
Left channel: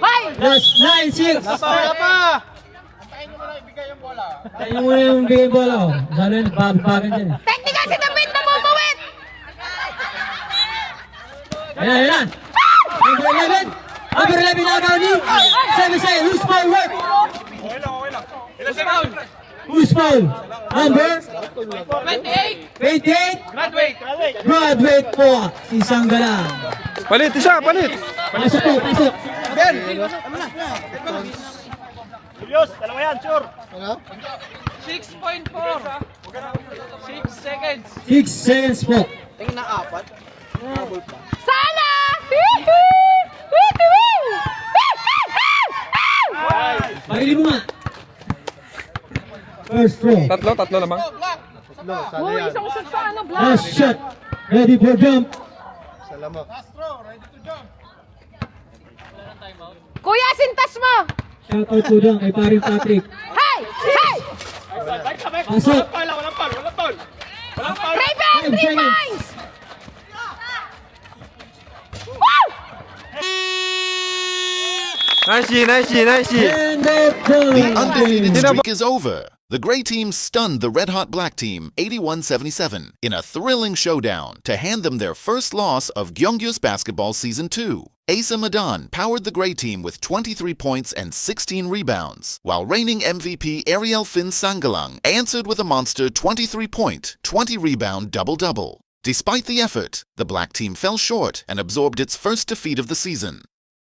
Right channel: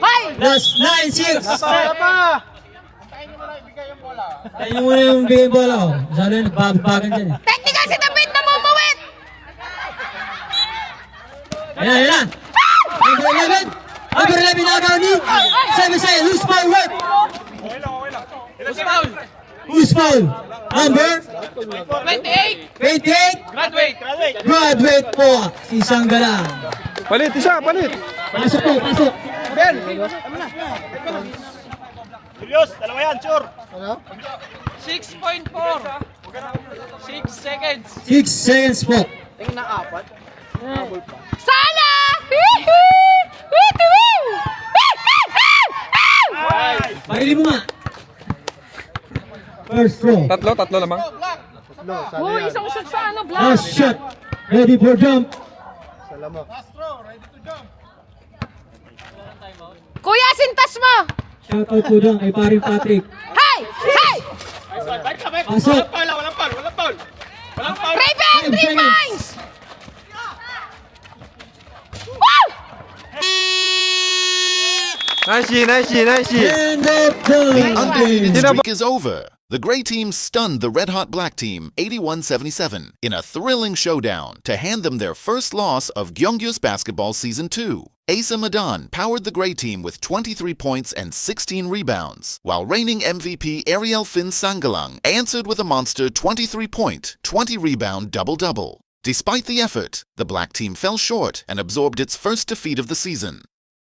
Hoy! Last 9-6. Antayin mo na ibigay yung bola. Tayo mo na yung bigay bola. Sana yun, babagan dyan. Technical si David na mumuwit! Ayan. Number 11. Number 11 na agaw ni. Sabi sa'yo, who's forward? Who's foul? Number? 28. 28. Graduate po. Isang galang. Palit, isa, palit. Pasok po, pasok. 6 seconds po. Sana! Pahili mo nga. First throw. Tatlo lamang. Uy, isang shot sa ano, Black. Last shot. Ready for jump. Last throw, ready to jump. Kuya, sintas mo! Shoutout po dyan kay paring Patrick. Hay! Hay! Pasok. Revenge! Defense! Woo! Nice. And The undefeated Dinamo- streak is over. The Gray Team stunned the Red Hot Black Team 81-77 in a thrilling showdown to hand them their first loss of Gyeonggyo's basketball season 2. Asa Madan powered the Gray Team with 23 points and 16 rebounds, while reigning MVP Ariel Fin Sangalang answered with a monster 23-point, 20-rebound double-double. Despite the effort, the Black Team fell short and absorbed its first defeat of the season.